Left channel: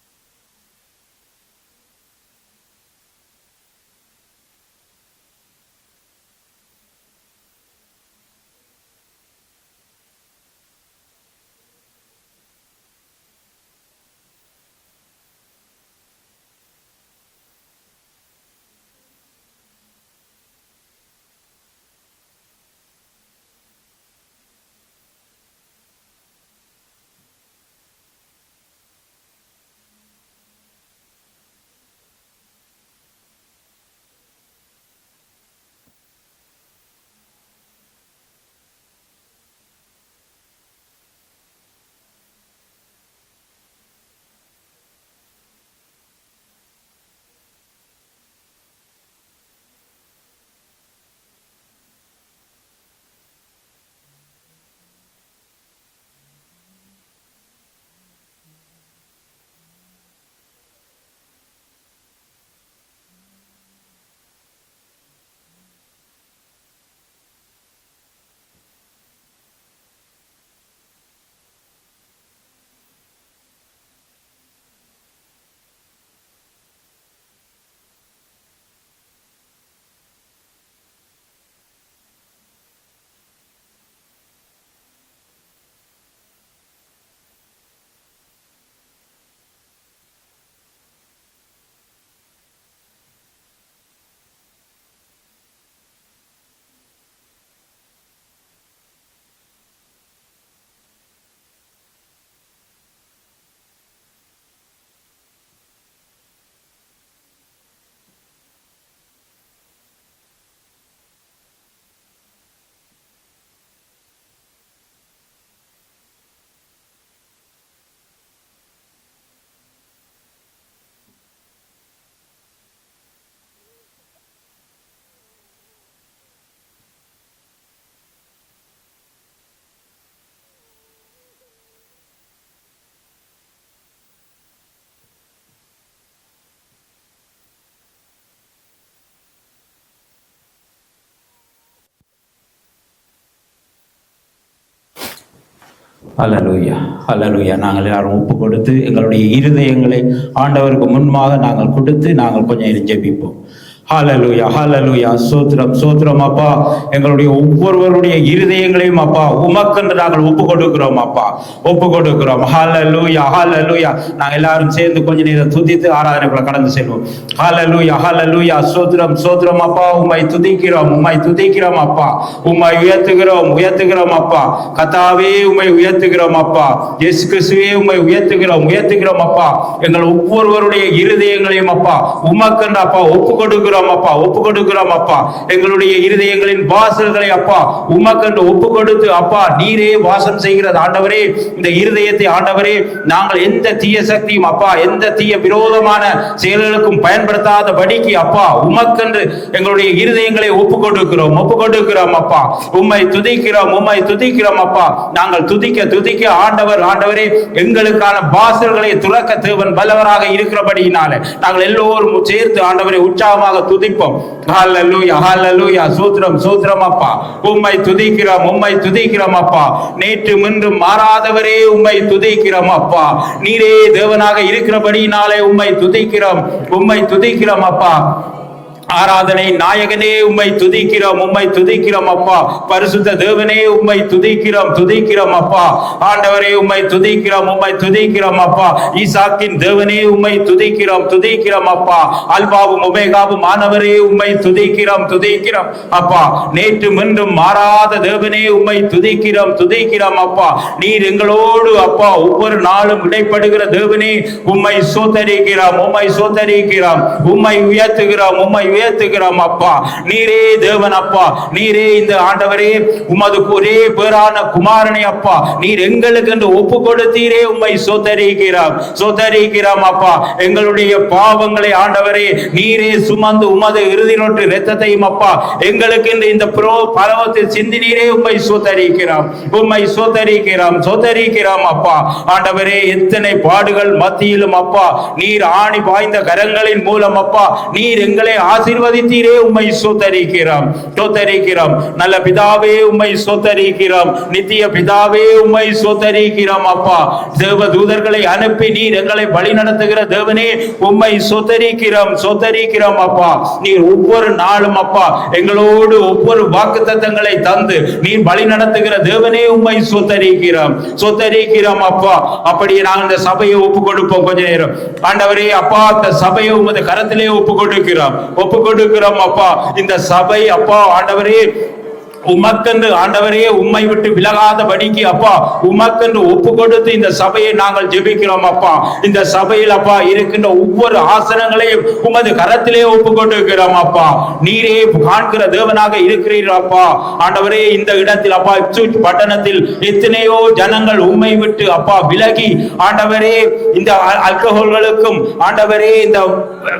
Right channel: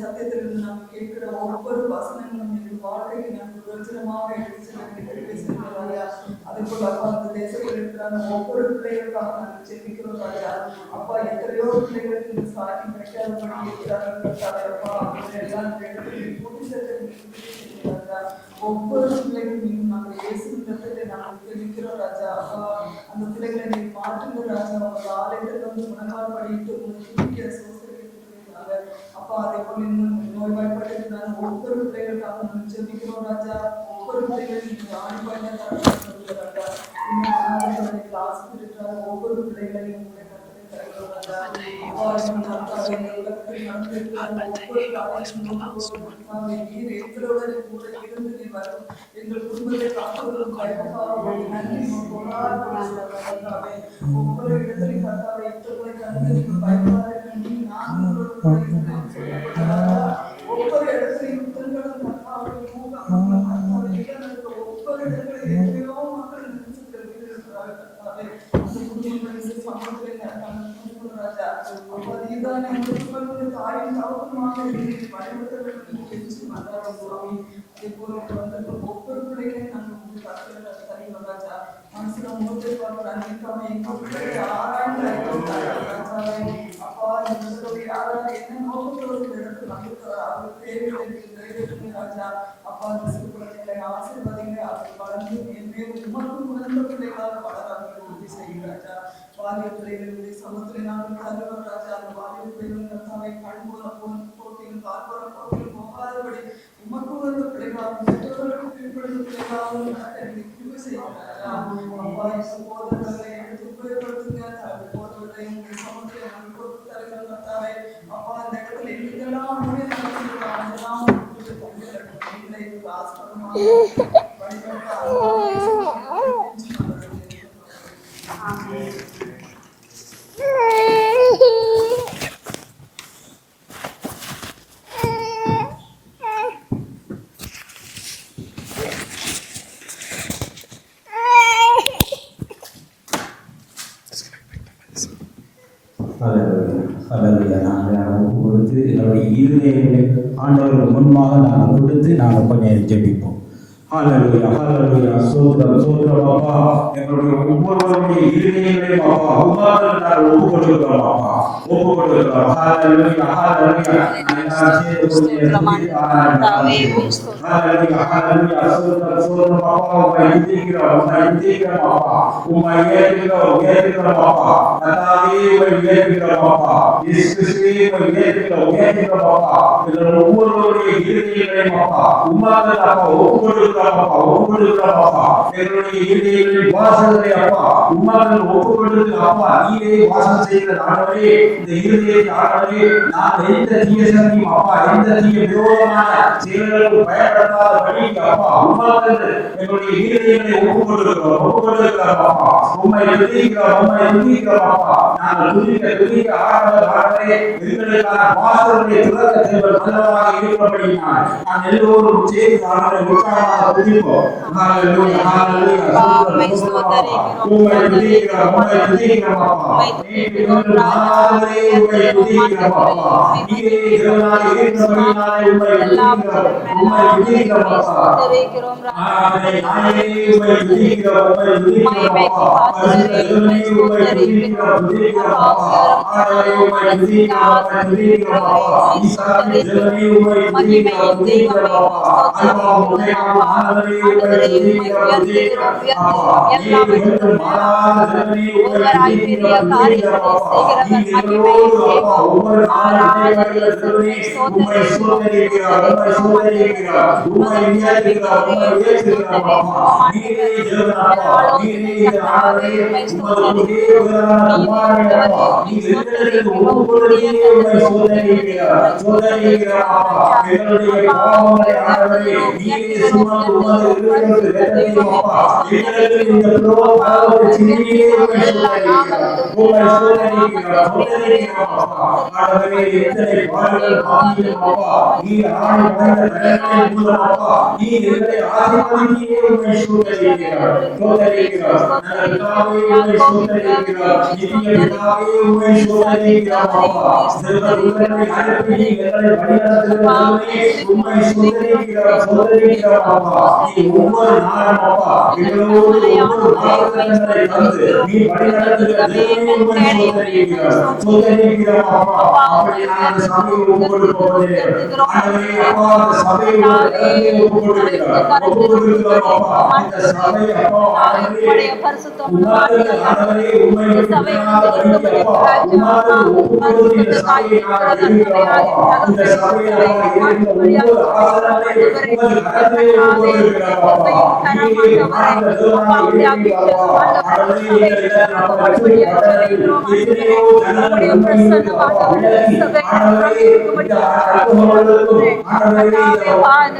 சத்தியத்திலிருந்து நாங்கள் கேட்கிற ஒவ்வொரு வசனங்களும் எங்கள் வாழ்க்கைக்கு நாங்கள் பிரச்சனமாக எடுத்துச்செல்லுகிறாயா. அதே போல அப்பா அந்த தேசத்தில் இருக்கிறாங்க ஒவ்வொரு பிள்ளைகளுக்காக நாங்கள் ஜெபிக்கிறோம் ராஜா. அப்பா எத்தனையோ பிள்ளைகளுக்கு இந்த சாட்சி கிடைக்காதபடி இருக்கிறார்கள் அப்பா. எல்லாம் ஒவ்வொரு பிள்ளைகளையும் நாங்கள் இயேசுவிடத்திலே நாங்கள் தெரிவிக்கிறோம் ராஜா. அப்பா அந்த பிள்ளைகளை நீ மாற்றுங்க ராஜா. அவங்க ஆலயத்தில் வந்து முழங்கால் படிட்டு அப்பா அதே போல நோய்வாய்ப்பட்டிருந்தாங்க ஒவ்வொரு பிள்ளைகளுக்காக நாங்கள் ஜெபிக்கிறோம் ராஜா. ஒவ்வொரு பிள்ளைகளையும் ஆணிப்பாய்ந்த ராஜா. ஒவ்வொரு பிள்ளைகளையும் எங்கள் குடும்பத்தை காப்பதும் ஒவ்வொரு இடத்திலையும் ஒவ்வொரு இடத்திலையும் ஒவ்வொரு இடத்திலையும் எத்தனையோ மக்கள் ஹல்லேலூயா, ஹல்லேலூயா. நாங்கள் எல்லாரும் ஒப்பு கொடுத்து எங்களுடைய இருதயங்களை ஆண்டவருக்கு முன்பாக நாங்கள் கொடுத்து நாங்கள் கொஞ்சம் ஜெபிப்போம். ஹல்லேலூயா, ஹல்லேலூயா. சோத்திரம், சோத்திரம் அப்பா. எங்களுடைய ஒவ்வொருவருடைய இருதயங்களையும் அப்பா உமக்கென்று நாங்கள் ஒப்பு கொடுக்கிறோம் அப்பா, ஒப்பு கொடுக்கிறோம். ஹல்லேலூயா, ஹல்லேலூயா. நாங்கள் எல்லாரும் சேர்ந்து கொஞ்ச நேரம் துதித்து ஆராதனை கடந்து செல்வோம். ஹல்லேலூயா, ஹல்லேலூயா. சோத்திரம், சோத்திரம் அப்பா. உம்மை துதிக்கிறோம், உம்மை துதிக்கிறோம் அப்பா. உம்மை உயர்த்துகிறோம், உயர்த்துகிறோம் அப்பா. கர்த்தாவே உம்மை உயர்த்துகிறோம் அப்பா. இயேசு கிறிஸ்துவே உம்மை உயர்த்துகிறோம், உயர்த்துகிறோம் அப்பா. எங்கள் ஒவ்வொருவருடைய இருதயங்களையும் அப்பா உமக்கென்று அப்பா ஒப்பு கொடுக்கிறோம் அப்பா, ஒப்பு கொடுக்கிறோம் அப்பா. எங்களுடைய இருதயங்களின் வாசல்களை அப்பா உமக்கென்று ஒப்பு கொடுத்து அப்பா நீரே வாசம் செய்கிறது ஆண்டவரே. இந்த இருதயத்தை ஆண்டவரே நாங்கள் எந்த தீய சக்தியும் அப்பா எந்த தீய விரோதமான செயல்களுக்கும் பயன்படுத்தாத படிக்கு அப்பா உமக்கென்று எங்களுடைய இருதயங்களை ஒப்பு கொடுக்கிறோம், ஒப்பு கொடுக்கிறோம் அப்பா. உம்மை துதிக்கிறோம், உம்மை துதிக்கிறோம் அப்பா. நாங்கள் துதிக்க துதிக்க ஆண்டவர் ஆண்டவரே எங்களுக்கான வாசல்களை துறக்க தேவன் வல்லவராக இருக்கிறபடியினால நாங்கள் எல்லோரும் சேர்ந்து ஆண்டவரை உற்சாகமாக துதிப்போம். ஹல்லேலூயா, ஹல்லேலூயா. சூத்திரம், சூத்திரம் அப்பா. உம்மை துதிக்கிறோம், உம்மை துதிக்கிறோம் அப்பா. நேற்று இன்றும் மாறாதவரே உம்மை துதிக்கிறோம் அப்பா. நீரே தேவனாக இருக்கிறபடியினாலே உம்மை துதிக்கிறோம், உம்மை துதிக்கிறோம் அப்பா. ஆராதனை நாயகனே உம்மை துதிக்கிறோம், உம்மை துதிக்கிறோம் அப்பா. பரிசுத்த தேவனே உம்மை துதிக்கிறோம், துதிக்கிறோம் அப்பா. ஆண்டவரே உம்மை துதிக்கிறோம், உம்மை துதிக்கிறோம் அப்பா. ஈசாக்கின் தேவனே உம்மை துதிக்கிறோம், துதிக்கிறோம் அப்பா. அல்பாவும் ஒமேகாவும் ஆண்டவரே உம்மை துதிக்கிறோம் துதிக்கிறோம் அப்பா. நேற்று மீண்டும் மாறாத தேவனே உம்மை துதிக்கிறோம் துதிக்கிறோம் அப்பா. நீர் எங்களோடு அப்பா ஒவ்வொரு நாளும் இடைப்படுகிற தேவனே உம்மை சோதரிக்கிறோம் உம்மை சோதரிக்கிறோம் உம்மை உயர்த்துகிறோம் அப்பா. நீரே தேவன் அப்பா. நீரே இந்த ஆண்டவரே உமது ஒரே பேரான குமாரனை அப்பா நீர் எங்களுக்கு என்று ஒப்பு கொடுத்தீரே உம்மை சோதரிக்கிறோம் அப்பா. எங்களுடைய பாவங்களை ஆண்டவரே நீரே சுமந்து உமது இறுதி நோட்டு இரத்தத்தையும் அப்பா எங்களுக்கு இந்த பரவத்தை சிந்தினீரே உம்மை சோதரிக்கிறோம் அப்பா. ஆண்டவரே எத்தனை பாடுகள் மத்தியிலும் அப்பா நீர் ஆணி பாய்ந்த கரங்களின் மூலம் அப்பா நீர் எங்களை ஆசீர்வதித்தீரே உம்மை சோதரிக்கிறோம். நல்ல பிதாவே உம்மை சோதரிக்கிறோம். நித்திய பிதாவே உம்மை சோதரிக்கிறோம் அப்பா. தேவ தூதர்களை அனுப்பி நீர் எங்களை வழி நடத்துகிற தேவனே உம்மை சோதரிக்கிறோம் அப்பா. நீர் ஒவ்வொரு நாளும் அப்பா எங்களோடு ஒவ்வொரு வாக்குத்தத்தங்களை தந்து நீர் வழி நடத்துகிற தேவனே உம்மை சோதரிக்கிறோம் அப்பா. அப்படியே நாங்கள் இந்த சபையை ஒப்பு கொடுப்போம். கொஞ்ச நேரம் ஆண்டவரே அப்பா இந்த சபையை உமது கரத்திலே ஒப்பு கொடுக்கிறோம் அப்பா. இந்த சபை அப்பா ஆண்டவரே உமக்கென்று ஆண்டவரே உம்மை விட்டு விலகாதபடிக்கு அப்பா உமக்கென்று ஒப்பு கொடுத்து இந்த சபையை நாங்கள் ஜெபிக்கிறோம் அப்பா. இந்த சபையில் அப்பா இருக்கின்ற ஒவ்வொரு ஆசனங்களையும் உமது கரத்திலே ஒப்பு கொடுக்கிறோம் அப்பா. நீரே காண்கிற தேவனாக இருக்கிறீர்கள் அப்பா. ஆண்டவரே இந்த இடத்தில் அப்பா பட்டணத்தில் எத்தனையோ ஜனங்கள் உம்மை விட்டு அப்பா விலகி ஆண்டவரே இந்த அல்கஹால்களுக்கும் ஆண்டவரே இந்த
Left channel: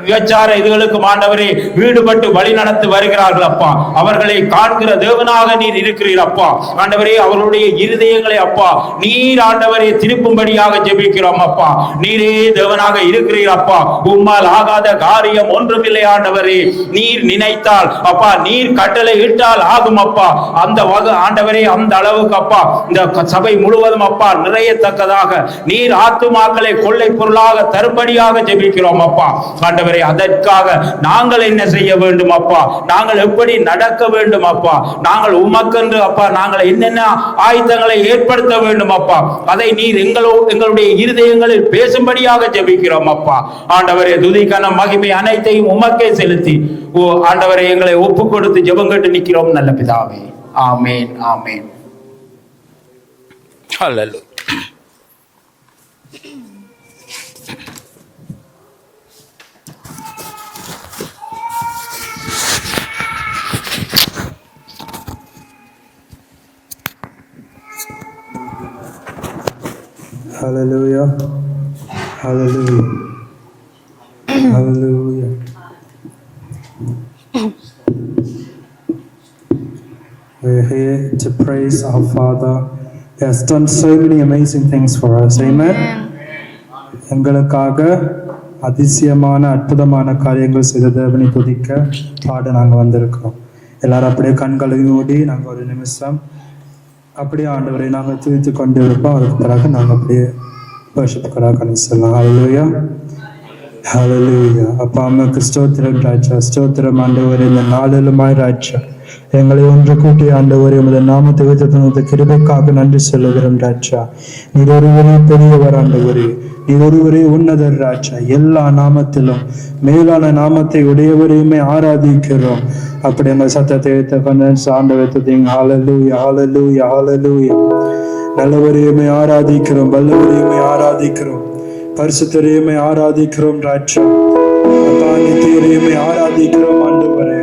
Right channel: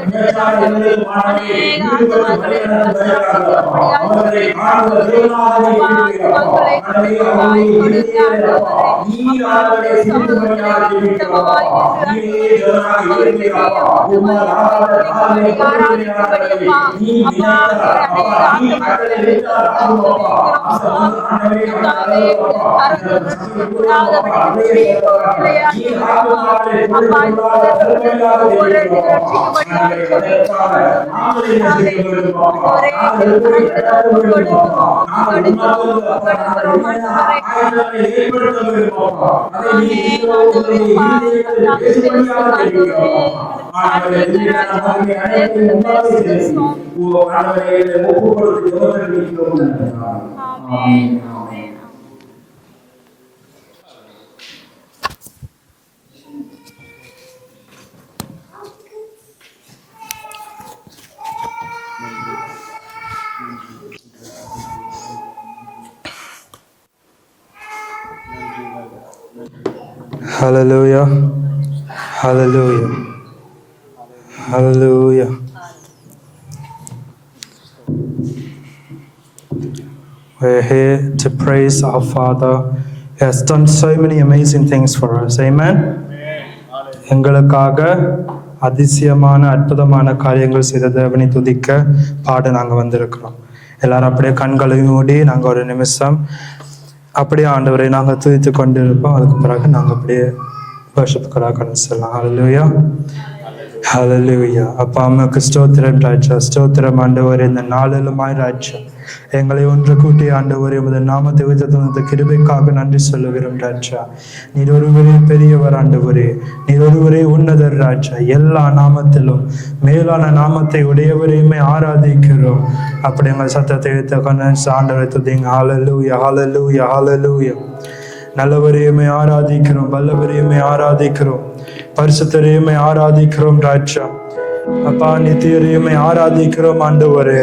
விபச்சார இதுகளுக்கும் ஆண்டவரே ஈடுபட்டு வழி நடத்தி வருகிறார்கள் அப்பா. அவர்களை காண்கிற தேவனாக நீர் இருக்கிறீர் அப்பா. ஆண்டவரே அவருடைய இருதயங்களை அப்பா நீர் ஆண்டவரே திருப்பும்படியாக ஜெபிக்கிறோம் அப்பா. நீரே தேவனாக இருக்கிறீர் அப்பா. உம்மால் ஆகாத காரியம் ஒன்றுமில்லை ஆண்டவரே. நீர் நினைத்தால் அப்பா நீர் கட்டளை இட்டால் ஆகும் அப்பா. அந்த ஆண்டவரே அந்த அளவுக்கு அப்பா இந்த சபை முழுவதும் அப்பா நிறையத்தக்கதாக நீர் ஆத்துமாக்களை கொள்ளை பொருளாக தரும்படியாக ஜெபிக்கிறோம் அப்பா. ஆண்டவரே அதற்காக நாங்கள் என்ன செய்ய வேண்டும் அப்பா? நாங்கள் எப்படி நடக்க வேண்டும் அப்பா? நாங்கள் உமக்கென்று அப்பா நாங்கள் என்னென்ன ஆயுதங்களை ஏற்படுத்த வேண்டும் அப்பா அதை நீர் எங்களுடைய இருதயங்களில் பேசும்படியாக ஜெபிக்கிறோம் அப்பா. ஆண்டவரே துதிக்கான மகிமை அனைத்தையும் உமக்கே செலுத்தி ஆண்டவரே எங்களை ஒப்பு கொடுத்து ஜெபம் கேட்டு நிற்கிறோம் நல்ல பிதாவே. ஆமென் ஆமென். ஹல்லேலூயா. Hallelujah. Hallelujah. Hallelujah. We're here to praise our Father. He has done so many amazing things for us. Amen. எங்களுக்காக அதிசயமான அற்புதமான காரியங்கள் செய்த தேவனை துதிக்க பாட நாங்கள் வந்திருக்கிறோம். எல்லாரும் அப்படியே கண்களை மூடி நாங்கள் ஒரு நிமிஷம் அப்படியே ஆண்டவரை நாங்கள் துதித்து கொண்டு இருப்போம். அதுக்கு பிறகு நாங்கள் அப்படியே வர்ஷிப்புக்களாக கடந்து செல்லலாம். ஹல்லேலூயா ஹல்லேலூயா. அப்பா அம்மாவுக்கு ஸ்தோத்திரம் ராஜா. ஸ்தோத்திரம் ஆண்டவரே. இந்த நாளிலுமாய் ராஜா எங்களை ஒன்று கூட்டி ஆண்டவரே உமது நாமத்தை உயர்த்த கிருபைக்காக நன்றி சொல்லுகிறோம் ராஜா. நீர் ஒருவரே பெரியவர் ஆண்டவரே. நீர் ஒருவரே உன்னதர் ராஜா. எல்லா நாமத்திலும் மேலான நாமத்தை உடையவரையுமே ஆராதிக்கிறோம். அப்படி எங்கள் சத்தத்தை எடுத்த கொண்டு ஆண்டவர் துதிங்க. ஹல்லேலூயா ஹல்லேலூயா ஹல்லேலூயா. நல்லவரையுமே ஆராதிக்கிறோம். வல்லவரையுமே ஆராதிக்கிறோம். பரிசுத்தரையுமே ஆராதிக்கிறோம் ராஜா. அப்பா நித்தியரையுமே ஆராதிக்கிறோம் ஆண்டவரே.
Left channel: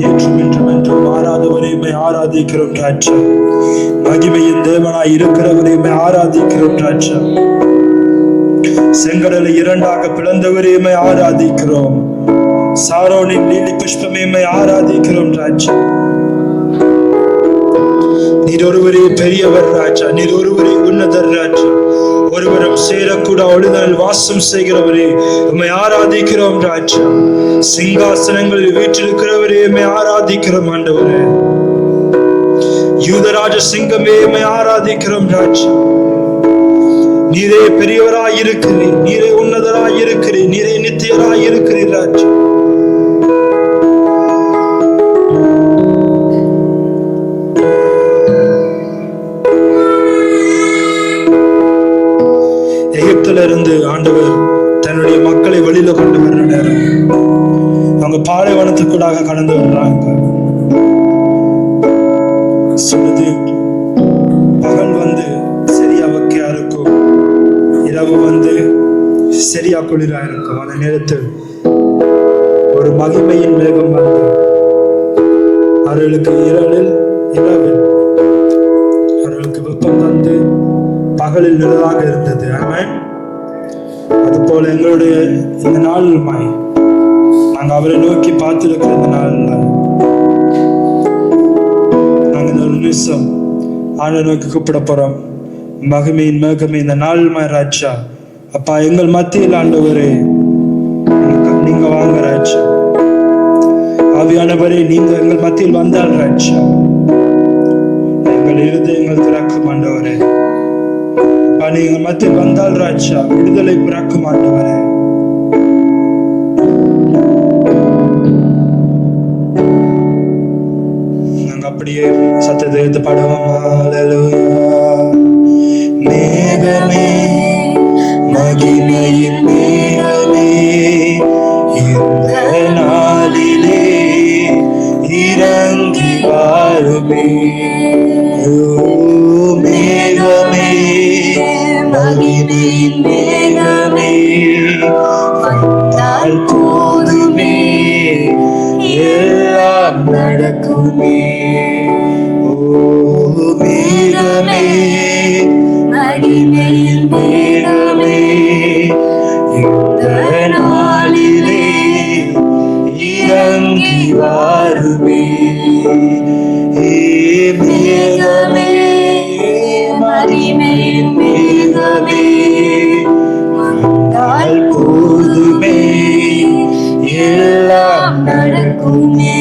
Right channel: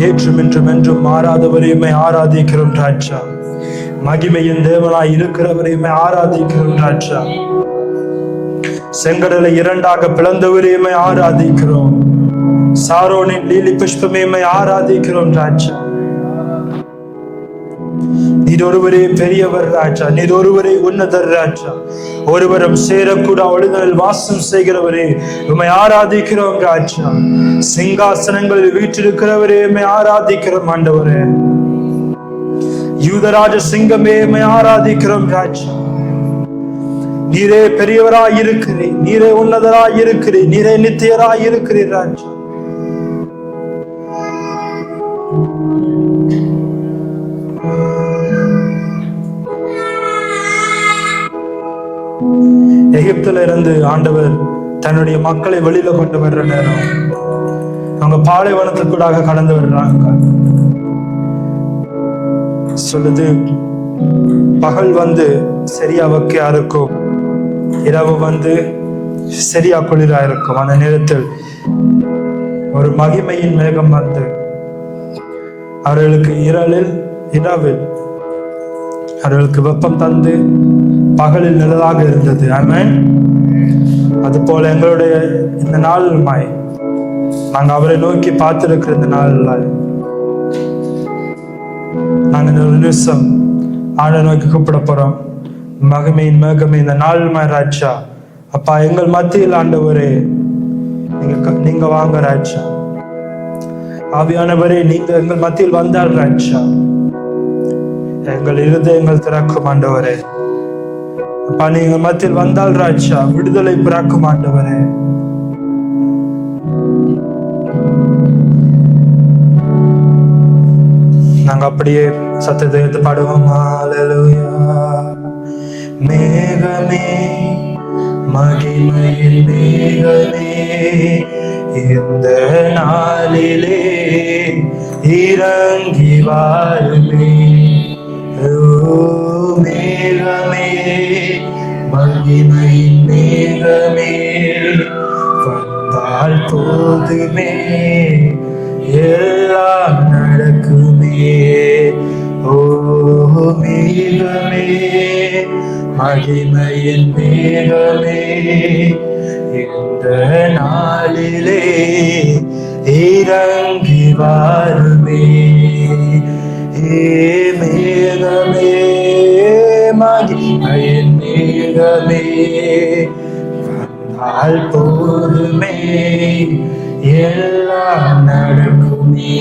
நேற்றும் இன்றும் என்றும் மாறாதவரையுமே ஆராதிக்கிறோம் ராஜா. மகிமையின் தேவனாய் இருக்கிறவரையுமே ஆராதிக்கிறோம் ராஜா. செங்கடலை இரண்டாக பிளந்தவரையுமே ஆராதிக்கிறோம். சாரோனின் லீலி புஷ்பமையுமே ஆராதிக்கிறோம் ராஜா. நீர் ஒருவரே பெரியவர் ராஜா. நீர் ஒருவரே உன்னதர் ராஜா. ஒருவரும் சேரக்கூட ஒழுங்கல் வாசம் செய்கிறவரே உம்மை ஆராதிக்கிறோம் ராஜா. சிங்காசனங்களில் வீற்றிருக்கிறவரே உம்மை ஆராதிக்கிறோம் ஆண்டவரே. யூதராஜ சிங்கமே உம்மை ஆராதிக்கிறோம் ராஜா. நீரே பெரியவராய் இருக்கிறீர். நீரே உன்னதராய் இருக்கிறீர். நீரே நித்தியராய் இருக்கிறீர் ராஜா. ஆண்டவர் தன்னுடைய மக்களை வெளியில கொண்டு வர்ற நேரம் அவங்க பாலைவனத்துக்கூடாக கடந்து வர்றாங்க. சொல்லுது, பகல் வந்து சரியா வெக்கையா இருக்கும், இரவு வந்து சரியா குளிரா இருக்கும். அந்த நேரத்தில் ஒரு மகிமையின் மேகம் வந்து அவர்களுக்கு இரவில் அவர்களுக்கு வெப்பம் தந்து பகலில் நிழலாக இருந்தது. ஆமென். அது போல எங்களுடைய இந்த நாளுமாய் நாங்க அவரை நோக்கி பார்த்திருக்கிற இந்த நாள்ல நாங்க இந்த ஒரு நிமிஷம் ஆண்டை நோக்கி கூப்பிட போறோம். மகிமையின் மேகமே இந்த நாளுமாய் ராஜா, அப்பா எங்கள் மத்தியில் ஆண்டவரே நீங்க வாங்க ராஜா. ஆவியானவரே, நீங்க எங்கள் மத்தியில் வந்தால் ராஜா எங்கள் இருதயங்கள் திறக்கும் ஆண்டவரே. அப்பா நீங்க மத்தியில் வந்தால் ராஜா விடுதலை பிறக்கும் ஆண்டவரே. நாங்க அப்படியே சத்தத்தை எடுத்து பாடுவோம். ஹல்லேலூயா. மேகமே, மகிமையின் மேகமே, இந்த நாளிலே இறங்கி வாருமே. மேகமே, மகிமையின் மேகமே, வந்தால் போதுமே எல்லாம் நடக்குமே. ஓ மேகமே, மகிமையின் மேகமே, இந்த நாளிலே இறங்கி வாருமே. மேகமே, மகிமையின் மேகமே, வந்தால் போதுமே எல்லாம் நடக்குமே.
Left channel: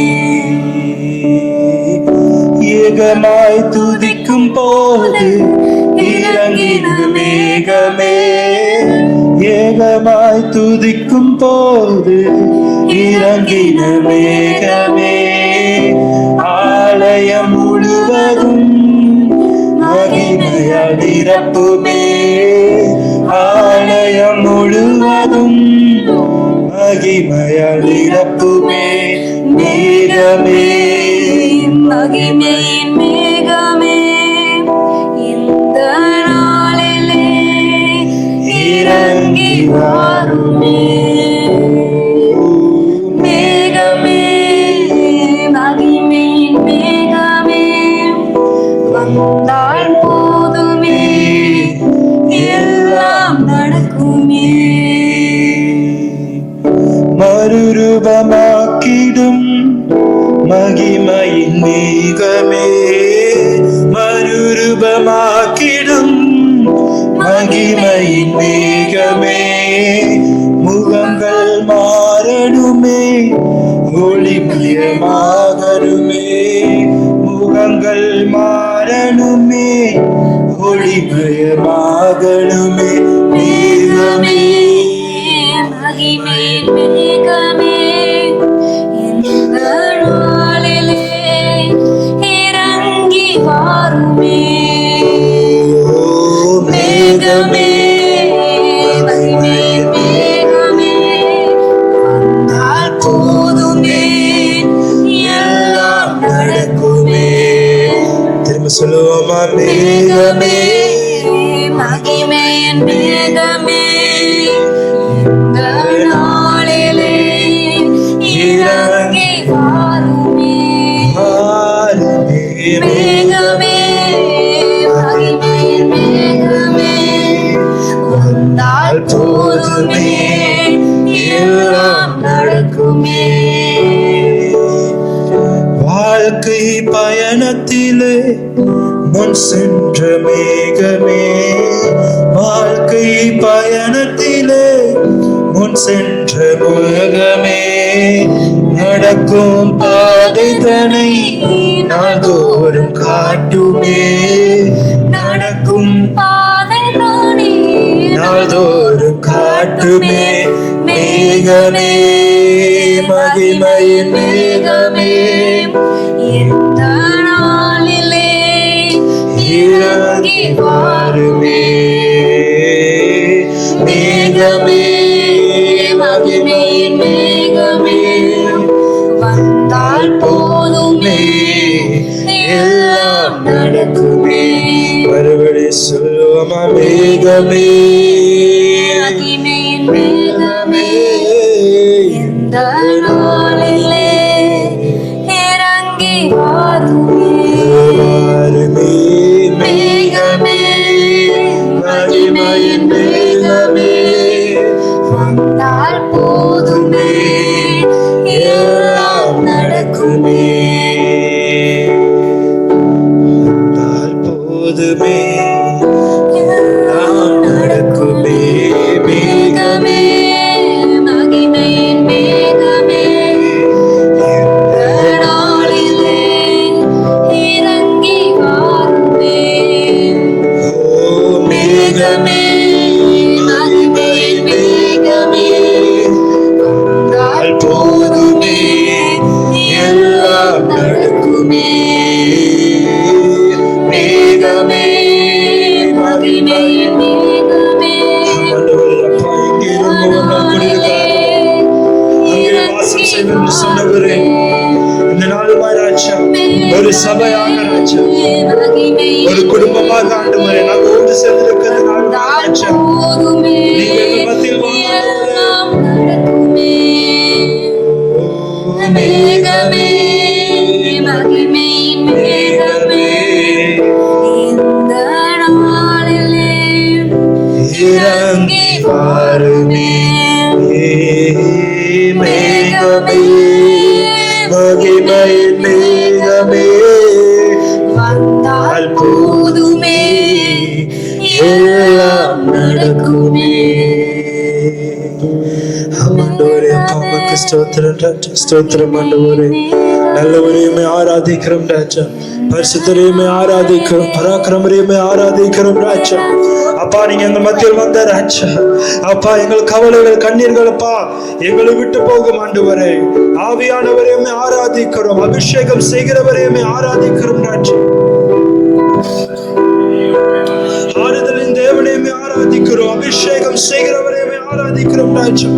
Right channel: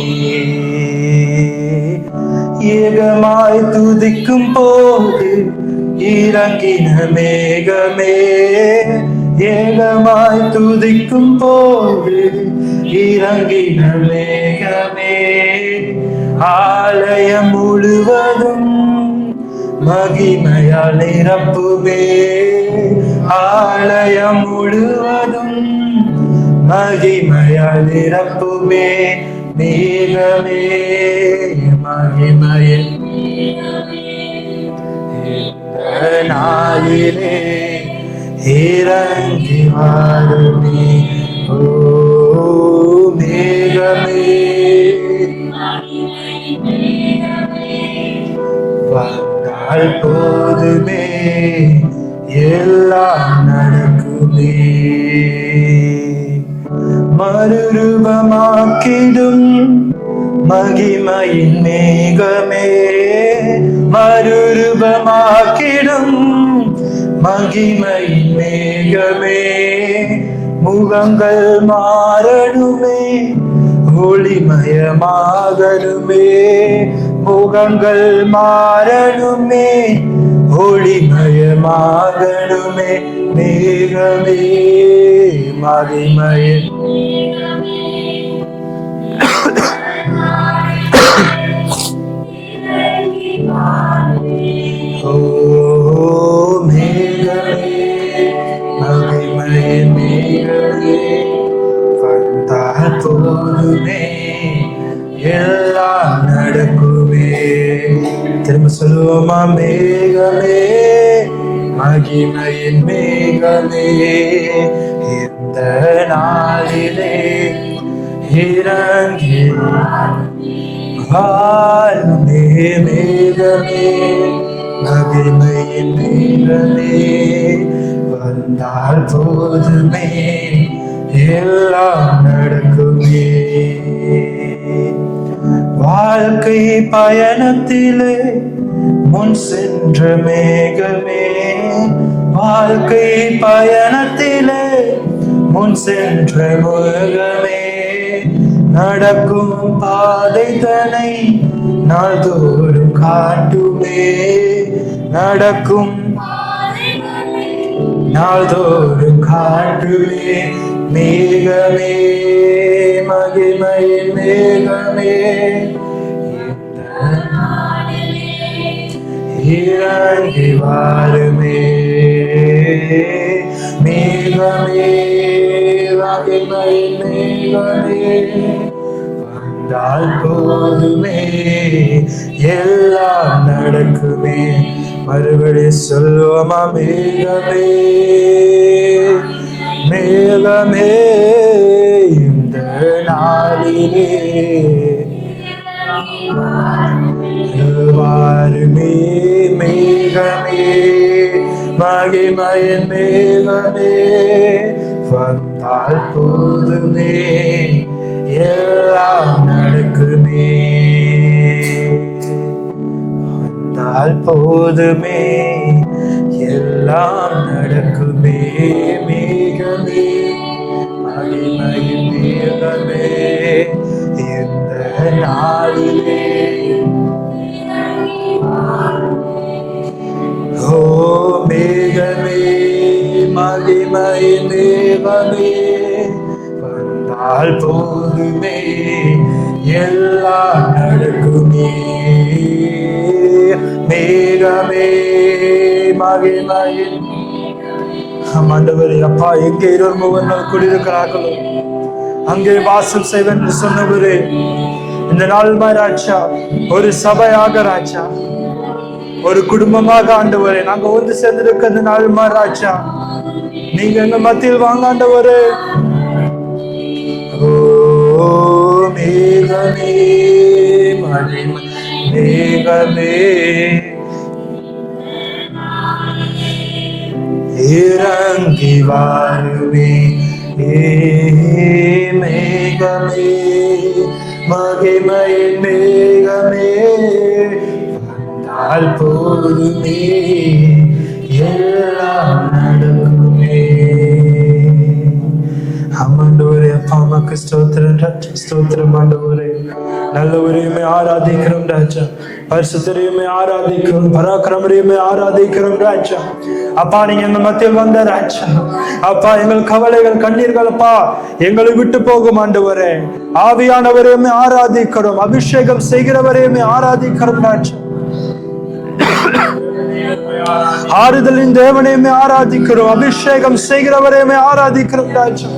ஏகமாய் துதிக்கும் போது இறங்கின மேகமே, ஏகமாய் துதிக்கும் போது இறங்கின மேகமே, ஆலயம் முழுவதும் மகிமையால் நிரப்புமே. ஆலயம் முழுவதும் மகிமையால் நிரப்புமே. மேகமே, மகிமையின் மேகமே, இந்த நாளிலே இறங்கி வாருமே. மேகமே, மகிமையின் மேகமே, வந்தால் போதுமே எல்லாம் நடக்குமே. மறுரூபமாக்கிடும் மகிமையின் மேகமே, மறுரூபமாக்கிடும் மகிமையின் மேகமே, முகங்கள் மாறணுமே ஒளிமயமாகணுமே. முகங்கள் மாறணுமே ஒளிமயமாகணுமே. மேகமே, மகிமையின் மேகமே, இந்த நாளிலே இறங்கி வாருமே. மேகமே, மகிமையின் மேகமே, வந்தால் போதுமே எல்லாம் நடக்குமே. திரும்ப சொல்லுவோமா? மேகமே, மகிமையின் மேகமே, இந்த நாளிலே இறங்கி வாருமே. வாருமே. மேகமே, மகிமையின் மேகமே, வந்தால் போதுமே எல்லாம் நடக்குமே. வாழ்க்கை பயணத்திலே முன் சென்ற மேகமே, வாழ்க்கை பயணத்திலே முன் சென்ற மேகமே, நடக்கும் பாதை தனை நாள்தோறும் காட்டுமே. நடக்கும் பாதை நானே நாள்தோறும் காட்டுமே. மேகமே, மகிமையின் மேகமே, இந்த நாளிலே இறங்கி வாருமே. மேகமே, மகிமையின் மேகமே, மறுபடி சொல்லுவோமா மேகமே மேகமே இந்த நாளிலே இறங்கி வாருமே வாருமே மேகமே மகிமையின் மேகமே வந்தால் போதுமே எல்லாம் நடக்குமே வந்தால் போதுமே எல்லாம் நடக்குமே மேகமே மகிமையின் மேகமே இந்த நாளிலே இறங்கி வாருமே ஓ மேகமே மகிமையின் மேகமே வந்தால் போதுமே எல்லாம் நடக்குமே மேகமே மகிமையின் ஆண்டவரே அப்பா எங்கே குடியிருக்கிறார்களோ அங்கே வாசம் செய்வேன் என்று சொன்னவரே இந்த நாள் ராஜா ஒரு சபையாக ராஜா ஒரு குடும்பமாக ஆண்டவரே நாங்கள் ஒன்று சேர்ந்திருக்கிறது நாள் ராஜா நீங்க எங்க மத்தியில் வாங்க ஆண்டவரே மேகமே மேகமே இறங்கி வாருமே மேகமே மகிமையின் மேகமே வந்தால் போதுமே எல்லாம் நடக்குமே ஆண்டவரே அப்பாவுக்கு ஸ்தோத்திரம் ராஜா ஸ்தோத்திரம் ஆண்டவரே நல்லவரையுமே ஆராதிக்கிறோம் ராஜா பரிசுத்தரையுமே ஆராதிக்கிறோம் பராக்கிரமரையுமே ஆராதிக்கிறோம் ராஜா அப்பா நீங்க எங்க மத்தியில் வந்த ராஜா அப்பா எங்கள் கவலைகள் கண்ணீர்கள் அப்பா எங்களை விட்டு போகும் ஆண்டவரே ஆவியானவரையுமே ஆராதிக்கிறோம் அபிஷேகம் செய்கிறவரையுமே ஆராதிக்கிறோம் ராஜா ஆறுதலின் தேவனையுமே ஆராதிக்கிறோம் அபிஷேகம் செய்கிறவரையுமே ஆராதிக்கிறோம் ராஜா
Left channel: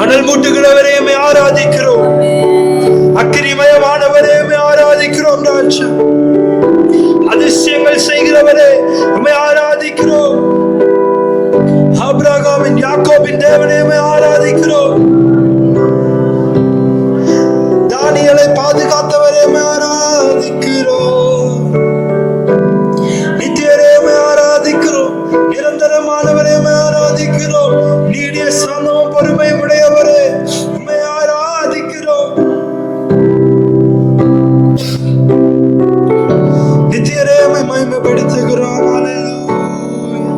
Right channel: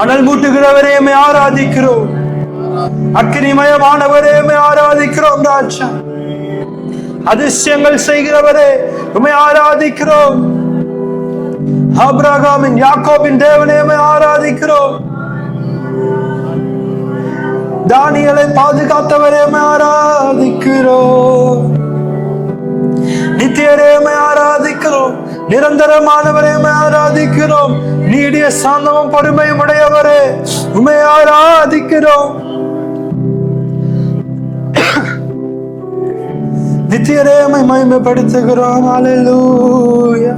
அனல் மூட்டுகிறவரையுமே ஆராதிக்கிறோம் அக்கினிமயமானவரையுமே ஆராதிக்கிறோம் ராஜா அதிசயங்கள் செய்கிறவரே உம்மை ஆராதிக்கிறோம் ஆபிரகாமின் யாக்கோபின் தேவனையுமே ஆராதிக்கிறோம் தானியேலை பாதுகாத்தவரையுமே ஆராதிக்கிறோம் நித்தியரையுமே ஆராதிக்கிறோம் நிரந்தரமானவரையுமே ஆராதிக்கிறோம் நீடிய சாந்தமும் பொறுமையும் உடையவரே உம்மை ஆராதிக்கிறோம் நித்தியரையுமே மகிமைப்படுத்துகிறோம் அல்லேலூயா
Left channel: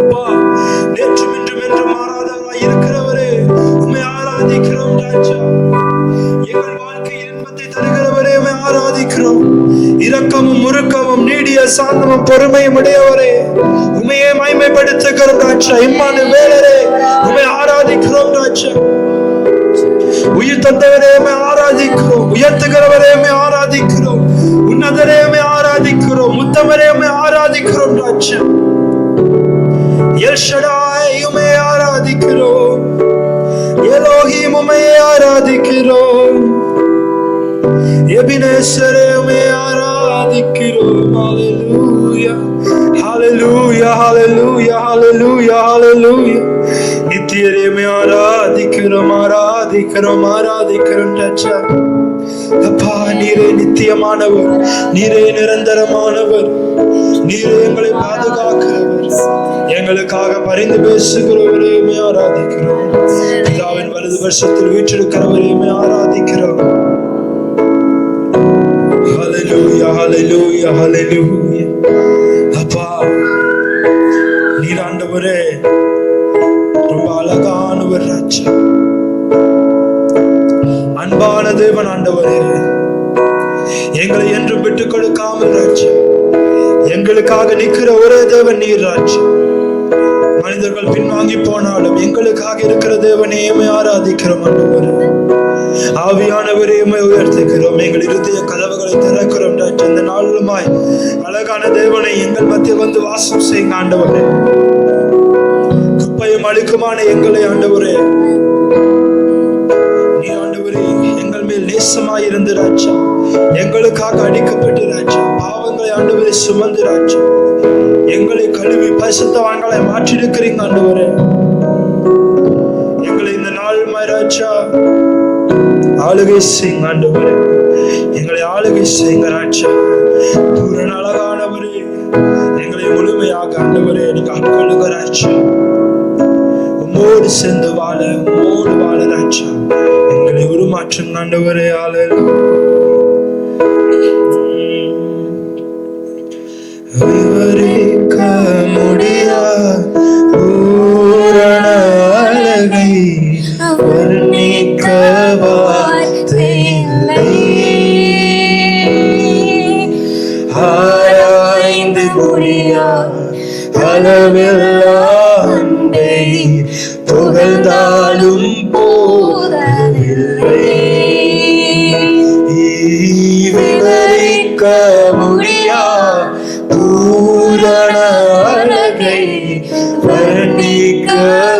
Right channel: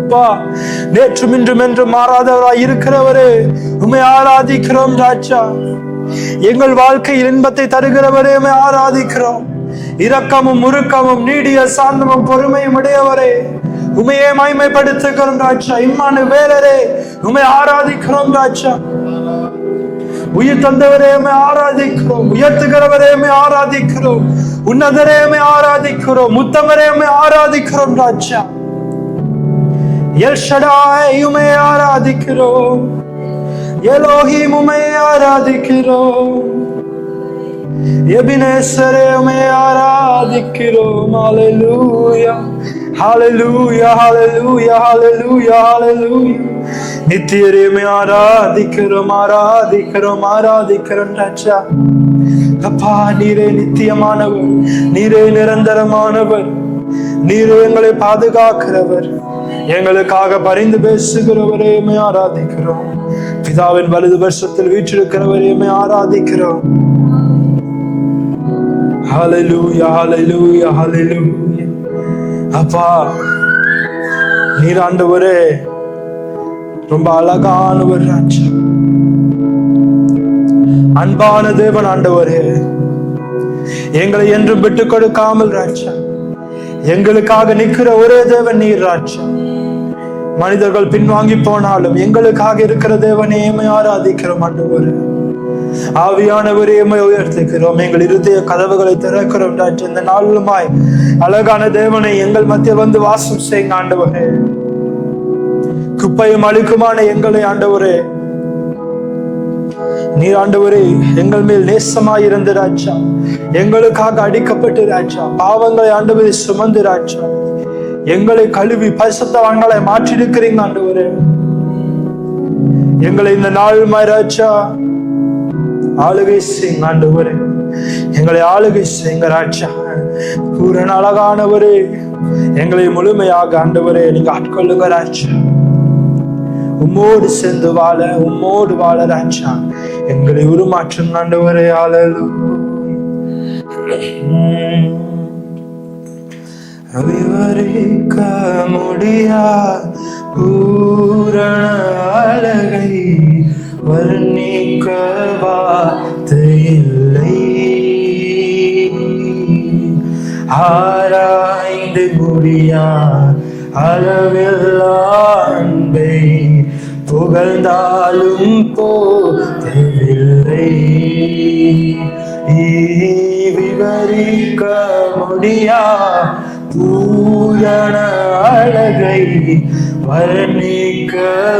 அப்பா நேற்றும் இன்றும் என்றும் மாறாதவராய் இருக்கிறவரே உம்மை ஆராதிக்கிறோம் ராஜா எங்கள் வாழ்க்கையில் இன்பத்தை தருகிறவரே உம்மை ஆராதிக்கிறோம் இரக்கமும் முறுக்கமும் நீடிய சாந்தமும் பொறுமையும் உடையவரே உம்மையே மகிமைப்படுத்துகிறோம் ராஜா இம்மானுவேலரே உம்மை ஆராதிக்கிறோம் ராஜா உயிர் தந்தவரே ஆராதிக்கிறோம் உயர்த்துகிறவரே ஆராதிக்கிறோம் உன்னதரே ஆராதிக்கிறோம் உத்தமரே ஆராதிக்கிறோம் ராஜா எல் ஷடாய் உம்மை ஆராதிக்கிறோம் எலோஹிம் உம்மை ஆராதிக்கிறோம் எபினேசரே உம்மை ஆராதிக்கிறோம் ஹalleluya ஹalleluya ஹalleluya ஹalleluya ஹalleluya நித்தியரே ஆராதிக்கிறோம் ஆராதிக்கிறோம் ஆராதிக்கிறோம் ராஜா அப்பா நீரே நித்தியமானவர் நீரே நிரந்தரமானவர் நீரே எங்களை பாதுகாக்கிறவர் எங்களுக்காக பரிந்து பேசுகிறவரே ஆராதிக்கிறோம் பிதாவின் வலது வருஷத்தில் வீற்றிருக்கிறவரே ஆராதிக்கிறோம் ஹalleluya ஹalleluya ஹalleluya அப்பா நீர் ஆண்டவரே ரொம்ப அழகானவர் ராஜா அன்பான தேவன் ஆண்டவரே எங்களை என்றும் விட்டு கொடுக்காமல் ராஜா எங்களுக்காக நிற்கிற ஒரே தேவன் நீர் ராஜா மனிதர்கள் பின்வாங்கி போனாலும் எங்களுக்காக இருக்கிற தேவனே ஆராதிக்கிறோம் ஆண்டவரே ஆவியானவரே உயர்த்துகிறோம் எங்கள் இருதய கதவுகளை திறக்கிறோம் ராஜா இந்த நாளுமாய் அழகான தேவனை எங்கள் மத்திய வந்து வாசம் செய்யுங்க ஆண்டவரே குப்பையும் அழுக்குமான எங்களை ஆண்டவரே நீர் ஆண்டவரே எங்கள் மேல் நேசமாய் இருந்து ராஜா எங்களுக்காக அடிக்கப்பட்டு ராஜா, பாவங்களை ஆண்டவரை சுமந்து ராஜா, எங்களை கழுவி பரிசுத்தவான்களை மாற்றிருக்கிறீங்க ஆண்டவரே. எங்களை இந்த நாள் ராஜா ஆளுகை செய்யுங்க ஆண்டவரே, எங்களை ஆளுகை செய்யுங்க ராஜா. பூரண அழகானவரே, எங்களை முழுமையாக ஆண்டவரே நீங்க ஆட்கொள்ளுங்க ராஜா. உம்மோடு சேர்ந்து வாழ, உம்மோடு வாழ ராஜா எங்களை உருமாற்றும் ஆண்டவரே. விவரிக்க முடியா பூரண அழகை வர்ணிக்க வார்த்தை இல்லை. ஆராய்ந்து முடியா அளவில்லா அன்பை புகழ்ந்தாலும் போதவில்லை. விவரிக்க முடியா பூரண அழகை வர்ணிக்க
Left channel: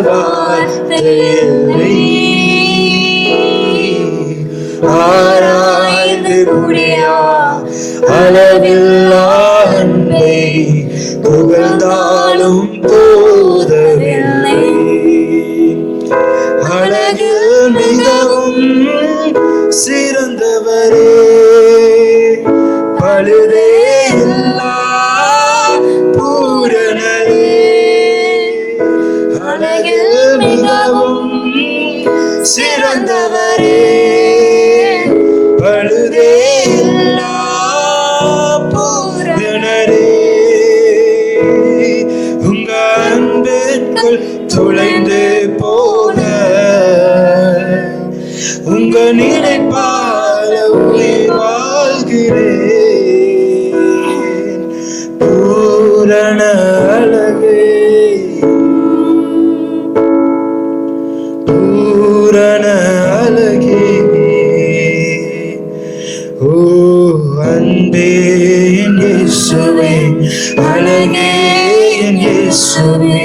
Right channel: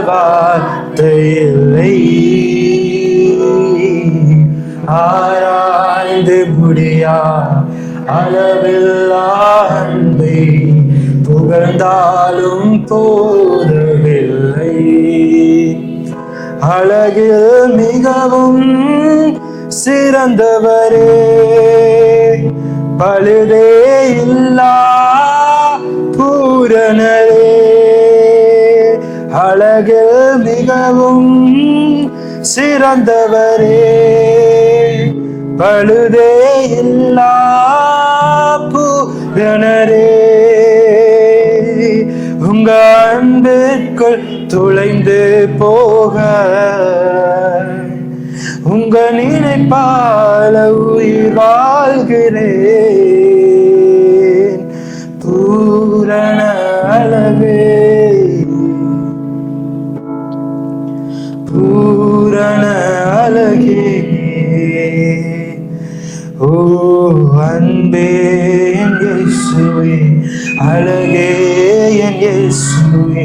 வார்த்தை இல்லை. ஆராய்ந்து முடியா அளவில்லா அன்பை புகழ்ந்தாலும் போதவில்லை. அழகில் மிகவும் சிறந்தவரே, பழுதே இல்லா பூரணரே. அழகில் மிகவும் சிறந்தவரே, பழுதே இல்லா பூரணரே. உங்க அன்பிற்குள் துளைந்து போக உங்க நினைப்பால உயிர் வாழ்கிறேன். பூரண அழகே, பூரண அழகே. ஓ அன்பே என் இயேசுவே, அழகே என் இயேசுவே,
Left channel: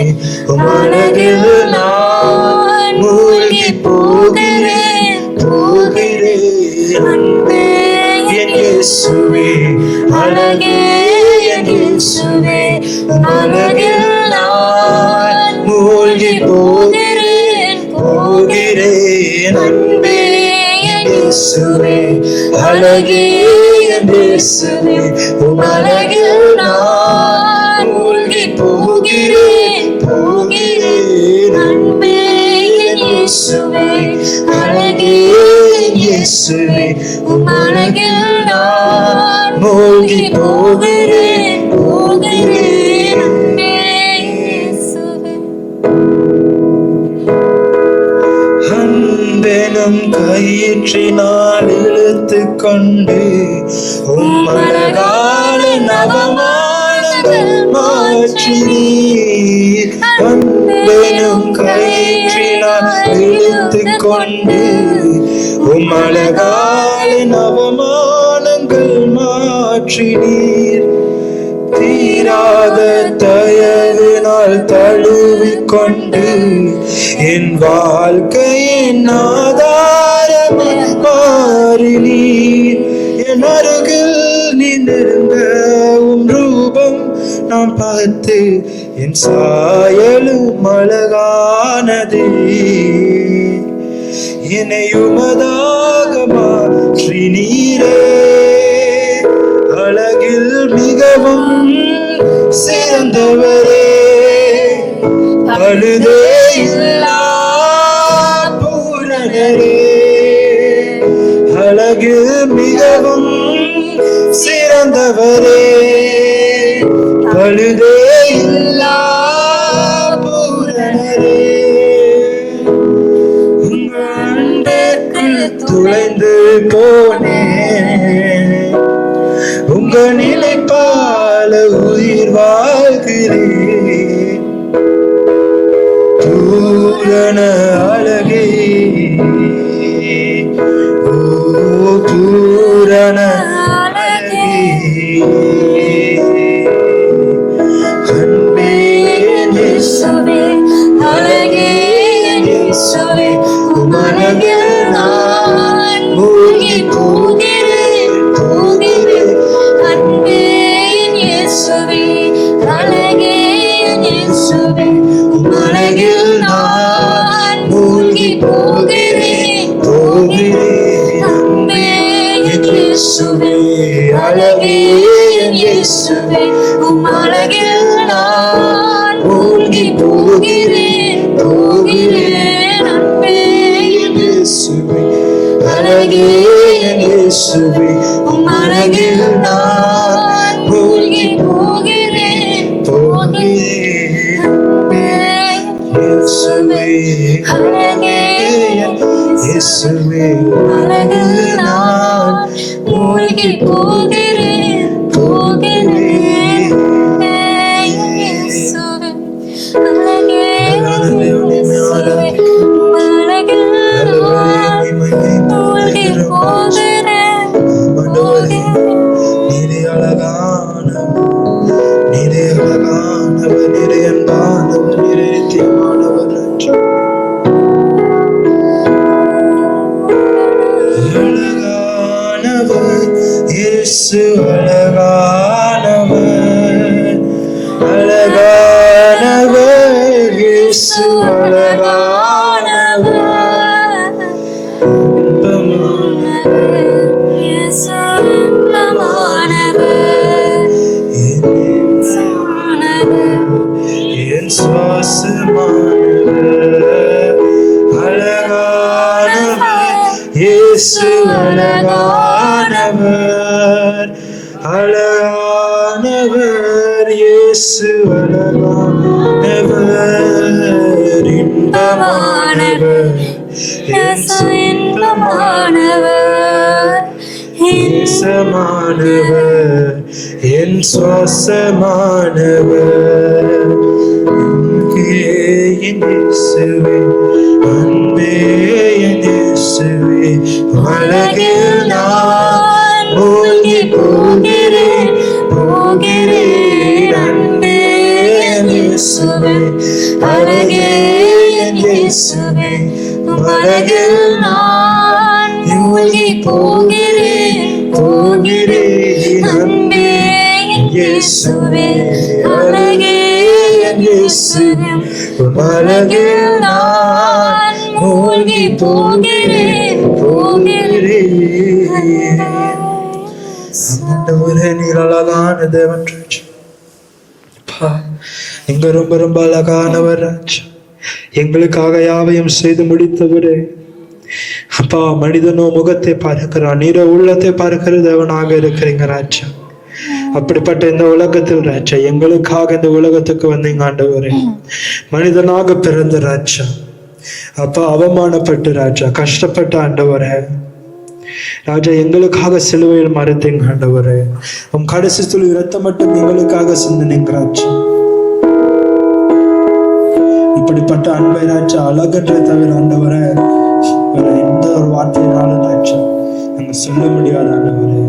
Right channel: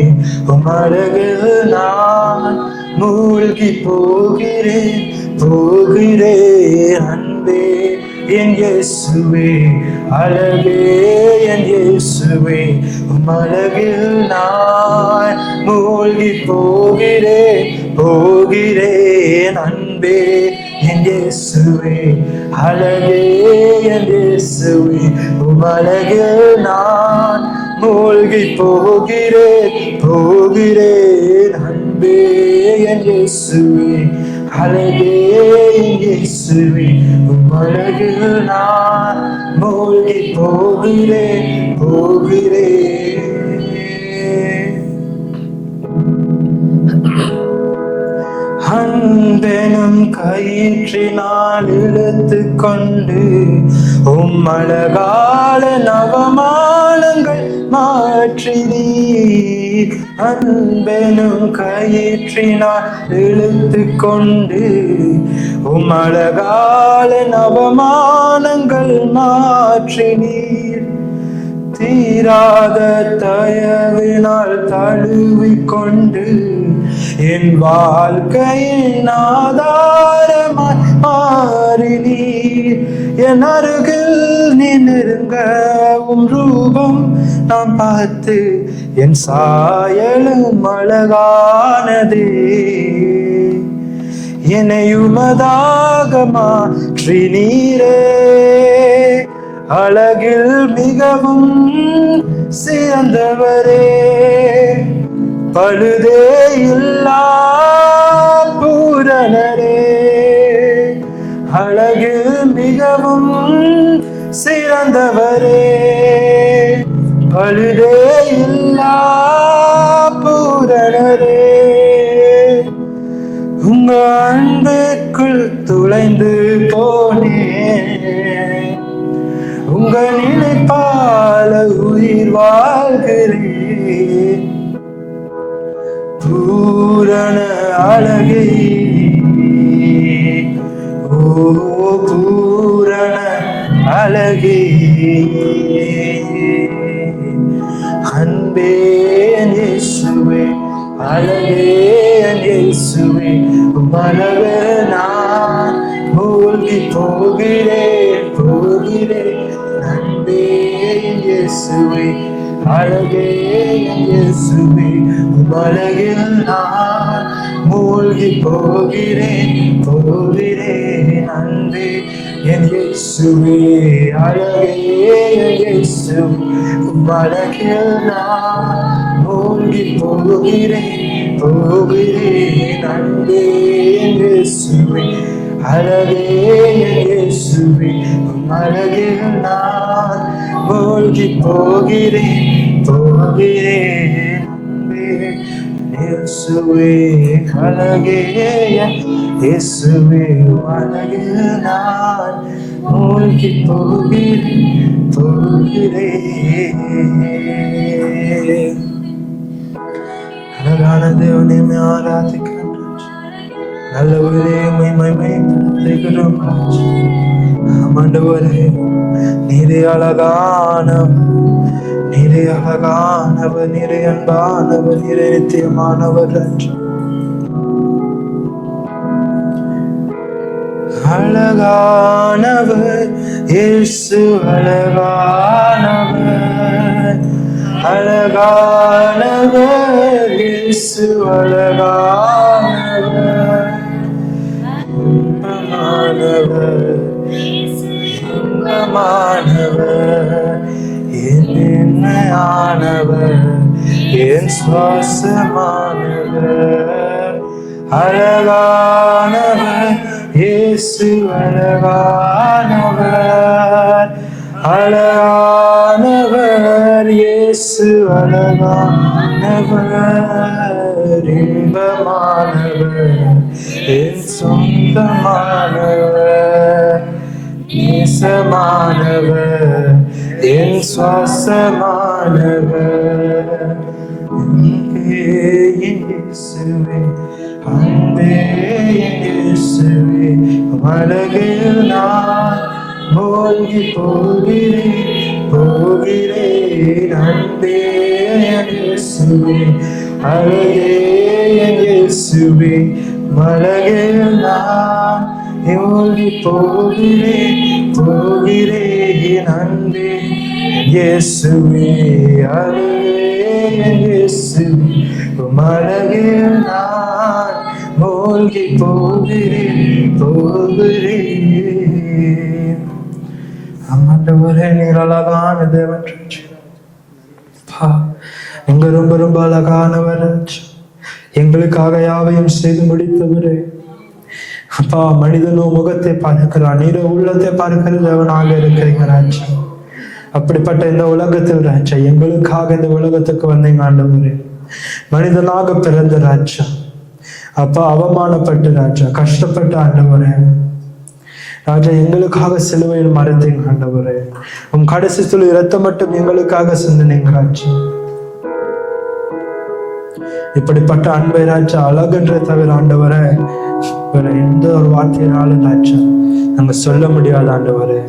உம் அழகில் நான் மூழ்கி போகிறேன், போகிறேன். அன்பே என் இயேசுவே, அழகே என் இயேசுவே, உம் அழகில் நான் மூழ்கி போகிறேன், போகிறேன். அன்பே என் இயேசுவே, அழகே என் இயேசுவே, உம் அழகில் நான் மூழ்கி போகிறேன், போகிறேன். அன்பே என் இயேசுவே, அழகே என் இயேசுவே, உம் அழகில் நான் மூழ்கி போகிறேன், போகிறேன். அன்பெனும் கயிற்றினால் இழுத்து கொண்டு உம் அழகான நவமானங்கள் மாற்றினீர். அன்பெனும் கயிற்றினால் இழுத்து கொண்டு உம் அழகான நவமானங்கள் மாற்றினீர். தீராத தயவினால் தழுவிக்கொண்டு என் வாழ்க்கையின் ஆதாரமாய் மாறினீர். என் அருகில் நீ நெருங்க உம் ரூபம் நாம் பார்த்து என் சாயலும் அழகானதே. என்னை உமதாக மாற்றினீரே, அழகில் மிகவும் சிறந்தவரே, பழுதே இல்லா பூரணரே. அழகில் மிகவும் சிறந்தவரே, பழுதே இல்லா பூரணரே. உங்க அன்பிற்குள் துளைந்து போனேன், உங்க நினைப்பால உயிர் வாழ்கிறேன். பூரண அழகே, ஓ பூரண அழகே. அன்பே இயேசுவே, அழகே இயேசுவே, உம் அழகில் நான் மூழ்கி போகிறேன், இயேசுவே அழகே என் இயேசுவே உலகில் நான் மூழ்கி போகிறேன் போகிறேன் அன்பே என் இயேசுவே அழகே என் இயேசுவே அழகில் நான் மூழ்கி போகிறேன் போகிறேன் அன்பே என் இயேசுவே அழகே என் இயேசுவே அழகில் நான் மூழ்கி போகிறேன் போகிறேன் இயேசுவே அழகே என் இயேசுவே அழகில் நான் மூழ்கி போகிறேன் போகிறேன் இயேசுவே அழகே அழகான தேவனே மேலாக நீரே அழகானவர் நீரே அழகானவர் நீரே அன்பானவர் நீரே நித்தியமானவர் என்று அழகானவர் இயேசு அழகானவர் அழகானவர் இயேசு அழகானவர் இன்பமானவர் இன்பமானவர் என் இன்மையானவர் என் சுவாசமானவர் அழகானவர் இயேசு அழகானவர் அழகானவர் இயேசு அழகானவர் இன்பமானவர் என் சொந்தமானவர் நேசமானவர் என் சுவாசமானவர் அன்பே என் இயேசுவே அன்பே என் இயேசுவே அழகில் நான் மூழ்கி போகிறேன் போகிறேன் அன்பே என் இயேசுவே அழகே என் இயேசுவே அழகில் நான் மூழ்கி போகிறேன் போகிறேன் அன்பே என் இயேசுவே அழகே என் இயேசுவே அழகில் நான் மூழ்கி போகிறேன் போகிறேன் ஆண்டவரே நீர் அழகான தேவன் ராஜா. அப்பா, நீங்க ரொம்ப ரொம்ப அழகானவர் ராஜா. எங்களுக்காக யாவையும் செய்து முடித்தவரே. அப்பா, மனிதனோ முகத்தை பார்க்கிறான், நீரோ உள்ளத்தை பார்க்கிற தேவனாக இருக்கிறீங்க ராஜா. அப்படிப்பட்ட இந்த உலகத்தில் ராஜா எங்களுக்காக இந்த உலகத்துக்கு வந்தீங்க ஆண்டவரே. மனிதனாக பிறந்த ராஜா அப்பா, அவமானப்பட்டு ராஜா கஷ்டப்பட்ட ஆண்டவரே ராஜா எங்களுக்காக சிலுவையில் மறைத்தீங்க ஆண்டவரே. உம் கடைசி துளி இரத்தம் மட்டும் எங்களுக்காக சிந்தினீங்க ராஜா. இப்படிப்பட்ட அன்பை ராஜா அழகுன்றே தவிர ஆண்டவரே வேற எந்த ஒரு வார்த்தையினாலும் ராஜா நாங்க சொல்ல முடியாத ஆண்டவரே.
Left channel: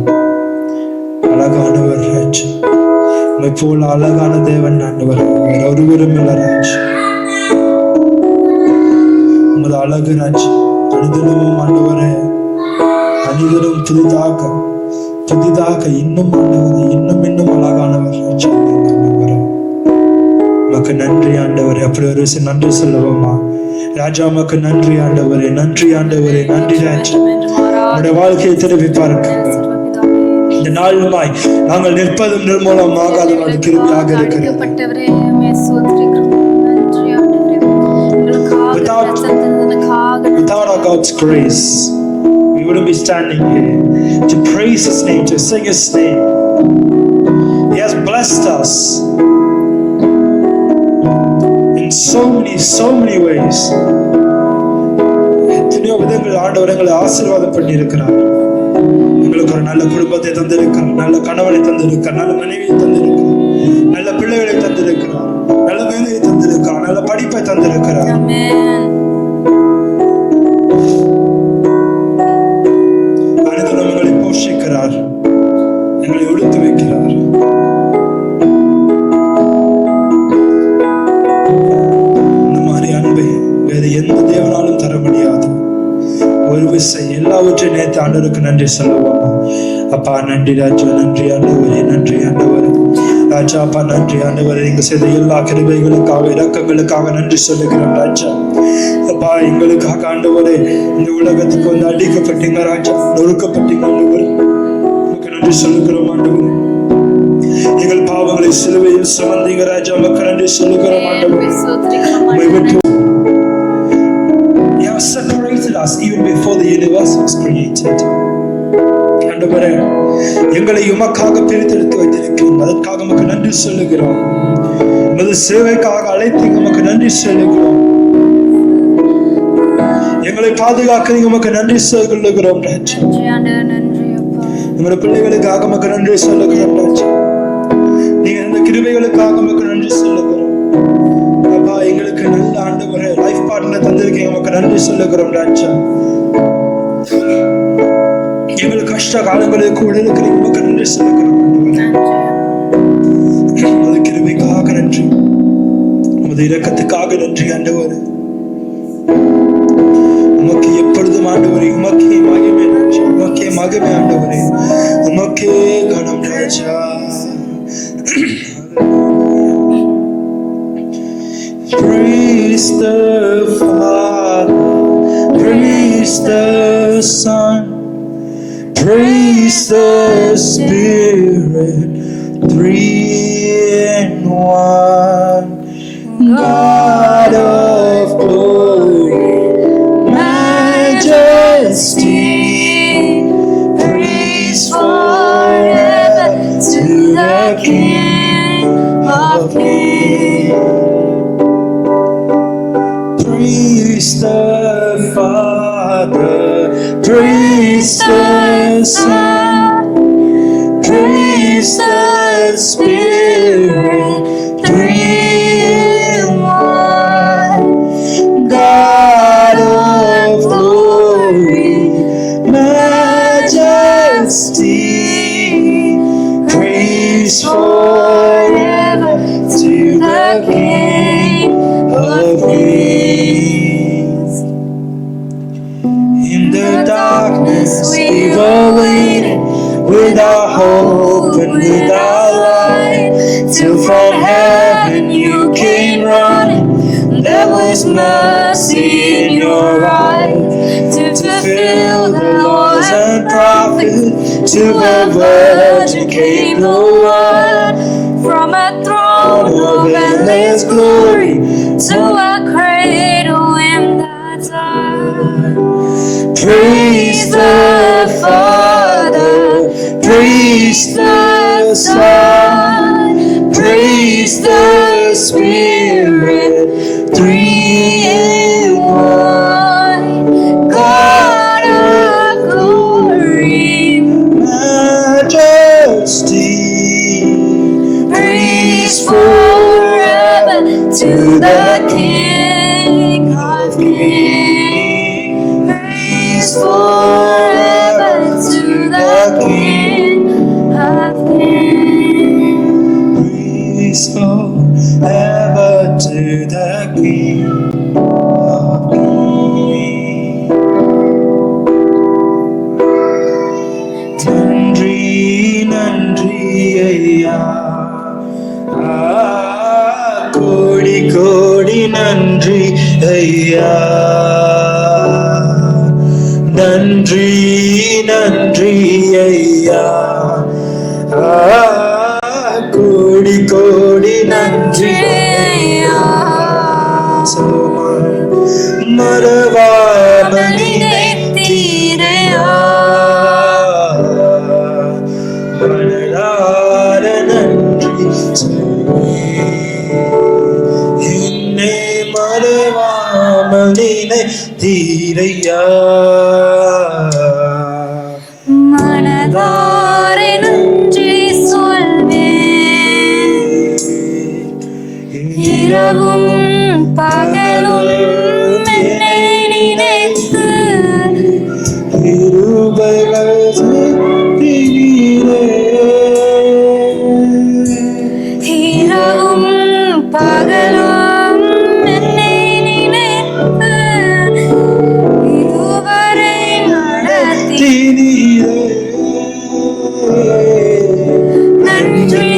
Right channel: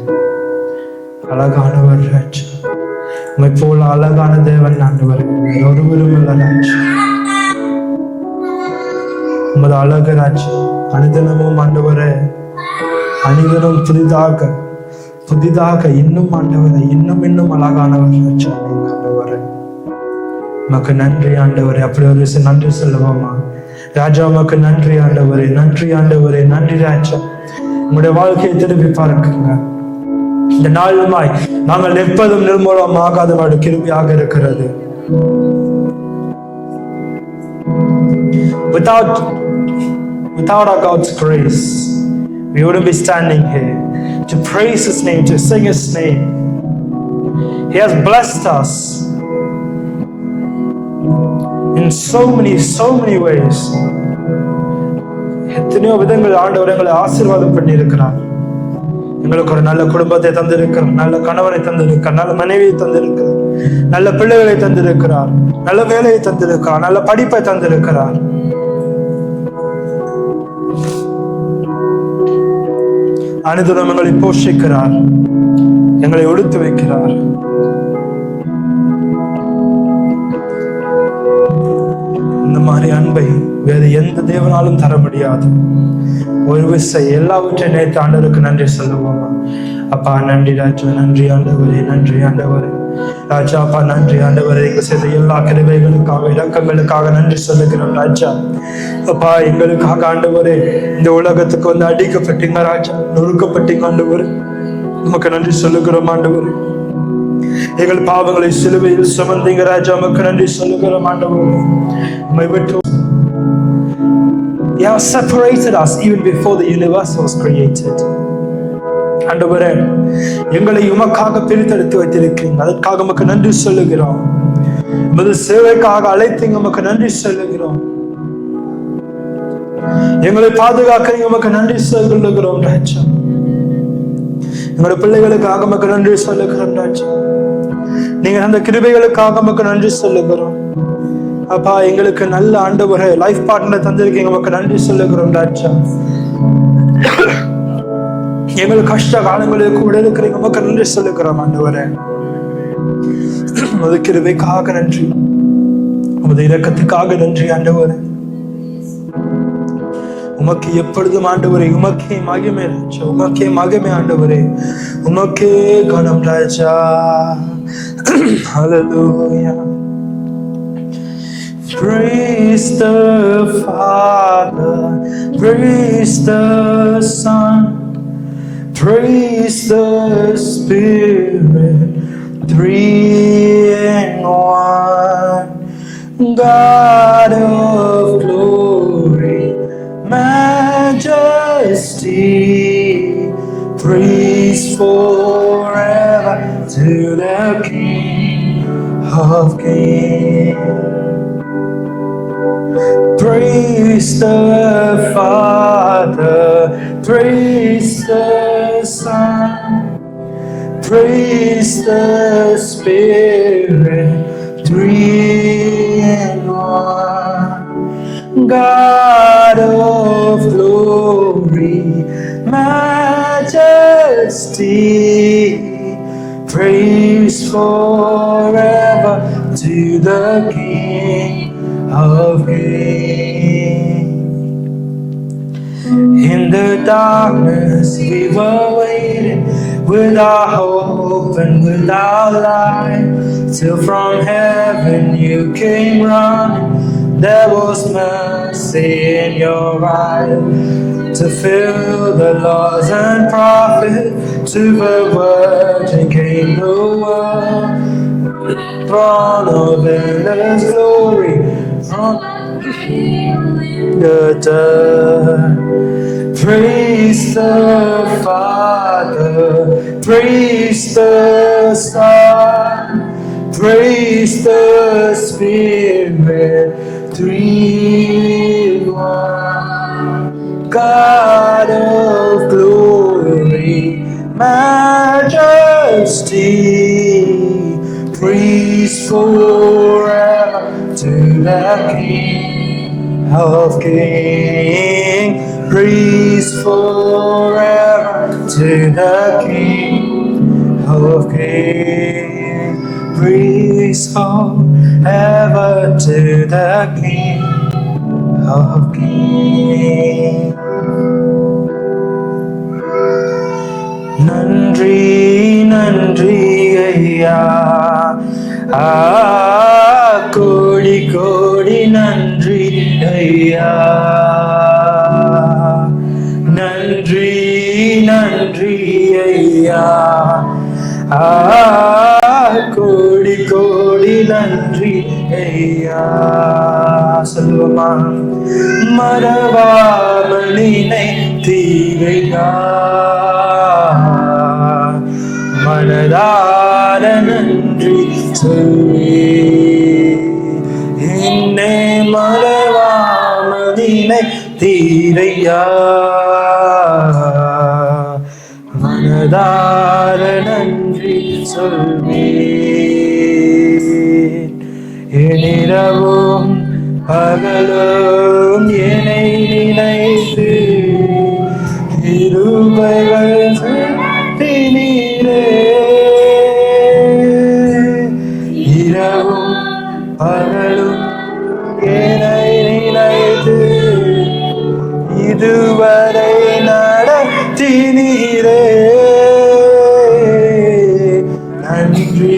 அழகானவர் ராஜா, உம்மை போல அழகான தேவன் ஆண்டவரே வேற ஒருவரும் இல்லை ராஜா. உமது அழகு ராஜா அனுதினமும் ஆண்டவரே அனுதினம் புதிதாக இன்னும் ஆண்டவரே இன்னும் அழகானவர் ராஜா நீங்க ஆண்டவரே. உமக்கு நன்றி ஆண்டவரே. அப்படி ஒரு நன்றி சொல்லுவோமா ராஜா? உமக்கு நன்றி ஆண்டவரே, நன்றி ஆண்டவரே, நன்றி ராஜா. உங்களுடைய வாழ்க்கையை திருப்பி பார்க்குங்க. இந்த நாளுமாய் நாங்கள் நிற்பதும் நிர்மூலமாகாத கிருபியாக இருக்கிறது. Without our God's grace, we wouldn't be standing here to praise His name, to sing His name. He has blessed us in so many ways. எத்தனையோ விதங்கள் ஆண்டவர் எங்களை ஆசீர்வாதம் பண்ணி இருக்கிறார். எங்களுக்கு ஒரு நல்ல குடும்பத்தை தந்திருக்கிறார், நல்ல கணவனை தந்திருக்கிறார், நல்ல மனைவியை தந்திருக்கிறார், நல்ல பிள்ளைகளை தந்திருக்கிறார், நல்ல வேலையை தந்திருக்கிறார், நல்ல படிப்பை தந்திருக்கிறார். அனுதினம் எங்களை போஷிக்கிறார், எங்களை ஒடுத்து வைக்கிறார். இந்த மாதிரி அன்பை வேறு எந்த தேவனாலும் தர முடியாது. ஒரு விசை எல்லாவற்றையும் நேர்த்து ஆண்டவருக்கு நன்றி சொல்லுவோம். அப்பா நன்றி ராஜா, நன்றி ஆண்டவரே, நன்றி ஆண்டவரே. ராஜா அப்பா நன்றி ஆண்டவரே, எங்க செய்த எல்லா கிருபைகளுக்காக இரக்கங்களுக்காக நன்றி சொல்லுகிறோம் ராஜா. அப்பா எங்களுக்காக ஆண்டவரே இந்த உலகத்துக்கு வந்து அடிக்கப்பட்டீங்க ராஜா, நொறுக்கப்பட்டீங்க ஆண்டவரே, உமக்கு நன்றி சொல்லுகிறோம் ஆண்டவரே. எங்கள் பாவங்களை சிலுவையில் சுமந்தீங்க ராஜா, உமக்கு நன்றி சொல்லுகிறோம் ஆண்டவரே. You have separated us even before the universe was created. ஆண்டவரே எங்களை உமக்காக பிரித்தெடுத்து வைத்திருக்கிறீங்க, அதற்காக உமக்கு நன்றி சொல்லுகிறோம். உமது சேவைக்காக அழைத்தீங்க, உமக்கு நன்றி சொல்லுகிறோம். எங்களை பாதுகாக்கிறீங்க, உமக்கு நன்றி சொல்லுகிறோம் ராஜா. எங்களோட பிள்ளைகளுக்காக உமக்கு நன்றி சொல்லுகிறோம் ராஜா. நீங்க அந்த கிருபைகளுக்காக உமக்கு நன்றி சொல்லுகிறோம் அப்பா. எங்களுக்கு நல்ல ஆண்டவரே லைஃப் பார்ட்னர் தந்திருக்கீங்க, உமக்கு நன்றி சொல்லுகிறோம் ராஜா. எங்கள் கஷ்ட காலங்களில் கூட இருக்கிறீங்க, உமக்கு நன்றி சொல்லுகிறோம் ஆண்டவரே. உமது கிருபைக்காக நன்றி, உமது இரக்கத்துக்காக நன்றி ஆண்டவரே. உமக்கு எப்பொழுதும் ஆண்டவரே உமக்கே மகிமை ராஜா, உமக்கே மகிமை ஆண்டவரே, உமக்கே கனம் ராஜா. Hallelujah. Praise the Father, praise the Son, praise the Spirit, three in one. God of glory, majesty, praise forever to the King of Kings. Praise the Father, praise the Son, praise the Spirit, three in one. God of glory, majesty, praise forever to the King of Kings. In the darkness we were waiting, with our hope and with our light, till from heaven you came running. There was mercy in your eyes, to fulfill the laws and prophets. To a virgin came the word, from a throne of endless glory to a cradle in the dirt. Praise the Father, praise the Son, praise the Spirit, three in one. God of glory, majesty, praise forever to the King of Kings. Praise forever to the King of Kings. Praise forever to the King of Kings. Nandri, Nandri, Ayya. Kodi, Kodi, Nandri, Ayya. Nandri, Nandri, Ayya. Kodi, Kodi, Nandri, Ayya. Salma, Maravalani, Nettiriya. Manadara Nandri, Salli. Inne Maravalani, Nettiriya. மனதார நன்றி சொல்வேன், இரவும் பகலும் என்னை நினைத்து கிருபைகள் நீரே. இரவும் பகலும் என்னை நினைத்து இதுவரை நடத்தினீரே. நன்றி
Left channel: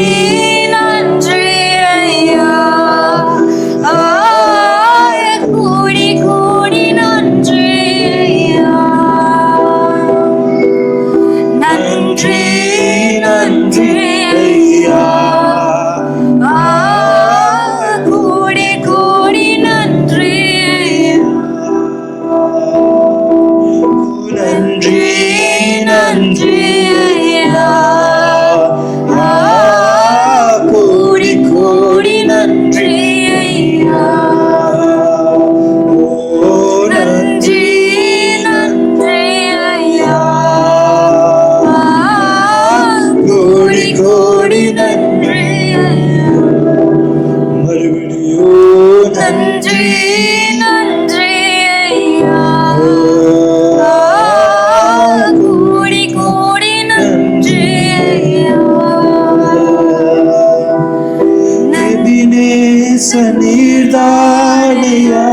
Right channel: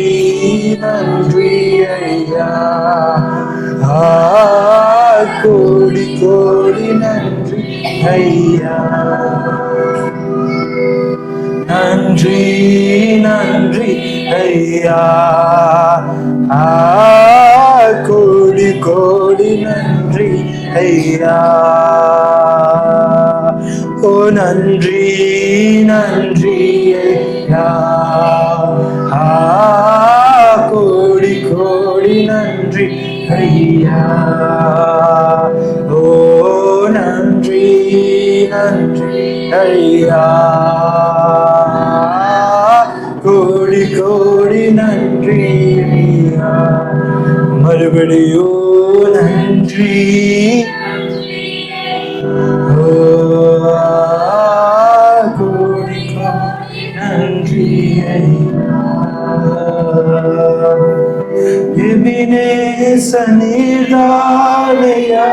நீர்தானையா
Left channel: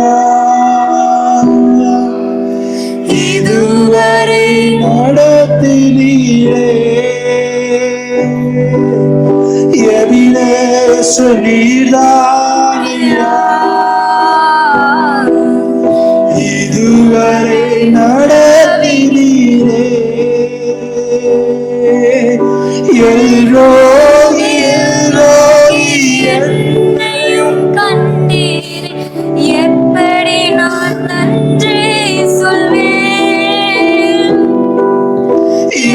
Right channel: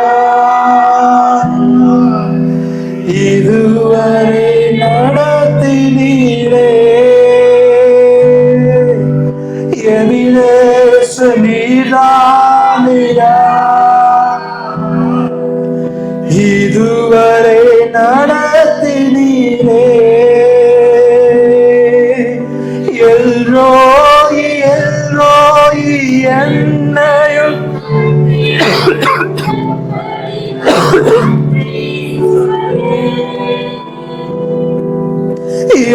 இதுவரை நடத்தினீரே எபினேச நீர்தானையா இதுவரை நடத்தினீரே எல்ரோயி எல்ரோயி என்னையும் கண்டீர் எப்படி நான் நன்றி சொல்வேன்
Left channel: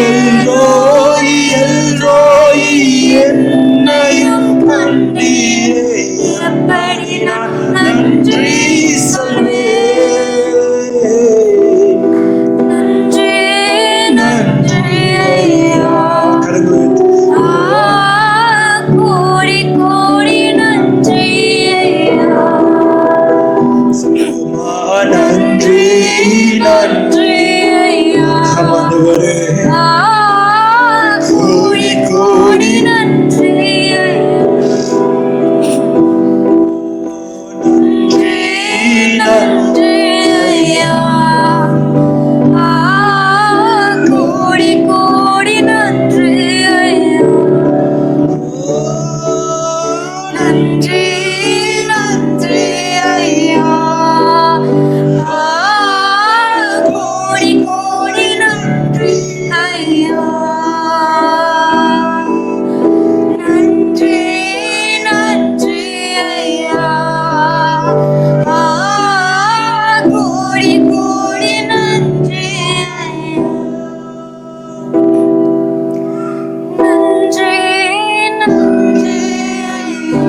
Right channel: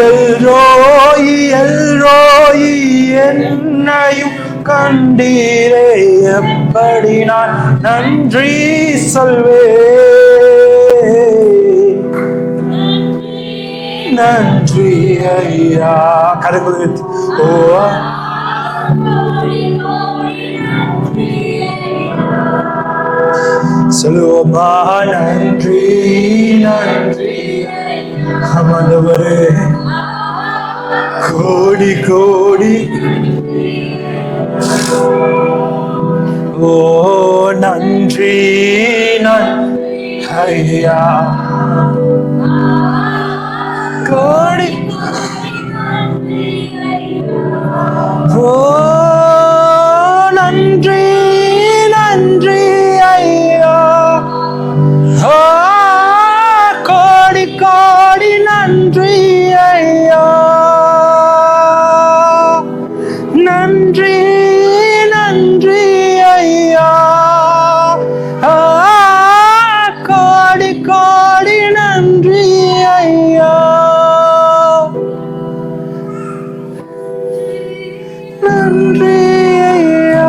எல்ரோயி எல்ரோயி என்னையும் கண்டீரே எப்படி நான் நன்றி சொல்வேன் நன்றி ஐயா கரங்களை உயர்த்தி. கோடி கோடி நன்றி சொல்லுவோமா நன்றி நன்றி ஆண்டவரே கோடி கோடி ஓ நன்றி நன்றி ஐயா கோடி கோடி நன்றி ஓ நன்றி நன்றி ஐயா கோடி கோடி நன்றி ஐயா நன்றி நன்றி ஐயா கோடி கோடி நன்றி ஐயா நன்றி நன்றி ஐயா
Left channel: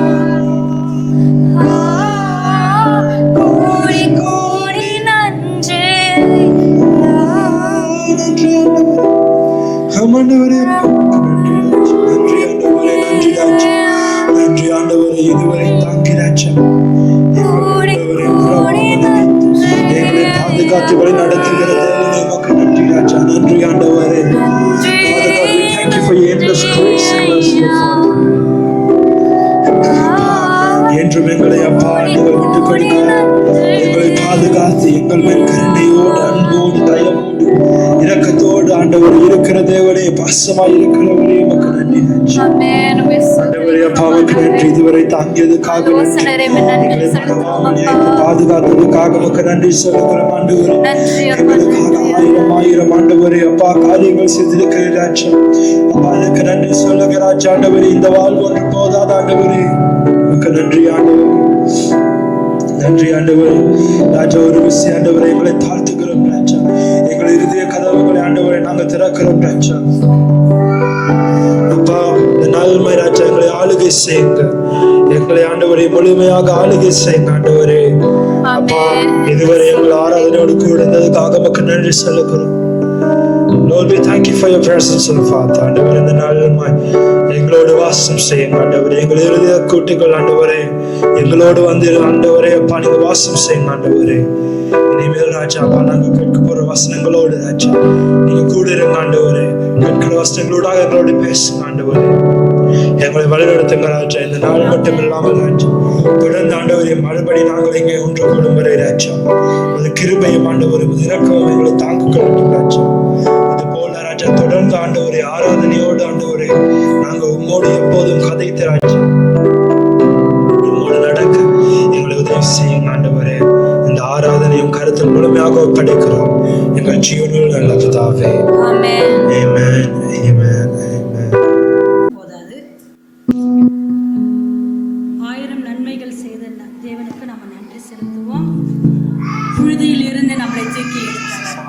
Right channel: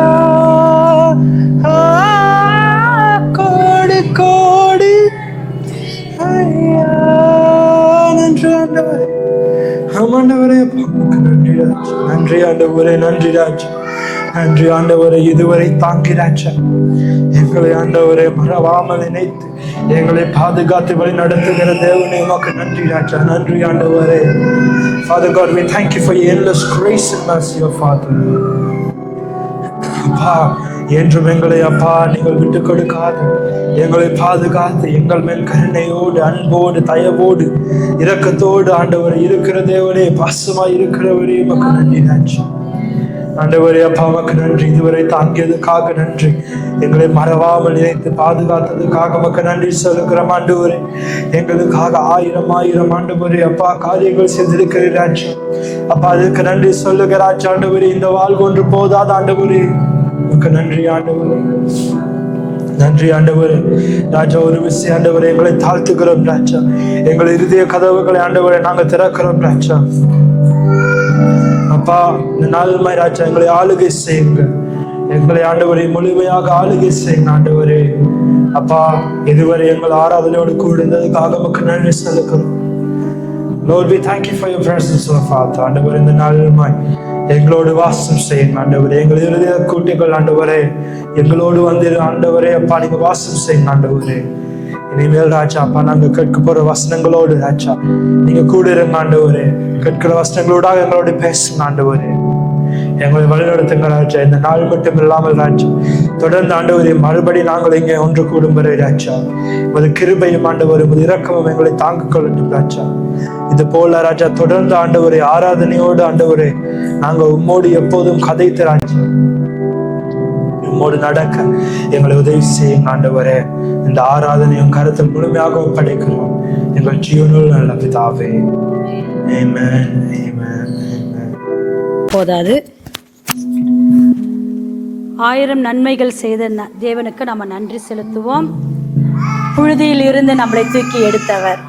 கோடி கோடி நன்றி நன்றி ஆண்டவரே ஆண்டவரே நன்றி ஆண்டவரே நன்றியாச்சு நன்றி ஆண்டவரே இதுவரை தாங்கினாச்சு எங்களை ஆண்டவரை மறவாமல் நினைத்து எங்களை பாதுகாத்து வழி நடத்துகிற தேவனே உமக்கு நன்றி ராஜா நன்றி ஆண்டவரே Father God, we thank you for your endless grace and mercy, your Father. அப்பா என்றும் எங்களை அப்பா நீங்கள் விட்டுக் கொடுக்காது எங்களை பாதுகாத்து எங்கள் மேல் கருணையோடு அன்போடு தயவோடு இரக்கத்தோடு ஆண்டவர் இருக்கிற தேவனே பாசமாய் இருக்கிறவரே உமக்கு நன்றி ராஜா ஆண்டவரே அப்பா உமக்கு நன்றி இதுவரை தாங்கியதுக்காக நன்றி எங்களை மறவாமல் நினைத்து பாதுகாத்ததுக்காக உமக்கு நன்றி சொல்லுகிறோம் ஆண்டவரே எங்களுக்காக ஆயிரம் ஆயிரம் ஆண்டவரே அப்பா காரியங்கள் செஞ்சிருக்கிறாச்சு அப்பா அதுக்கு நன்றி சொல்லுகிறாச்சு ஆண்டவரே இந்த வாழ்வு ஒன்று போதாத ஆண்டவரே உமக்கு நன்றி ஆண்டவரே நன்றி ஆண்டவரே ராஜா ஒரு விஷயம் ஆண்டவரே எங்களை தாழ்த்துக்கிறோம் ராஜா எங்களை இருதய கதவுகளை ஆண்டவரே நாங்கள் திறக்கிறோம் ராஜா அப்பா இந்த நாள்மாய் ராஜா எங்களை ஆளுகை செய்யுங்க எங்களை ஆண்டவரே முழுமையாக ஆளுகை செய்யுங்க ஆண்டவரே அப்பா இதுவரை எங்கள் ஆராதனையோடு கூட இருந்ததுக்காக நமக்கு நன்றி சொல்லுகிறோம் Lord, we thank you for your presence, oh Father. ஆண்டவரே இந்த நாள்மாய் எங்களோடு வாசம் செய்யுங்க ஆண்டவரே எங்கள் இருதய கூட்டிகள் ஆண்டவரே எங்களோடு வந்து ஆண்டவரே அப்பா நீங்க வாசம் செய்யுங்க ஆண்டவரே இனிமேல் ராஜா அப்பா நாங்க கேட்க போற வசனங்களோடு ராஜா நீங்க கூட இருங்க ஆண்டவரே கேட்கிற வசனங்களோடாக எங்களோட பேசுங்க ஆண்டவரே எங்களை வழிநடத்துங்க ராஜா இந்த நாள் மட்டும் இல்லாமல் ராஜா தொடர்ந்து ஆண்டவரே மறுபடி நாங்கள் இங்கே ஒன்று கூடும் வரை ராஜா ஒரு கிருபையும் ஆண்டவரே ஒரு இரக்கமும் எங்களை தாங்கிக் கொள்ளட்டும் ராஜா இது போல ராஜா தொடர்ந்து ஆண்டவரே ஆராதனையோடு ஆண்டவரே நாங்க உம்மோடு எப்போதும் கதைத்து ராஜா உம்மோடு நடக்க எங்களை உதவி செய்யுங்க ஆண்டவரே இந்த ஆராதனையும் கருத்தில் முழுமையாக ஒப்படைக்கிறோம் எங்கள் ஜீவனுள் நல்ல பிதாவே ஆமென் ஆமென் ஆமென் போதாது 1000 நன்மைகள் செய்த தேவனுக்கு நம்ம நன்றி செலுத்துவோம். புழுதியில் இருந்து நம்மளை தூக்கி எடுத்தவர்,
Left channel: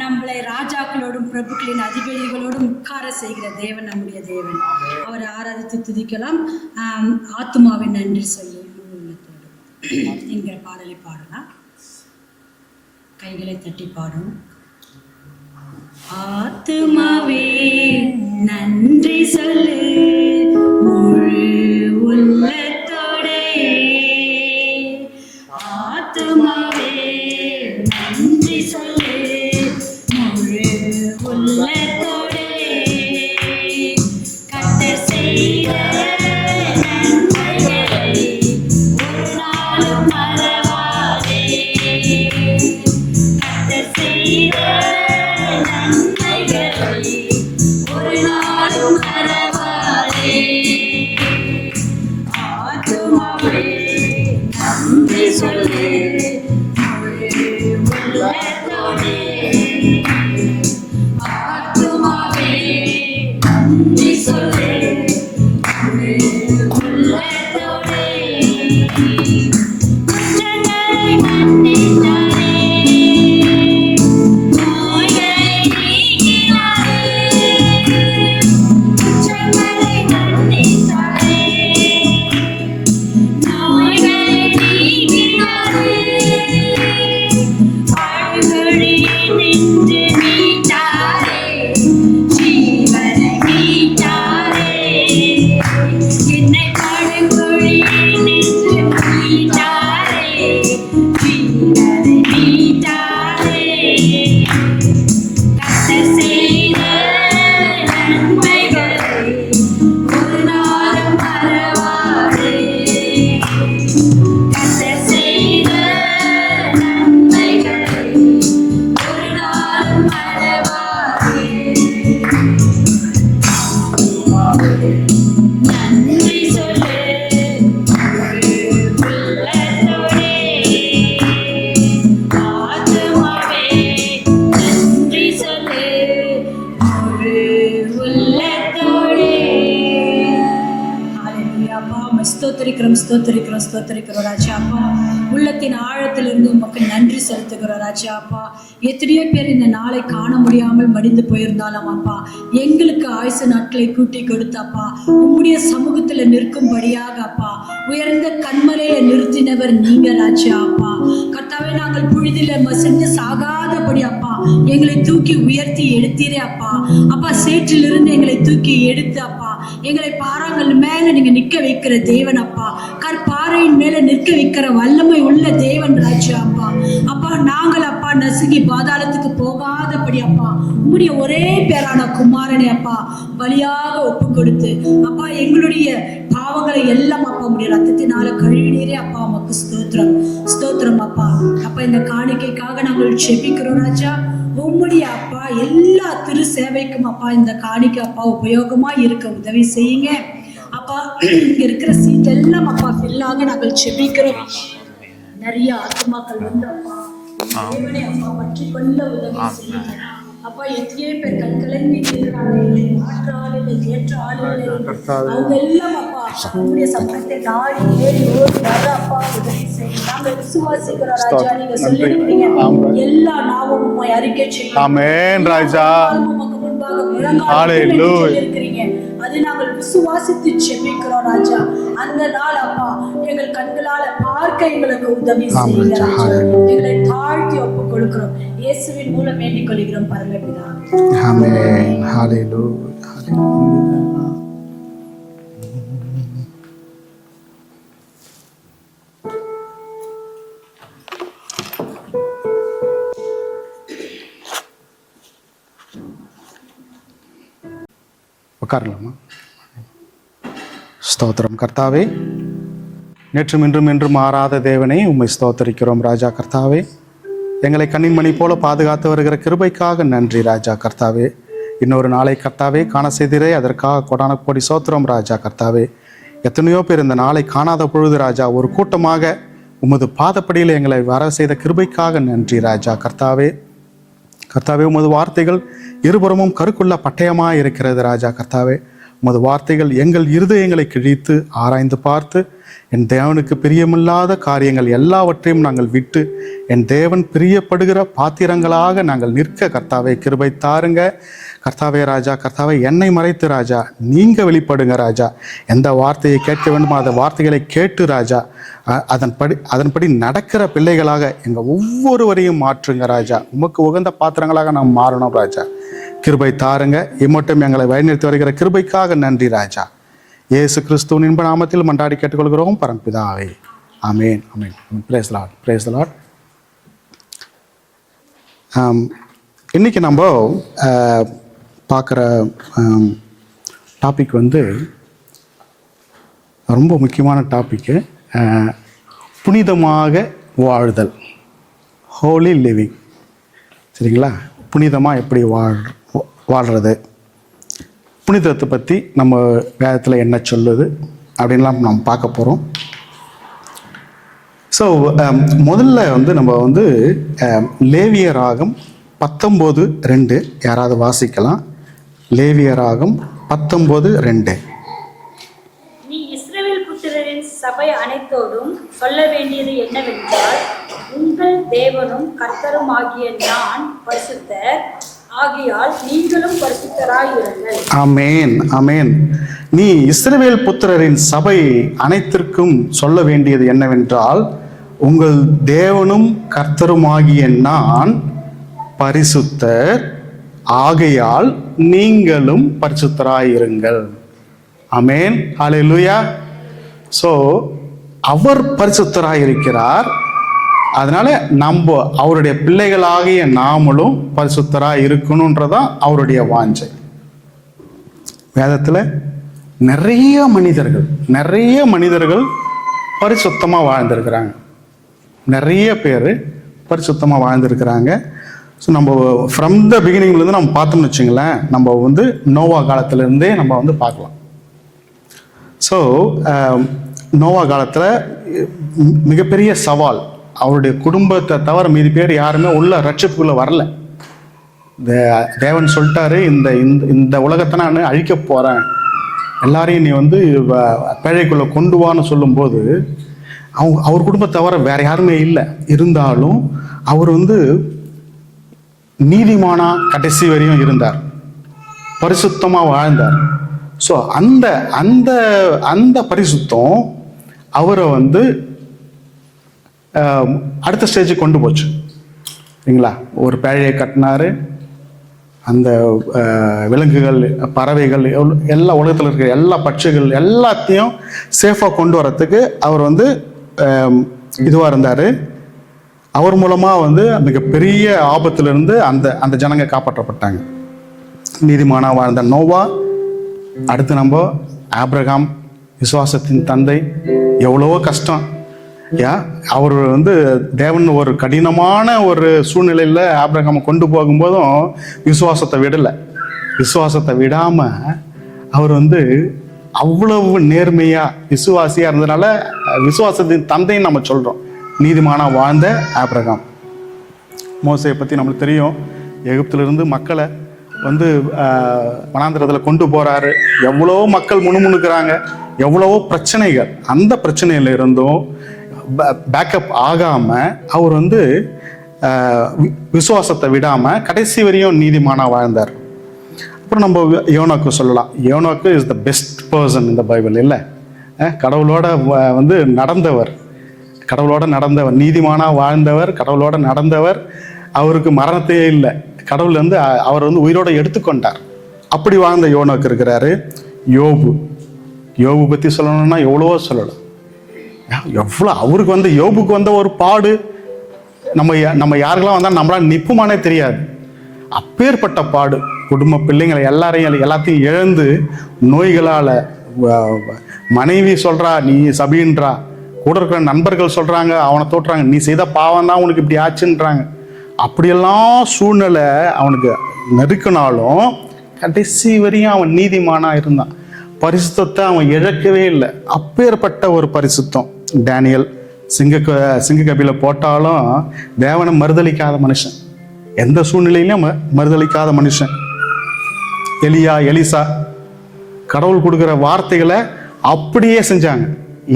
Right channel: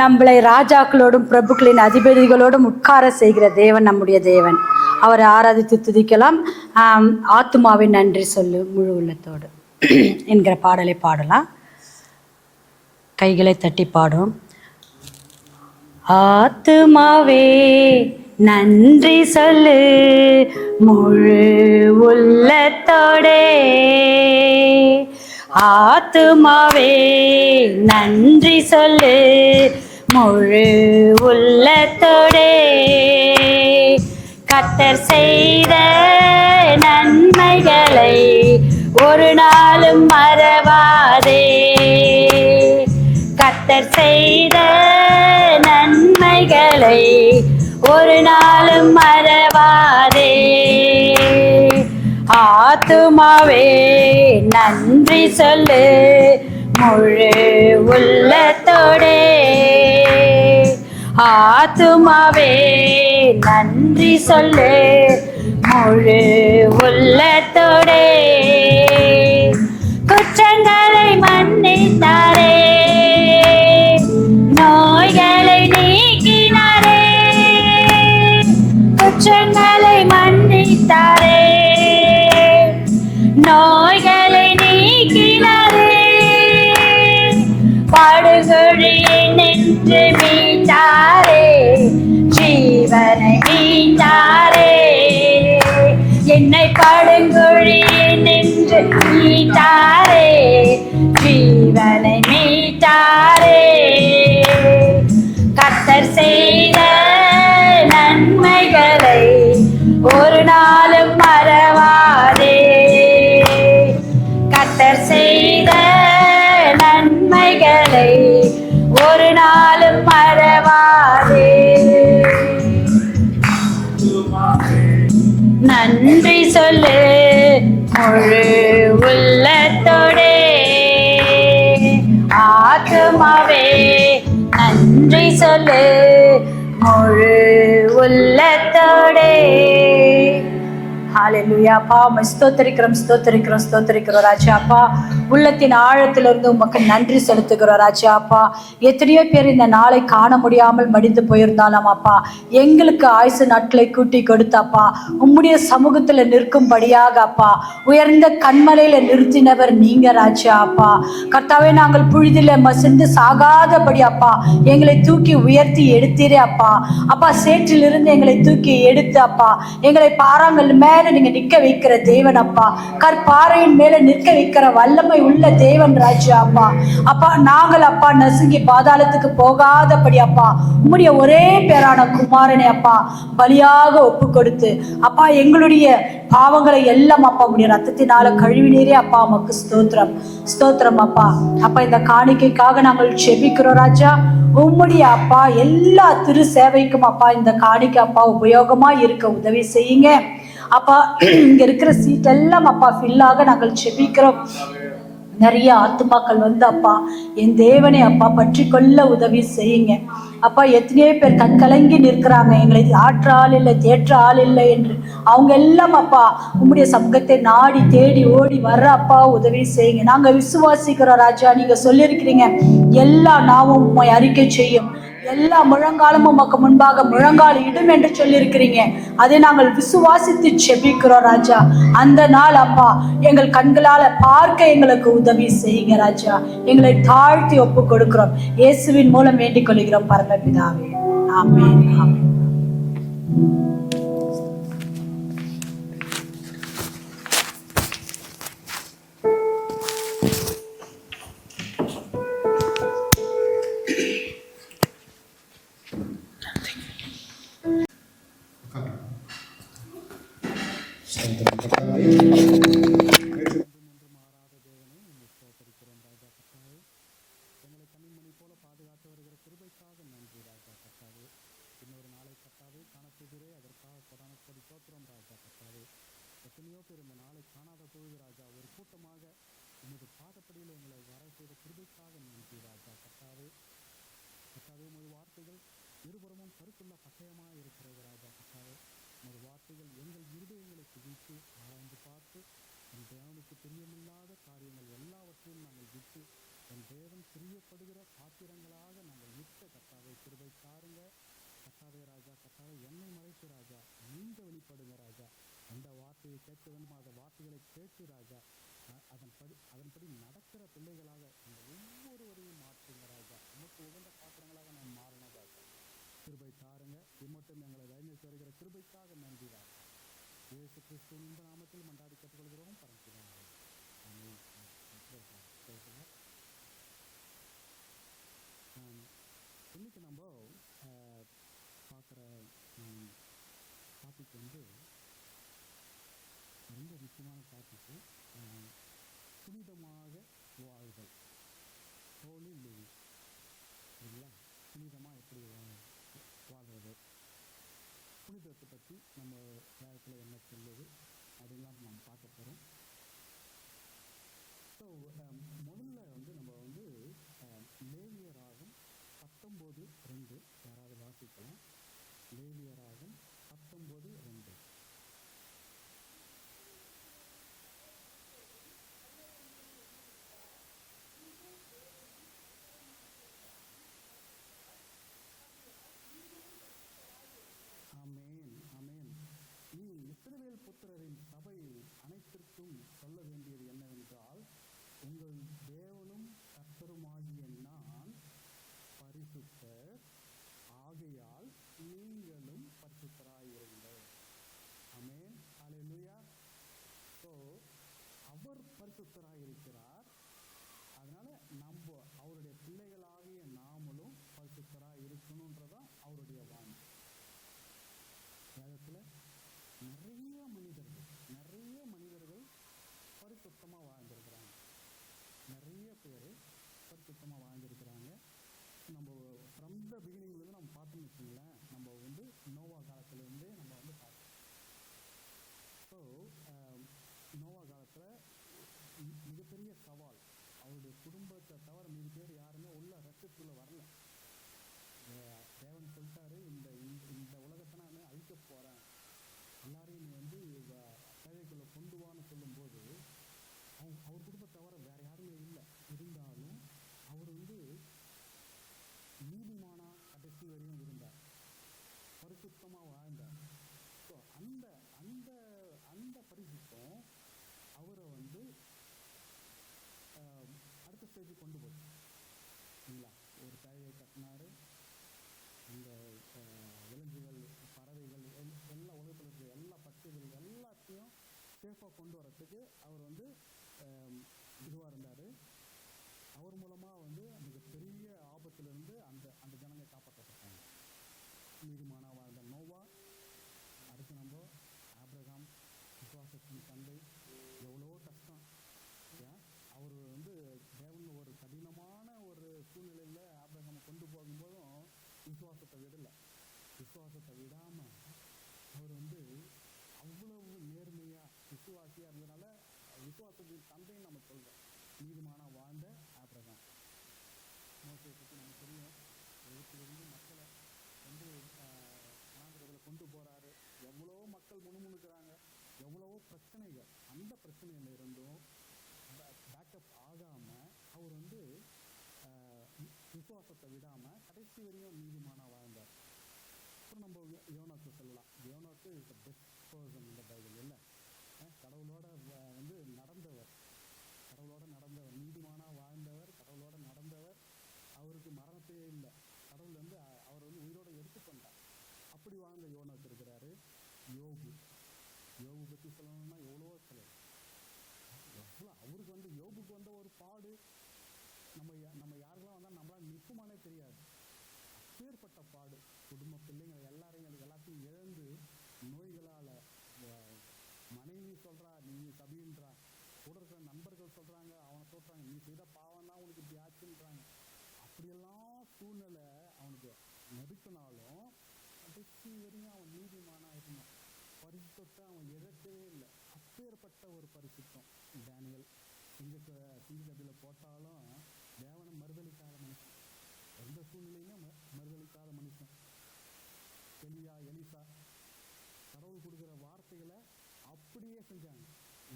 நம்மளை ராஜாக்களோடும் பிரபுக்களின் அதிபதிகளோடும் உட்கார செய்கிற தேவன் நம்முடைய தேவன். அவரை ஆராதித்து துதிக்கலாம். ஆத்துமாவின் நன்றி சொல்லு முழு உள்ளத்தோடு என்கிற பாடலை பாடலாம். கைகளை தட்டி பாடும். ஆத்துமாவே நன்றி சொல்லு முழு உள்ளத்தோடே, ஆத்துமாவே நன்றி சொல்லு முழு உள்ளத்தோடே. கர்த்தர் செய்த நன்மைகளை ஆத்துமாவே நன்றி சொல்லு முழு உள்ளத்தோடே. ஆத்துமாவே நன்றி சொல்லு முழு உள்ளத்தோடே. குற்றங்களை மன்னித்தாரே, நோய்களை நீக்கினாரே. குற்றங்களை மன்னித்தாரே, நோய்களை நீக்கினாரே. படுகொழியை நின்று மீட்டாரே, ஜீவனை மீட்டாரே. என்னை படுகொழியை நின்று மீட்டாரே, ஜீவனை மீட்டாரே. கர்த்தர் செய்த நன்மைகளை ஒரு நாளும் மறவாதே. கர்த்தர் செய்த நன்மைகளை ஒரு நாளும் மறவாதே. நன்றி சொல்லு முழு உள்ளத்தோடே. ஆத்துமாவே நன்றி சொல்லு முழு உள்ளத்தோடே. ஹalleluya. அப்பா உம்மை ஸ்தோத்திரிக்கிறோம் ராஜா. அப்பா உள்ளத்தின் ஆழத்திலிருந்து உமக்கு நன்றி செலுத்துகிறோம் ராஜா. அப்பா எத்தனையோ பேர் இந்த நாளை காண முடியாமல் மடிந்து போயிருந்தாலும் அப்பா எங்களுக்கு ஆயுசு நாட்களை கூட்டி கொடுத்தப்பா உம்முடைய சமூகத்துல நிற்கும்படியாக அப்பா உயர்ந்த கண்மலையில நிறுத்தினவர் நீங்க ராஜா. அப்பா கர்த்தாவே நாங்கள் புழுதில மசிந்து சாகாதபடி அப்பா எங்களை தூக்கி உயர்த்தி எடுத்தீரே அப்பா. அப்பா சேற்றிலிருந்து எங்களை தூக்கி எடுத்து அப்பா எங்களை பாறாங்கல் மேல நீங்க நிக்க வைக்கிற தேவன் அப்பா. கற்பாறையின் மேல நிற்க வைக்கிற வல்லமை உள்ள தேவன் ராஜா. அப்பா அப்பா நாங்கள் அப்பா நசுங்கி பாதாளத்துக்கு போகாதபடி அப்பா உம்முடைய ஒரே பேரான குமாரனை அப்பா பலியாக ஒப்பு கொடுத்து அப்பா எங்களுடைய பாவங்களை எல்லாம் அப்பா உம்முடைய ரத்தத்தினால கழுவினீரே அப்பா. உமக்கு ஸ்தோத்திரம் அப்பா. அப்பா இந்த காணிக்கைக்காக நாங்கள் செபிக்கிறோம் ராஜா. உம்முடைய அப்பா எல்லா திரு சேவைக்கும் அப்பா இந்த காணிக்கை அப்பா உபயோகமா இருக்க உதவி செய்யுங்க அப்பா. இங்க இருக்கிற சீட் எல்லாம் அப்பா ஃபில்லாக நாங்கள் செபிக்கிறோம். நிறைய ஆத்துமாக்கள் வந்து அப்பா என் தேவனை அப்பா பற்றி கொள்ள உதவி செய்யுங்க அப்பா. எத்தனையோ பேர் கண் கலங்கி நிற்கிறாங்க, எங்களை ஆற்ற ஆள் இல்லை தேற்ற ஆள் இல்லை என்று. அவங்க எல்லாம் அப்பா உம்முடைய சமூகத்தை நாடி தேடி ஓடி வர அப்பா உதவி செய்யுங்க. நாங்க விசுவாசிக்கிறோம் ராஜா. நீங்க சொல்லியிருக்கிறீங்க எல்லா நாவும் உம்மை அறிக்கை செய்யும், முழங்காலமும் உமக்கு முன்பாக முழங்காலம் என்று சொல்லியிருக்கிறீங்க. அதை நாங்கள் விசுவாசித்து செபிக்கிறோம் ராஜா. அந்த நாள் அப்பா எங்கள் கண்களால பார்க்க எங்களுக்கு உதவி செய்யுங்க ராஜா. எங்களை தாழ்த்தி ஒப்பு கொடுக்கிறோம். இயேசுவின் மூலம் வேண்டிக் கொள்கிறோம் பரமபிதாவே. ஆமென். ஹalleluya. உட்காரலாமா? ஸ்தோத்திரம் கர்த்தாவே. நேற்றும் இன்றும் என்றும் மாறாத தேவனே உம்மை ஸ்தோத்தரிக்கிறோம் ராஜா. கர்த்தாவே எங்களை கண்ணின் மணி போல பாதுகாத்து வருகிற கிருபைக்காக நன்றி ராஜா. கர்த்தாவே இன்னொரு நாளை கர்த்தாவே காண செய்திரே, அதற்காக கொடான கோடி சோத்திரம் ராஜா. கர்த்தாவே எத்தனையோ பேர் இந்த நாளை காணாத பொழுது ராஜா ஒரு கூட்டமாக உமது பாதப்படியில் எங்களை வர செய்த கிருபைக்காக நன்றி ராஜா. கர்த்தாவே உமது வார்த்தைகள் இருபுறமும் கருக்குள்ள பட்டயமாக இருக்கிறது ராஜா. கர்த்தாவே உமது வார்த்தைகள் எங்கள் இருதயங்களை கிழித்து ஆராய்ந்து பார்த்து என் தேவனுக்கு பிரியமில்லாத காரியங்கள் எல்லாவற்றையும் நாங்கள் விட்டு என் தேவன் பிரியப்படுகிற பாத்திரங்களாக நாங்கள் நிற்க கர்த்தாவே கிருபை தாருங்க கர்த்தாவே ராஜா. கர்த்தாவே என்னை மறைத்து ராஜா நீங்க வெளிப்படுங்க ராஜா. எந்த வார்த்தையை கேட்க வேண்டுமோ அந்த வார்த்தைகளை கேட்டு ராஜா அதன்படி நடக்கிற பிள்ளைகளாக எங்கள் ஒவ்வொருவரையும் மாற்றுங்க ராஜா. உமக்கு உகந்த பாத்திரங்களாக நாம் மாறணும் ராஜா. கிருபை தாருங்க. இம்மட்டும் எங்களை வழிநடத்தி வருகிற கிருபைக்காக நன்றி ராஜா. இயேசு கிறிஸ்துவின் இன்ப நாமத்தில் மன்றாடி கேட்டுக்கொள்கிறோம் பரம்பிதாவே. ஆமேன் ஆமேன். Praise the Lord, praise the Lord. இன்னைக்கு நம்ம பார்க்குற டாபிக் வந்து ரொம்ப முக்கியமான டாப்பிக்கு. புனிதமாக வாழ்தல், ஹோலி லிவிங். சரிங்களா? புனிதமாக எப்படி வாழ்கிறது, புனிதத்தை பற்றி நம்ம வேதத்தில் என்ன சொல்லுது அப்படின்லாம் நம்ம பார்க்க போகிறோம். ஸோ முதல்ல வந்து நம்ம வந்து லேவியராகம் 19:2 யாராவது வாசிக்கலாம். லேவியராகம் 19:2. நீ இஸ்ரவேல் புத்திரரின் சபை அனைத்தோடும் சொல்ல வேண்டியது என்னவென்றால், உங்கள் தேவனும் கர்த்தரும் ஆகிய நான் பரிசுத்தர், ஆகையால் நீங்களும் பரிசுத்தராயிருங்கள். ஆமென், ஆமென். நீ இஸ்ரவேல் புத்திரரின் சபை அனைத்திற்கும் சொல்ல வேண்டியது என்னவென்றால், உங்கள் தேவனும் கர்த்தருமாகிய நான் பரிசுத்தர், ஆகையால் நீங்களும் பரிசுத்தராயிருங்கள். ஆமென், ஹல்லேலூயா. ஸோ அவர் பரிசுத்தராயிருக்கிறார். அதனால நம்ம அவருடைய பிள்ளைகளாகிய நாமளும் பரிசுத்தராக இருக்கணும்ன்றதான் அவருடைய வாஞ்சை. வேதத்தில் நிறைய மனிதர்கள் பரிசுத்தமாக வாழ்ந்திருக்கிறாங்க. நிறைய பேர் பரிசுத்தமாக வாழ்ந்திருக்கிறாங்க. ஸோ நம்ம ஃப்ரம் த பிகினிங்லேருந்து நம்ம பார்த்தோம்னு வச்சுங்களேன், நம்ம வந்து நோவா காலத்திலேருந்தே நம்ம வந்து பார்க்கலாம். ஸோ நோவா காலத்தில் மிகப்பெரிய சவால், அவருடைய குடும்பத்தை தவிர மீதி பேர் யாருமே உள்ள ரட்சிப்புக்குள்ளே வரல. தேவன் சொல்லிட்டாரு, இந்த உலகத்தை நான் அழிக்க போகிறேன், எல்லாரையும் நீ வந்து பேழைக்குள்ளே கொண்டு வான்னு சொல்லும்போது அவர் குடும்பத்தை தவிர வேற யாருமே இல்லை. இருந்தாலும் அவர் வந்து நீதிமானா கடைசி வரையும் இருந்தார், பரிசுத்தமாக வாழ்ந்தார். ஸோ அந்த அந்த அந்த பரிசுத்தம் அவரை வந்து அடுத்த ஸ்டேஜுக்கு கொண்டு போச்சு. சரிங்களா? ஒரு பேழையை கட்டினாரு. அந்த விலங்குகள், பறவைகள், எல்லா உலகத்தில் இருக்கிற எல்லா பட்சிகள் எல்லாத்தையும் சேஃபாக கொண்டு வரத்துக்கு அவர் வந்து இதுவாக இருந்தார். அவர் மூலமாக வந்து மிகப்பெரிய ஆபத்திலிருந்து அந்த ஜனங்க காப்பாற்றப்பட்டாங்க. நீதிமானா வாழ்ந்த நோவா. அடுத்து நம்ம ஆபிரகாம், விசுவாசத்தின் தந்தை. எவ்வளவோ கஷ்டம். அவர் வந்து தேவன் ஒரு கடினமான ஒரு சூழ்நிலையில் ஆபிரகாமை கொண்டு போகும்போதும் விசுவாசத்தை விடலை. விசுவாசத்தை விடாமல் அவர் வந்து அவ்வளவு நேர்மையாக விசுவாசியாக இருந்ததுனால விசுவாசத்தின் தந்தைன்னு நம்ம சொல்கிறோம். நீதிமானாக வாழ்ந்த ஆபிரகாம். மோசையை பற்றி நம்மளுக்கு தெரியும். எகிப்திலிருந்து மக்களை வந்து வனாந்திரத்தில் கொண்டு போகிறாரு. எவ்வளோ மக்கள் முணுமுணுக்கிறாங்க, எவ்வளவோ பிரச்சனைகள். அந்த பிரச்சனையில் இருந்தும் பேக்கப் ஆகாமல் அவர் வந்து விசுவாசத்தை விடாமல் கடைசி வரையும் நீதிமானாக வாழ்ந்தார். அப்புறம் நம்ம யோனாக்கு சொல்லலாம். யோனாக்கு இஸ் த பெஸ்ட் பர்சன் இந்த பைபிள். இல்லை, கடவுளோட வந்து நடந்தவர், நீதிமானாக வாழ்ந்தவர், கடவுளோட நடந்தவர். அவருக்கு மரணத்தையே இல்லை. கடவுள் வந்து அவர் வந்து உயிரோட எடுத்துக்கொண்டார். அப்படி வாழ்ந்த யோனாக்கு இருக்கிறாரு. யோபு பற்றி சொல்லணும்னா எவ்வளவோ சொல்லலாம். எவ்வளோ அவருக்கு வந்து யோபுக்கு வந்த ஒரு பாடு நம்ம யாருக்கெல்லாம் வந்தால் நம்மளால் நிற்புமானே தெரியாது. அப்பேற்பட்ட பாடு. குடும்ப பிள்ளைங்களை எல்லாத்தையும் இழந்து நோய்களால், மனைவி சொல்கிறா நீ சபின்றா, கூட இருக்கிற நண்பர்கள் சொல்கிறாங்க அவனை தோற்றுறாங்க, நீ செய்த பாவம் தான் உனக்கு இப்படி ஆச்சுன்றாங்க. அப்படியெல்லாம் சூழ்நிலை அவனுக்கு நெருக்கினாலும் கடைசி வரையும் அவன் நீதிமானாக இருந்தான். பரிசுத்தத்தை அவன் இழக்கவே இல்லை. அப்பேற்பட்ட ஒரு பரிசுத்தம். டேனியல் சிங்க கபில போட்டாலும் தேவனை மறுதளிக்காத மனுஷன், எந்த சூழ்நிலையிலும் மறுதளிக்காத மனுஷன். எலிசா கடவுள் கொடுக்குற வார்த்தைகளை அப்படியே செஞ்சாங்க.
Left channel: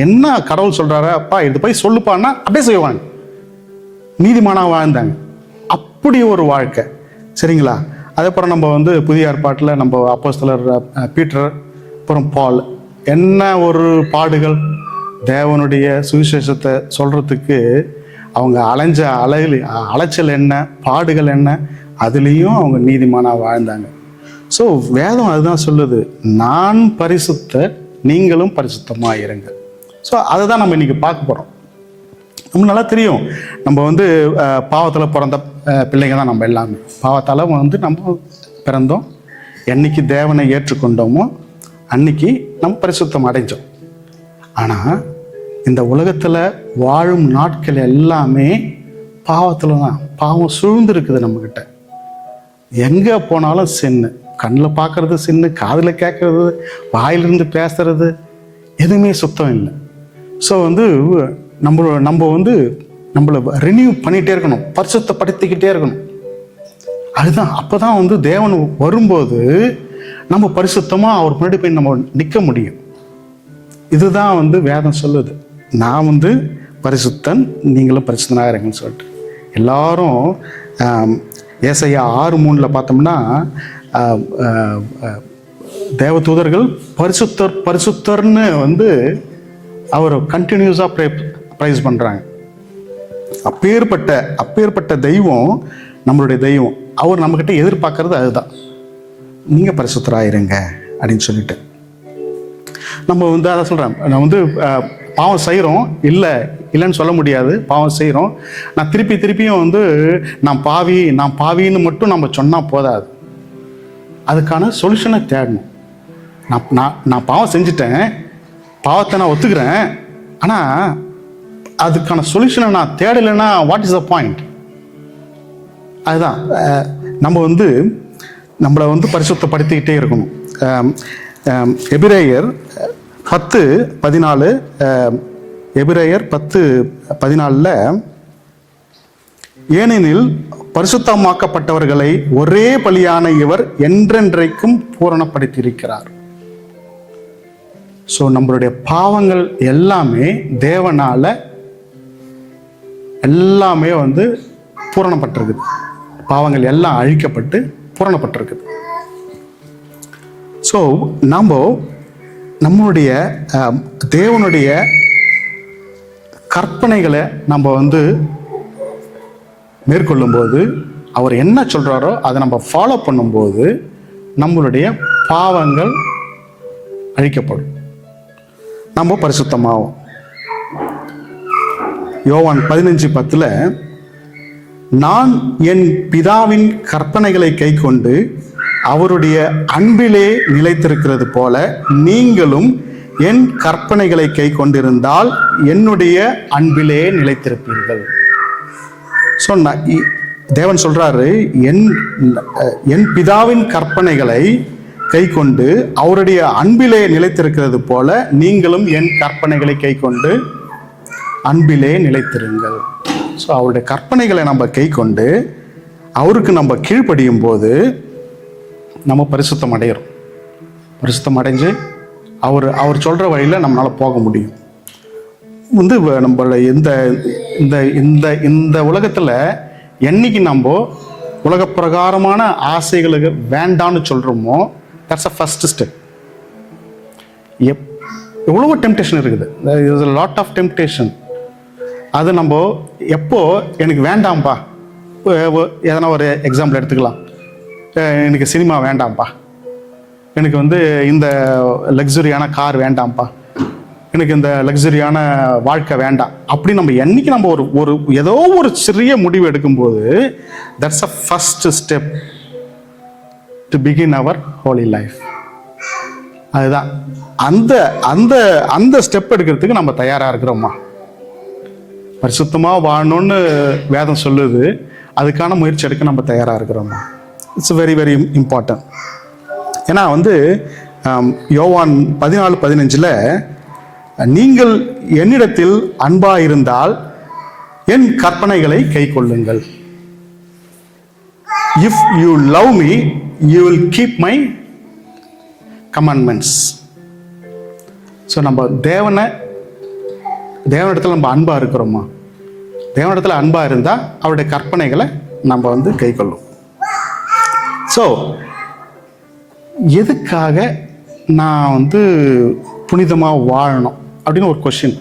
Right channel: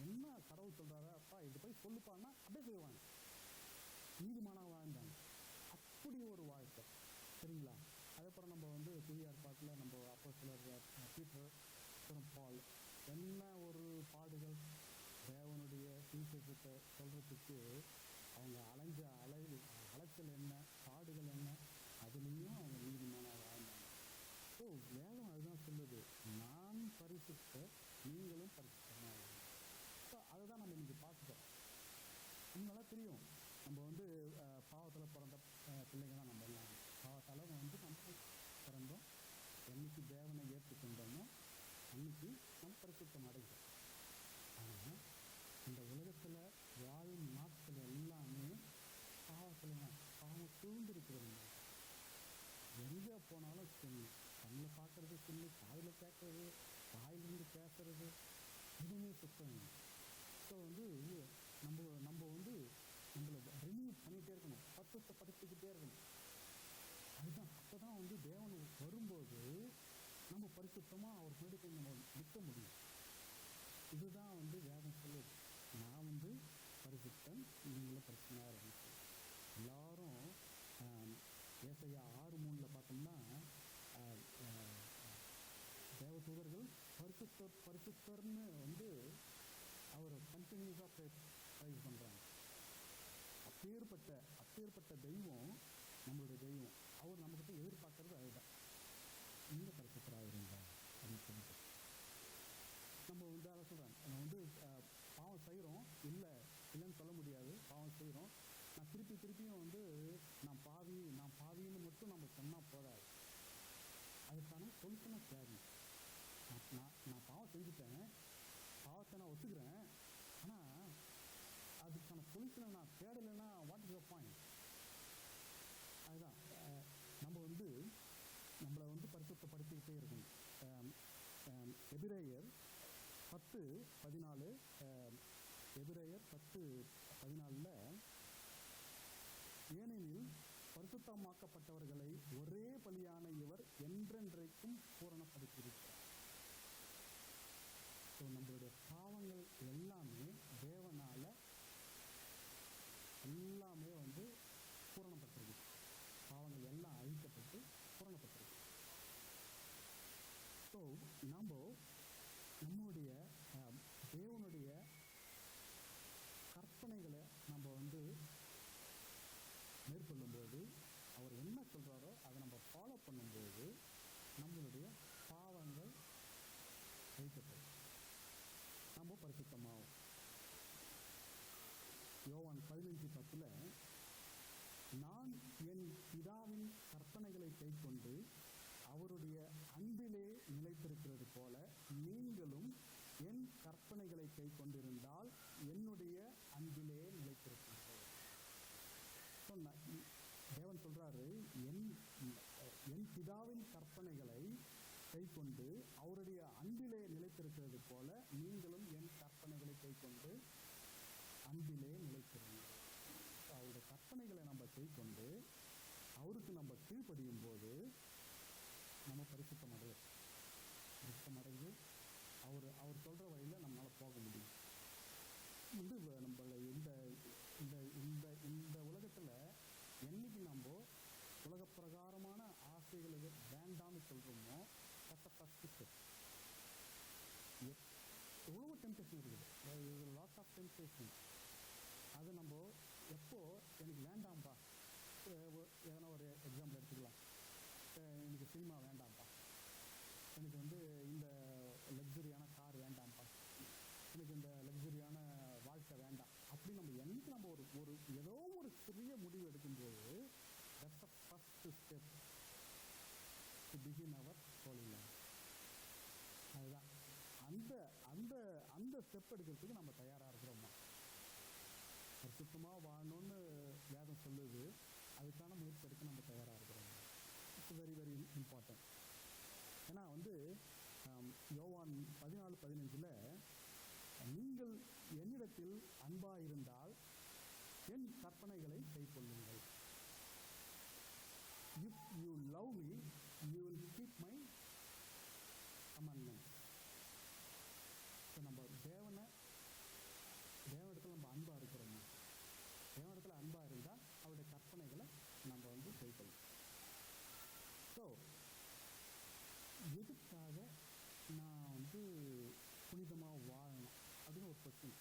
என்ன கடவுள் சொல்றாரு, அப்பா இது போய் சொல்லுப்பான்னா அப்படியே செய்வாங்க. நீதிமானாக வாழ்ந்தாங்க. அப்படி ஒரு வாழ்க்கை. சரிங்களா? அதேபோல் நம்ம வந்து புதிய ஏற்பாட்டில் நம்ம அப்போஸ்தலர் பீட்டர், அப்புறம் பால், என்ன ஒரு பாடுகள். தேவனுடைய சுவிசேஷத்தை சொல்கிறதுக்கு அவங்க அலைச்சல் என்ன, பாடுகள் என்ன, அதுலேயும் அவங்க நீதிமானாக வாழ்ந்தாங்க. ஸோ வேதம் அதுதான் சொல்லுது, நான் பரிசுத்தர், நீங்களும் பரிசுத்தமாக இருங்க. ஸோ அதை தான் நம்ம இன்றைக்கி பார்க்க போகிறோம். நமக்கு நல்லா தெரியும், நம்ம வந்து பாவத்தில் பிறந்த பிள்ளைங்க தான் நம்ம எல்லாமே. பாவத்தால் வந்து நம்ம பிறந்தோம். என்னைக்கு தேவனை ஏற்றுக்கொண்டோமோ அன்னைக்கு நம்ம பரிசுத்தம் அடைஞ்சோம். ஆனால் இந்த உலகத்தில் வாழும் நாட்கள் எல்லாமே பாவத்தில் தான். பாவம் சூழ்ந்துருக்குது நம்மக்கிட்ட. எங்கே போனாலும் சின்னு, கண்ணில் பார்க்கறது சின்னு, காதில் கேட்கறது, வாயிலிருந்து பேசுறது, எதுவுமே சுத்தம் இல்லை. ஸோ வந்து நம்ம வந்து நம்மளை ரினியூ பண்ணிகிட்டே இருக்கணும், பரிசுத்தப்படுத்திக்கிட்டே இருக்கணும். அதுதான் அப்போ தான் வந்து தேவன் வரும்போது நம்ம பரிசுத்தமாக அவர் முன்னாடி போய் நம்ம நிற்க முடியும். இதுதான் வந்து வேதம் சொல்லுது. நான் வந்து பரிசுத்தன், நீங்களும் பரிசுத்தனாக இருங்கன்னு சொல்லிட்டு. எல்லாரும் ஏசாயா 6:3 பார்த்தோம்னா தேவதூதர்கள் பரிசுத்தர் பரிசுத்தர்னு வந்து அவர் கண்டினியூஸாக ப்ரைஸ் பண்ணுறாங்க. அப்பேற்பட்ட தெய்வம் நம்மளுடைய தெய்வம். அவர் நம்மக்கிட்ட எதிர்பார்க்கறது அதுதான், நீங்கள் பரிசுத்தராயிருங்க அப்படின்னு சொல்லிட்டு. நம்ம வந்து அதை சொல்கிறேன், நான் வந்து பாவம் செய்கிறோம், இல்லைன்னு சொல்ல முடியாது, பாவம் செய்கிறோம். நான் திருப்பியும் வந்து நான் பாவின்னு மட்டும் நம்ம சொன்னால் போதாது, அதுக்கான சொல்யூஷனை தேடணும். நான் பாவம் செஞ்சுட்டேன், பாவத்தை நான் ஒத்துக்கிறேன், ஆனால் அதுக்கான சொல்யூஷனை நான் தேடலைன்னா வாட் இஸ் த பாயிண்ட்? அதுதான் நம்ம வந்து நம்மளை வந்து பரிசுத்தப்படுத்திக்கிட்டே இருக்கணும். எபிரேயர் 10:14 எபிரேயர் 10:14 ஏனெனில் பரிசுத்தமாக்கப்பட்டவர்களை ஒரே பலியான இவர் என்றென்றைக்கும் பூரணப்படுத்தியிருக்கிறார். ஸோ நம்மளுடைய பாவங்கள் எல்லாமே தேவனால எல்லாமே வந்து பூரணப்பட்டிருக்குது. பாவங்கள் எல்லாம் அழிக்கப்பட்டு பூரணப்பட்டிருக்குது. ஸோ நம்மளுடைய தேவனுடைய கற்பனைகளை நம்ம வந்து மேற்கொள்ளும்போது, அவர் என்ன சொல்கிறாரோ அதை நம்ம ஃபாலோ பண்ணும்போது நம்மளுடைய பாவங்கள் அழிக்கப்படும், நம்ம பரிசுத்தமாகும். யோவான் 15:10 நான் என் பிதாவின் கற்பனைகளை கைக்கொண்டு அவருடைய அன்பிலே நிலைத்திருக்கிறது போல நீங்களும் என் கற்பனைகளை கைக்கொண்டிருந்தால் என்னுடைய அன்பிலே நிலைத்திருப்பீர்கள். ஸோ தேவன் சொல்றாரு, என் பிதாவின் கற்பனைகளை கைக்கொண்டு அவருடைய அன்பிலே நிலைத்திருக்கிறது போல நீங்களும் என் கற்பனைகளை கைக்கொண்டு அன்பிலே நிலைத்திருங்கள். ஸோ அவருடைய கற்பனைகளை நம்ம கைக்கொண்டு அவருக்கு நம்ம கீழ்ப்படியும் போது நம்ம பரிசுத்தம் அடைகிறோம். பரிசுத்தம் அடைஞ்சு அவர் சொல்கிற வழியில் நம்மளால் போக முடியும். வந்து நம்மள இந்த இந்த இந்த இந்த உலகத்தில் என்னைக்கு நம்ம உலக பிரகாரமான ஆசைகளுக்கு வேண்டான்னு சொல்கிறோமோ, தட்ஸ் அ ஃபர்ஸ்ட் ஸ்டெப். எவ்வளவோ டெம்டேஷன் இருக்குது, there's a lot of temptation. அது நம்ம எப்போ எனக்கு வேண்டாம்ப்பா, எதனா ஒரு எக்ஸாம்பிள் எடுத்துக்கலாம், எனக்கு சினிமா வேண்டாம்ப்பா, எனக்கு வந்து இந்த லக்ஸுரியான கார் வேண்டாம்ப்பா, எனக்கு இந்த லக்ஸுரியான வாழ்க்கை வேண்டாம், அப்படி நம்ம என்னைக்கு நம்ம ஒரு ஏதோ ஒரு சிறிய முடிவு எடுக்கும்போது that's a first step to begin our holy life. அதுதான் அந்த அந்த அந்த ஸ்டெப் எடுக்கிறதுக்கு நம்ம தயாராக இருக்கிறோமா? பரிசுத்தமாக வாழணும்னு வேதம் சொல்லுது, அதுக்கான முயற்சி எடுக்க நம்ம தயாராக இருக்கிறோமா? It's very very important. ஏன்னா வந்து யோவான் 14:15 நீங்கள் என்னிடத்தில் அன்பாயிருந்தால் என் கற்பனைகளை கை கொள்ளுங்கள். If you love me you will keep my commandments. So நம்ம தேவனிடத்தில் நம்ம அன்பாக இருக்கிறோமா? தேவனிடத்தில் அன்பாக இருந்தால் அவருடைய கற்பனைகளை நம்ம வந்து கை கொள்ளும். ஸோ எதுக்காக நான் வந்து புனிதமாக வாழணும் அப்படின்னு ஒரு கொஸ்டின்.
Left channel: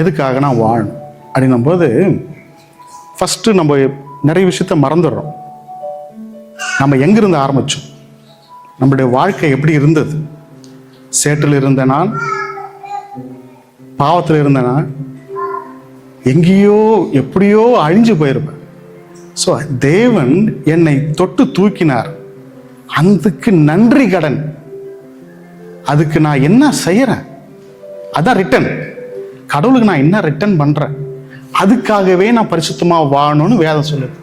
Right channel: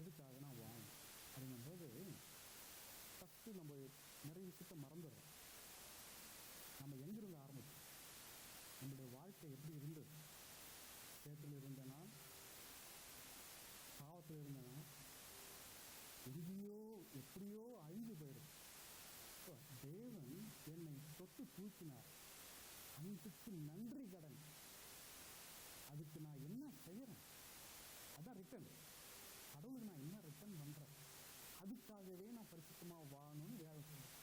எதுக்காக நான் வாழணும் அப்படின்னும் போது ஃபஸ்ட்டு நம்ம நிறைய விஷயத்த மறந்துடுறோம். நம்ம எங்கிருந்து ஆரம்பித்தோம், நம்மளுடைய வாழ்க்கை எப்படி இருந்தது, சேற்றில் இருந்த நான், பாவத்தில் இருந்த நான் எங்கேயோ எப்படியோ அழிஞ்சு போயிருப்பேன். ஸோ தேவன் என்னை தொட்டு தூக்கினார், அதுக்கு நன்றி கடன். அதுக்கு நான் என்ன செய்யறேன், அதான் ரிட்டன். கடவுளுக்கு நான் என்ன ரிட்டன் பண்றேன், அதுக்காகவே நான் பரிசுத்தமா வாழணும்னு வேதம் சொல்லுது.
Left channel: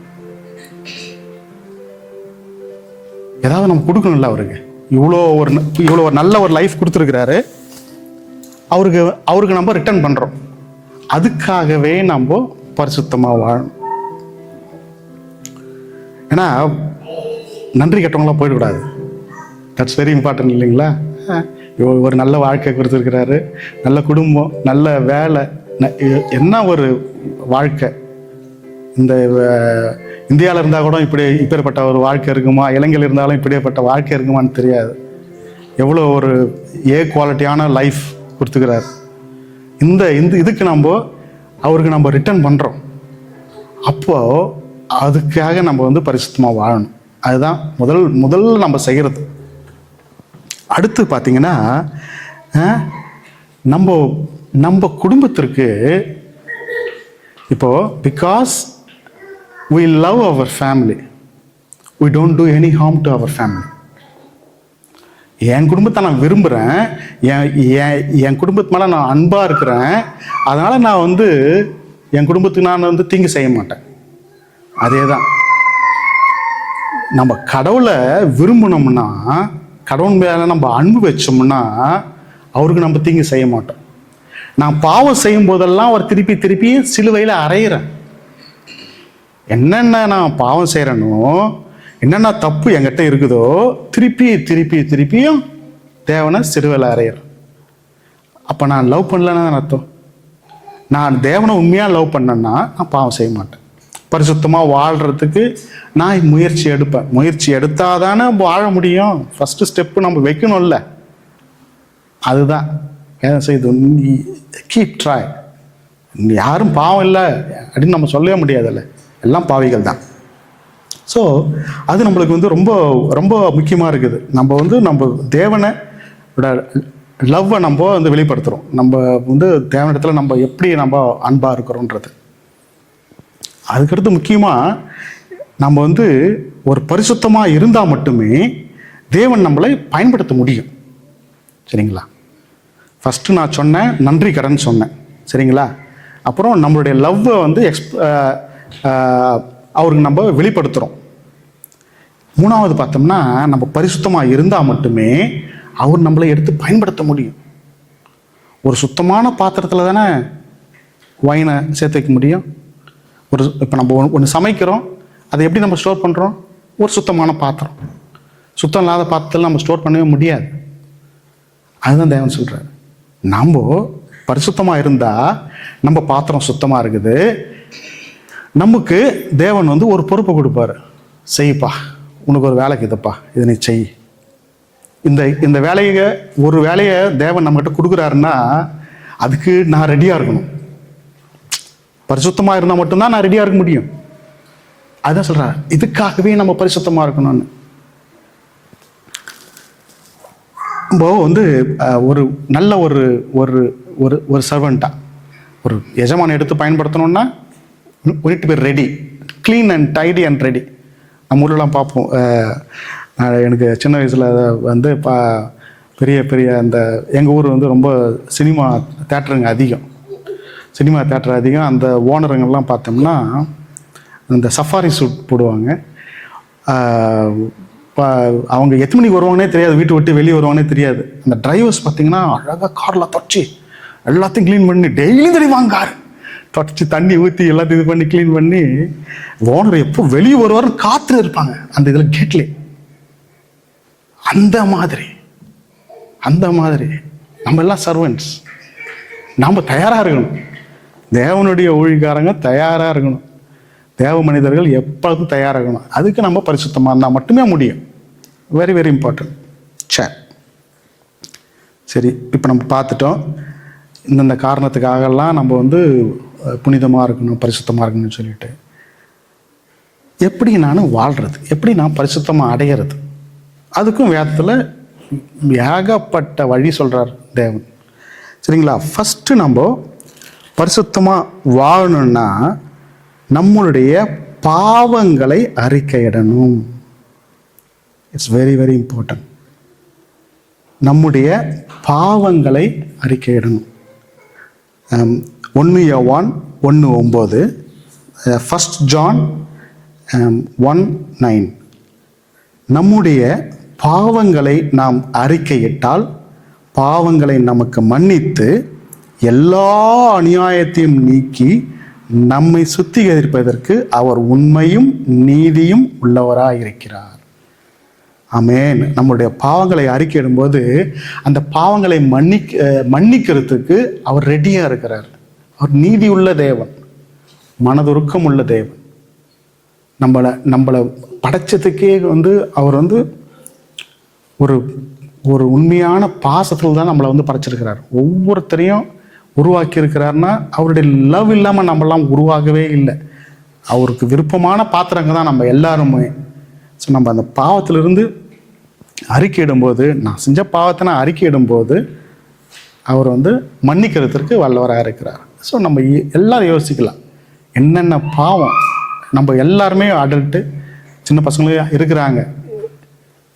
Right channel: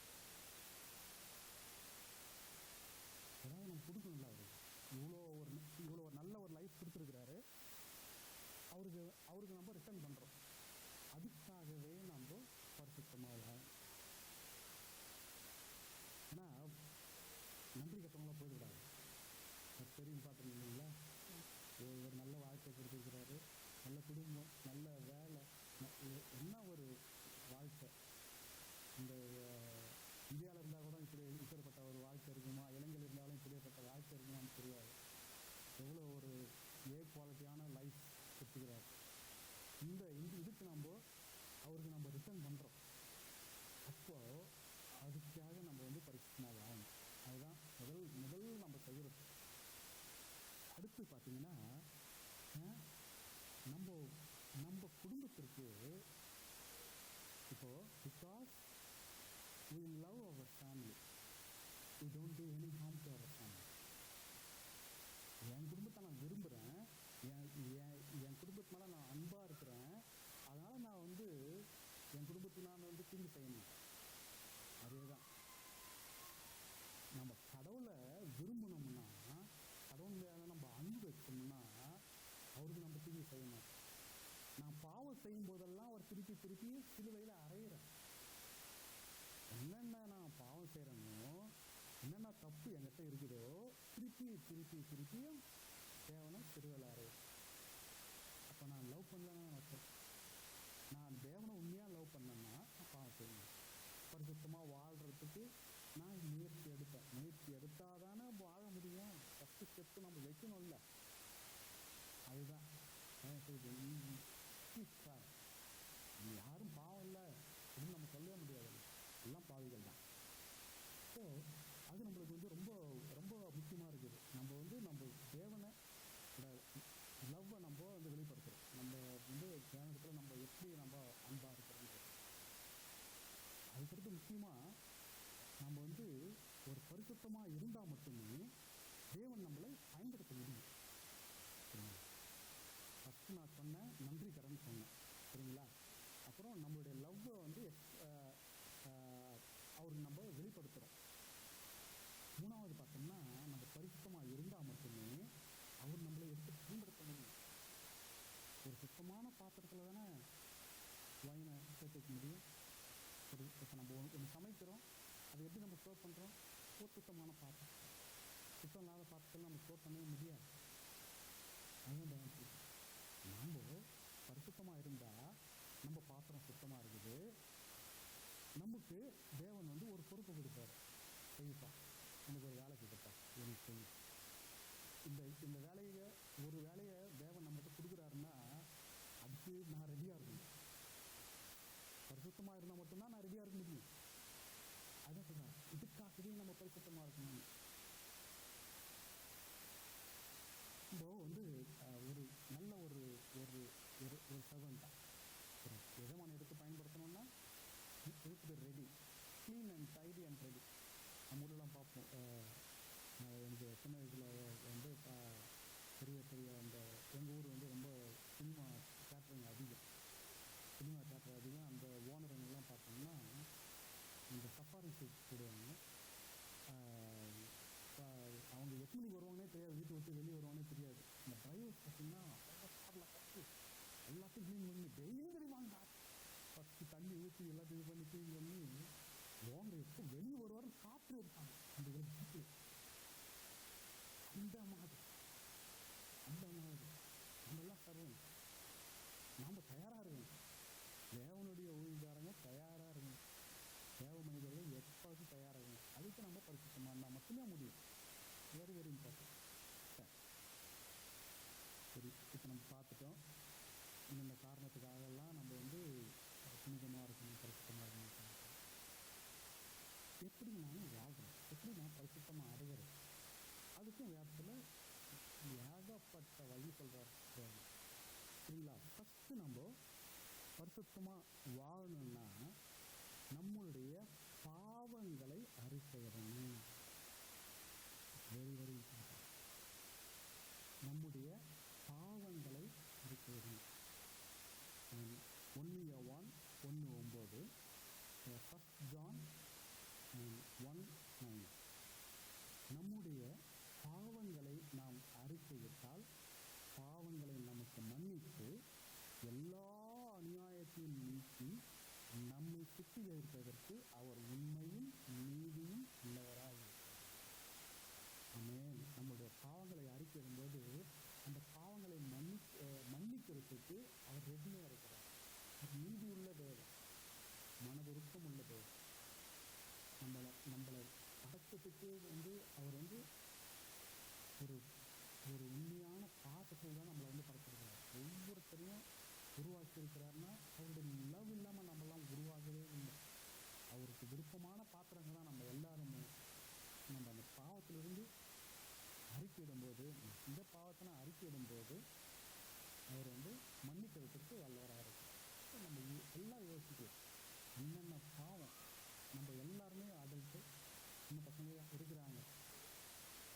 ஏதாவது நம்ம கொடுக்கணும்ல அவருக்கு. இவ்வளோ ஒரு நல்ல ஒரு லைஃப் கொடுத்துருக்கிறாரு, அவருக்கு நம்ம ரிட்டர்ன் பண்ணுறோம். அதுக்காகவே நம்ம பரிசுத்தமாக வாழணும். ஏன்னா நன்றி கெட்டவங்களாம் போயிடக்கூடாது. தட்ஸ் வெரி இம்பார்ட்டன்ட் இல்லைங்களா? ஒரு நல்ல வாழ்க்கை கொடுத்துருக்கிறாரு, நல்ல குடும்பம், நல்ல வேலை, என்ன ஒரு வாழ்க்கை. இந்த இந்தியாவில் இருந்தால் கூட இப்பேற்பட்ட ஒரு வாழ்க்கை இருக்குமா, இலங்கையில் இருந்தாலும் இப்படியேப்பட்ட வாழ்க்கை இருக்குமான்னு தெரியாது. எவ்வளோ ஒரு குவாலிட்டியான லைஃப் கொடுத்துக்கிறார். இதுக்கு அவருக்கு நம்ம ரிட்டர்ன் பண்ணுறோம். அப்போது அதுக்காக நம்ம பரிசுத்தமாக வாழணும். அதுதான் முதல்ல நம்ம செய்கிறது. அடுத்து பார்த்தீங்கன்னா, நம்ம குடும்பத்திற்கு இப்போ because we love our family, we don't do any harm to our family. என் குடும்பத்தை நான் விரும்புகிறேன், என் குடும்பத்து மேலே நான் அன்பாக இருக்கிறேன், அதனால் நான் என் குடும்பத்துக்கு நான் தீங்கு செய்ய மாட்டேன். அதே தான் நம்ம கடவுளை விரும்பினோம்னா, கடவுள் மேலே நம்ம அன்பு வச்சோம்னா அவருக்கு நம்ம தீங்கு செய்ய மாட்டோம். நான் பாவம் செய்யும் போதெல்லாம் அவர் திருப்பி சிலுவையில் அறையிறேன். என்னென்ன நான் பாவம் செய்கிறேனோ, என்னென்ன தப்பு என்கிட்ட இருக்குதோ திருப்பியும் தேவனை சிலுவையில் அறையிறேன். அப்போ நான் லவ் பண்ணலன்னு அர்த்தம். நான் தேவனை உண்மையாக லவ் பண்ணேன்னா நான் பாவம் செய்ய மாட்டேன். பரிசுத்தமாக வாழ்கிறதுக்கு நான் முயற்சி எடுப்பேன். முயற்சி எடுத்தால் தானே வாழ முடியும். ஃபஸ்ட்டு ஸ்டெப்பு நம்ம வைக்கணும்ல. அதுதான் ஏன் செய்து கீப் ட்ரை. யாரும் பாவம் இல்லை அப்படின்னு நம்ம சொல்லவே முடியாதுல்ல, எல்லாம் பாவிகள் தான். ஸோ அது நம்மளுக்கு ரொம்ப ரொம்ப முக்கியமாக இருக்குது. நம்ம தேவனை லவ்வை நம்ம வெளிப்படுத்துகிறோம். நம்ம தேவனிடத்தில் நம்ம எப்படி நம்ம அன்பாக இருக்கிறோன்றது. அதுக்கடுத்து முக்கியமாக நம்ம ஒரு பரிசுத்தமாக இருந்தால் மட்டுமே தேவன் நம்மளை பயன்படுத்த முடியும். சரிங்களா? ஃபஸ்ட்டு நான் சொன்னேன், நன்றி கடன் சொன்னேன். சரிங்களா? அப்புறம் நம்மளுடைய லவ்வை அவருக்கு நம்ம வெளிப்படுத்துகிறோம். மூணாவது பார்த்தோம்னா, நம்ம பரிசுத்தமாக இருந்தால் மட்டுமே அவர் நம்மளை எடுத்து பயன்படுத்த முடியும். ஒரு சுத்தமான பாத்திரத்தில் தானே வைனை சேர்த்து வைக்க முடியும். இப்போ நம்ம ஒன்று சமைக்கிறோம், அதை எப்படி நம்ம ஸ்டோர் பண்ணுறோம்? ஒரு சுத்தமான பாத்திரம். சுத்தம் இல்லாத பாத்திரத்தில் நம்ம ஸ்டோர் பண்ணவே முடியாது. அதுதான் தேவன் சொல்கிறார். நம்ம பரிசுத்தமாக இருந்தால் நம்ம பாத்திரம் சுத்தமாக இருக்குது. நமக்கு தேவன் ஒரு பொறுப்பை கொடுப்பாரு. செய்ப்பா, உனக்கு ஒரு வேலைக்கு இதுப்பா, இதை நீ செய். இந்த ஒரு வேலையை தேவன் நம்மகிட்ட கொடுக்குறாருன்னா அதுக்கு நான் ரெடியாக இருக்கணும். பரிசுத்தமாக இருந்தால் மட்டும்தான் நான் ரெடியாக இருக்க முடியும். அதுதான் சொல்கிறேன், இதுக்காகவே நம்ம பரிசுத்தமாக இருக்கணும்னு. நம்ம ஒரு நல்ல ஒரு ஒரு ஒரு சர்வெண்ட்டாக ஒரு எஜமானை எடுத்து பயன்படுத்தணும்னா we need to be ready, clean and tidy and ready. நம்ம ஊர்லலாம் பார்ப்போம். எனக்கு சின்ன வயசில் பெரிய அந்த எங்கள் ஊர் ரொம்ப சினிமா தேட்டருங்க அதிகம். சினிமா தேட்டர் அதிகம். அந்த ஓனருங்கெல்லாம் பார்த்தோம்னா இந்த சஃபாரி சூட் போடுவாங்க. அவங்க எத்தனை மணிக்கு வருவாங்கன்னே தெரியாது, வீட்டு விட்டு வெளியே வருவாங்கன்னே தெரியாது. அந்த டிரைவர்ஸ் பார்த்தீங்கன்னா அழகாக காரில் தொடச்சி எல்லாத்தையும் க்ளீன் பண்ணி டெய்லியும் தெளிவாங்க. கார் தொடச்சி தண்ணி ஊற்றி எல்லாத்தையும் இது பண்ணி க்ளீன் பண்ணி ஓனர் எப்போ வெளியே வருவாருன்னு காத்துட்டு இருப்பாங்க அந்த இதில் கேட்லே. அந்த மாதிரி நம்ம எல்லாம் சர்வெண்ட்ஸ். நாம் தயாராக இருக்கணும். தேவனுடைய ஊழியக்காரங்க தயாராக இருக்கணும். தேவ மனிதர்கள் எப்பொழுதும் தயாராக இருக்கணும். அதுக்கு நம்ம பரிசுத்தமாக இருந்தால் மட்டுமே முடியும். Very very important. சரி, இப்போ நம்ம பார்த்துட்டோம் இந்தந்த காரணத்துக்காகலாம் நம்ம புனிதமாக இருக்கணும், பரிசுத்தமாக இருக்கணும்னு சொல்லிட்டு. எப்படி நான் வாழ்கிறது, எப்படி நான் பரிசுத்தமாக அடையிறது, அதுக்கும் வேதத்தில் ஏகப்பட்ட வழி சொல்கிறார் தேவன். சரிங்களா? ஃபஸ்ட்டு நம்ம பரிசுத்தமாக வாழணும்னா நம்மளுடைய பாவங்களை அறிக்கையிடணும். It's very very important. நம்முடைய பாவங்களை அறிக்கையிடணும். 1 யோவான் 1:9, 1 ஜான் 1:9. நம்முடைய பாவங்களை நாம் அறிக்கையிட்டால் பாவங்களை நமக்கு மன்னித்து எல்லா அநியாயத்தையும் நீக்கி நம்மை சுத்திகரிப்பதற்கு அவர் உண்மையும் நீதியும் உள்ளவராய் இருக்கிறார். ஆமென். நம்முடைய பாவங்களை அறிக்கையிடும்போது அந்த பாவங்களை மன்னிக்கிறதுக்கு அவர் ரெடியா இருக்கிறார். அவர் நீதி உள்ள தேவன், மனதுருக்கம் உள்ள தேவன். நம்மளை படைச்சதுக்கே அவர் ஒரு ஒரு உண்மையான பாசத்தில் தான் நம்மளை படைச்சிருக்கிறார். ஒவ்வொருத்தரையும் உருவாக்கி இருக்கிறாருன்னா அவருடைய லவ் இல்லாமல் நம்மளாம் உருவாகவே இல்லை. அவருக்கு விருப்பமான பாத்திரங்க தான் நம்ம எல்லாருமே. ஸோ நம்ம அந்த பாவத்திலிருந்து அறிக்கையிடும்போது, நான் செஞ்ச பாவத்தை நான் அறிக்கையிடும்போது அவர் மன்னிக்கிறதுக்கு வல்லவராக இருக்கிறார். ஸோ நம்ம எல்லாரும் யோசிக்கலாம், என்னென்ன பாவம் நம்ம எல்லாருமே அடல்ட்டு சின்ன பசங்களும் இருக்கிறாங்க,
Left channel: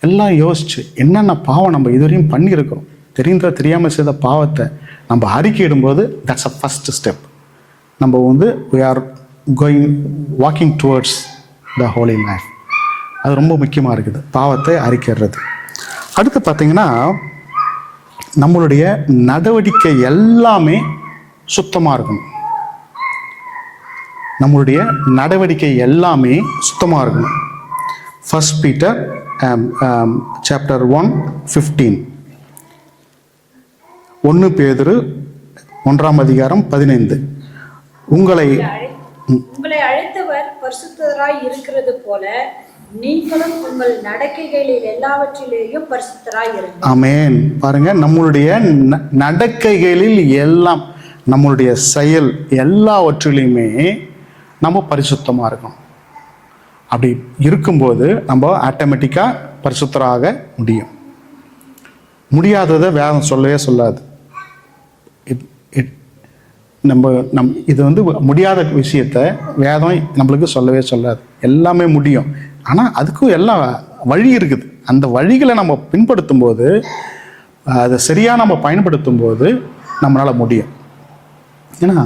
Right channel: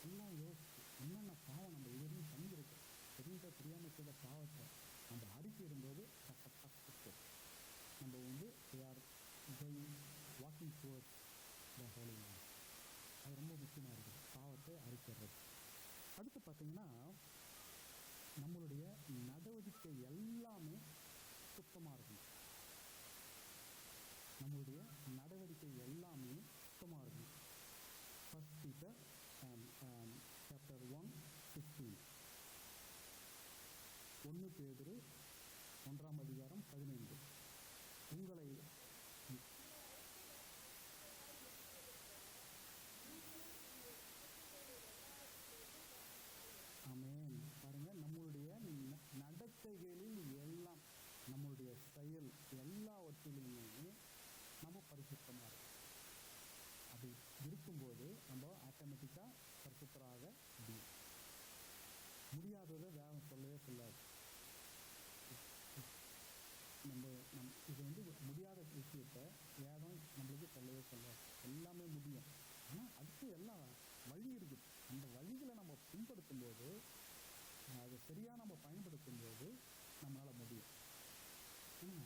எல்லாம் யோசிச்சு என்னென்ன பாவம் நம்ம இதுவரையும் பண்ணியிருக்கிறோம், தெரியாமல் செய்த பாவத்தை நம்ம அறிக்கையிடும்போது தட்ஸ் அ ஃபர்ஸ்ட் ஸ்டெப். நம்ம we are walking towards the holy life. அது ரொம்ப முக்கியமாக இருக்குது, பாவத்தை அறிக்கைறது. அடுத்து பார்த்தீங்கன்னா நம்மளுடைய நடவடிக்கை எல்லாமே சுத்தமாக இருக்கணும். நம்மளுடைய நடவடிக்கை எல்லாமே சுத்தமாக இருக்கணும். 1 Peter chapter 1:15, 1 பேதுரு 1:15, உங்களை அழைத்தவர் பரிசுத்தராய் இருக்கிறது போல நீங்களும் உங்கள் நடக்கைகளில் எல்லாவற்றிலேயும் பரிசுத்தராய் இருங்கள். ஆமென். பாருங்க, நம்மளுடைய நடக்கைகளில் எல்லாம், நம்மளுடைய செயல் எல்லாவற்றிலையுமே நம்ம பரிசுத்தமாக இருக்கணும். அப்படி இருக்கும்போது நம்ம ஆட்டோமேட்டிக்காக பரிசுத்தராக முடியும். முடியாததை வேதம் சொல்லவே சொல்லாது. இது முடியாத விஷயத்த வேதம் நம்மளுக்கு சொல்லவே சொல்லாது. எல்லாமே முடியும். ஆனால் அதுக்கும் எல்லாம் வழி இருக்குது. அந்த வழிகளை நம்ம பின்படுத்தும் போது, அதை சரியாக நம்ம பயன்படுத்தும் போது நம்மளால் முடியும். ஏன்னா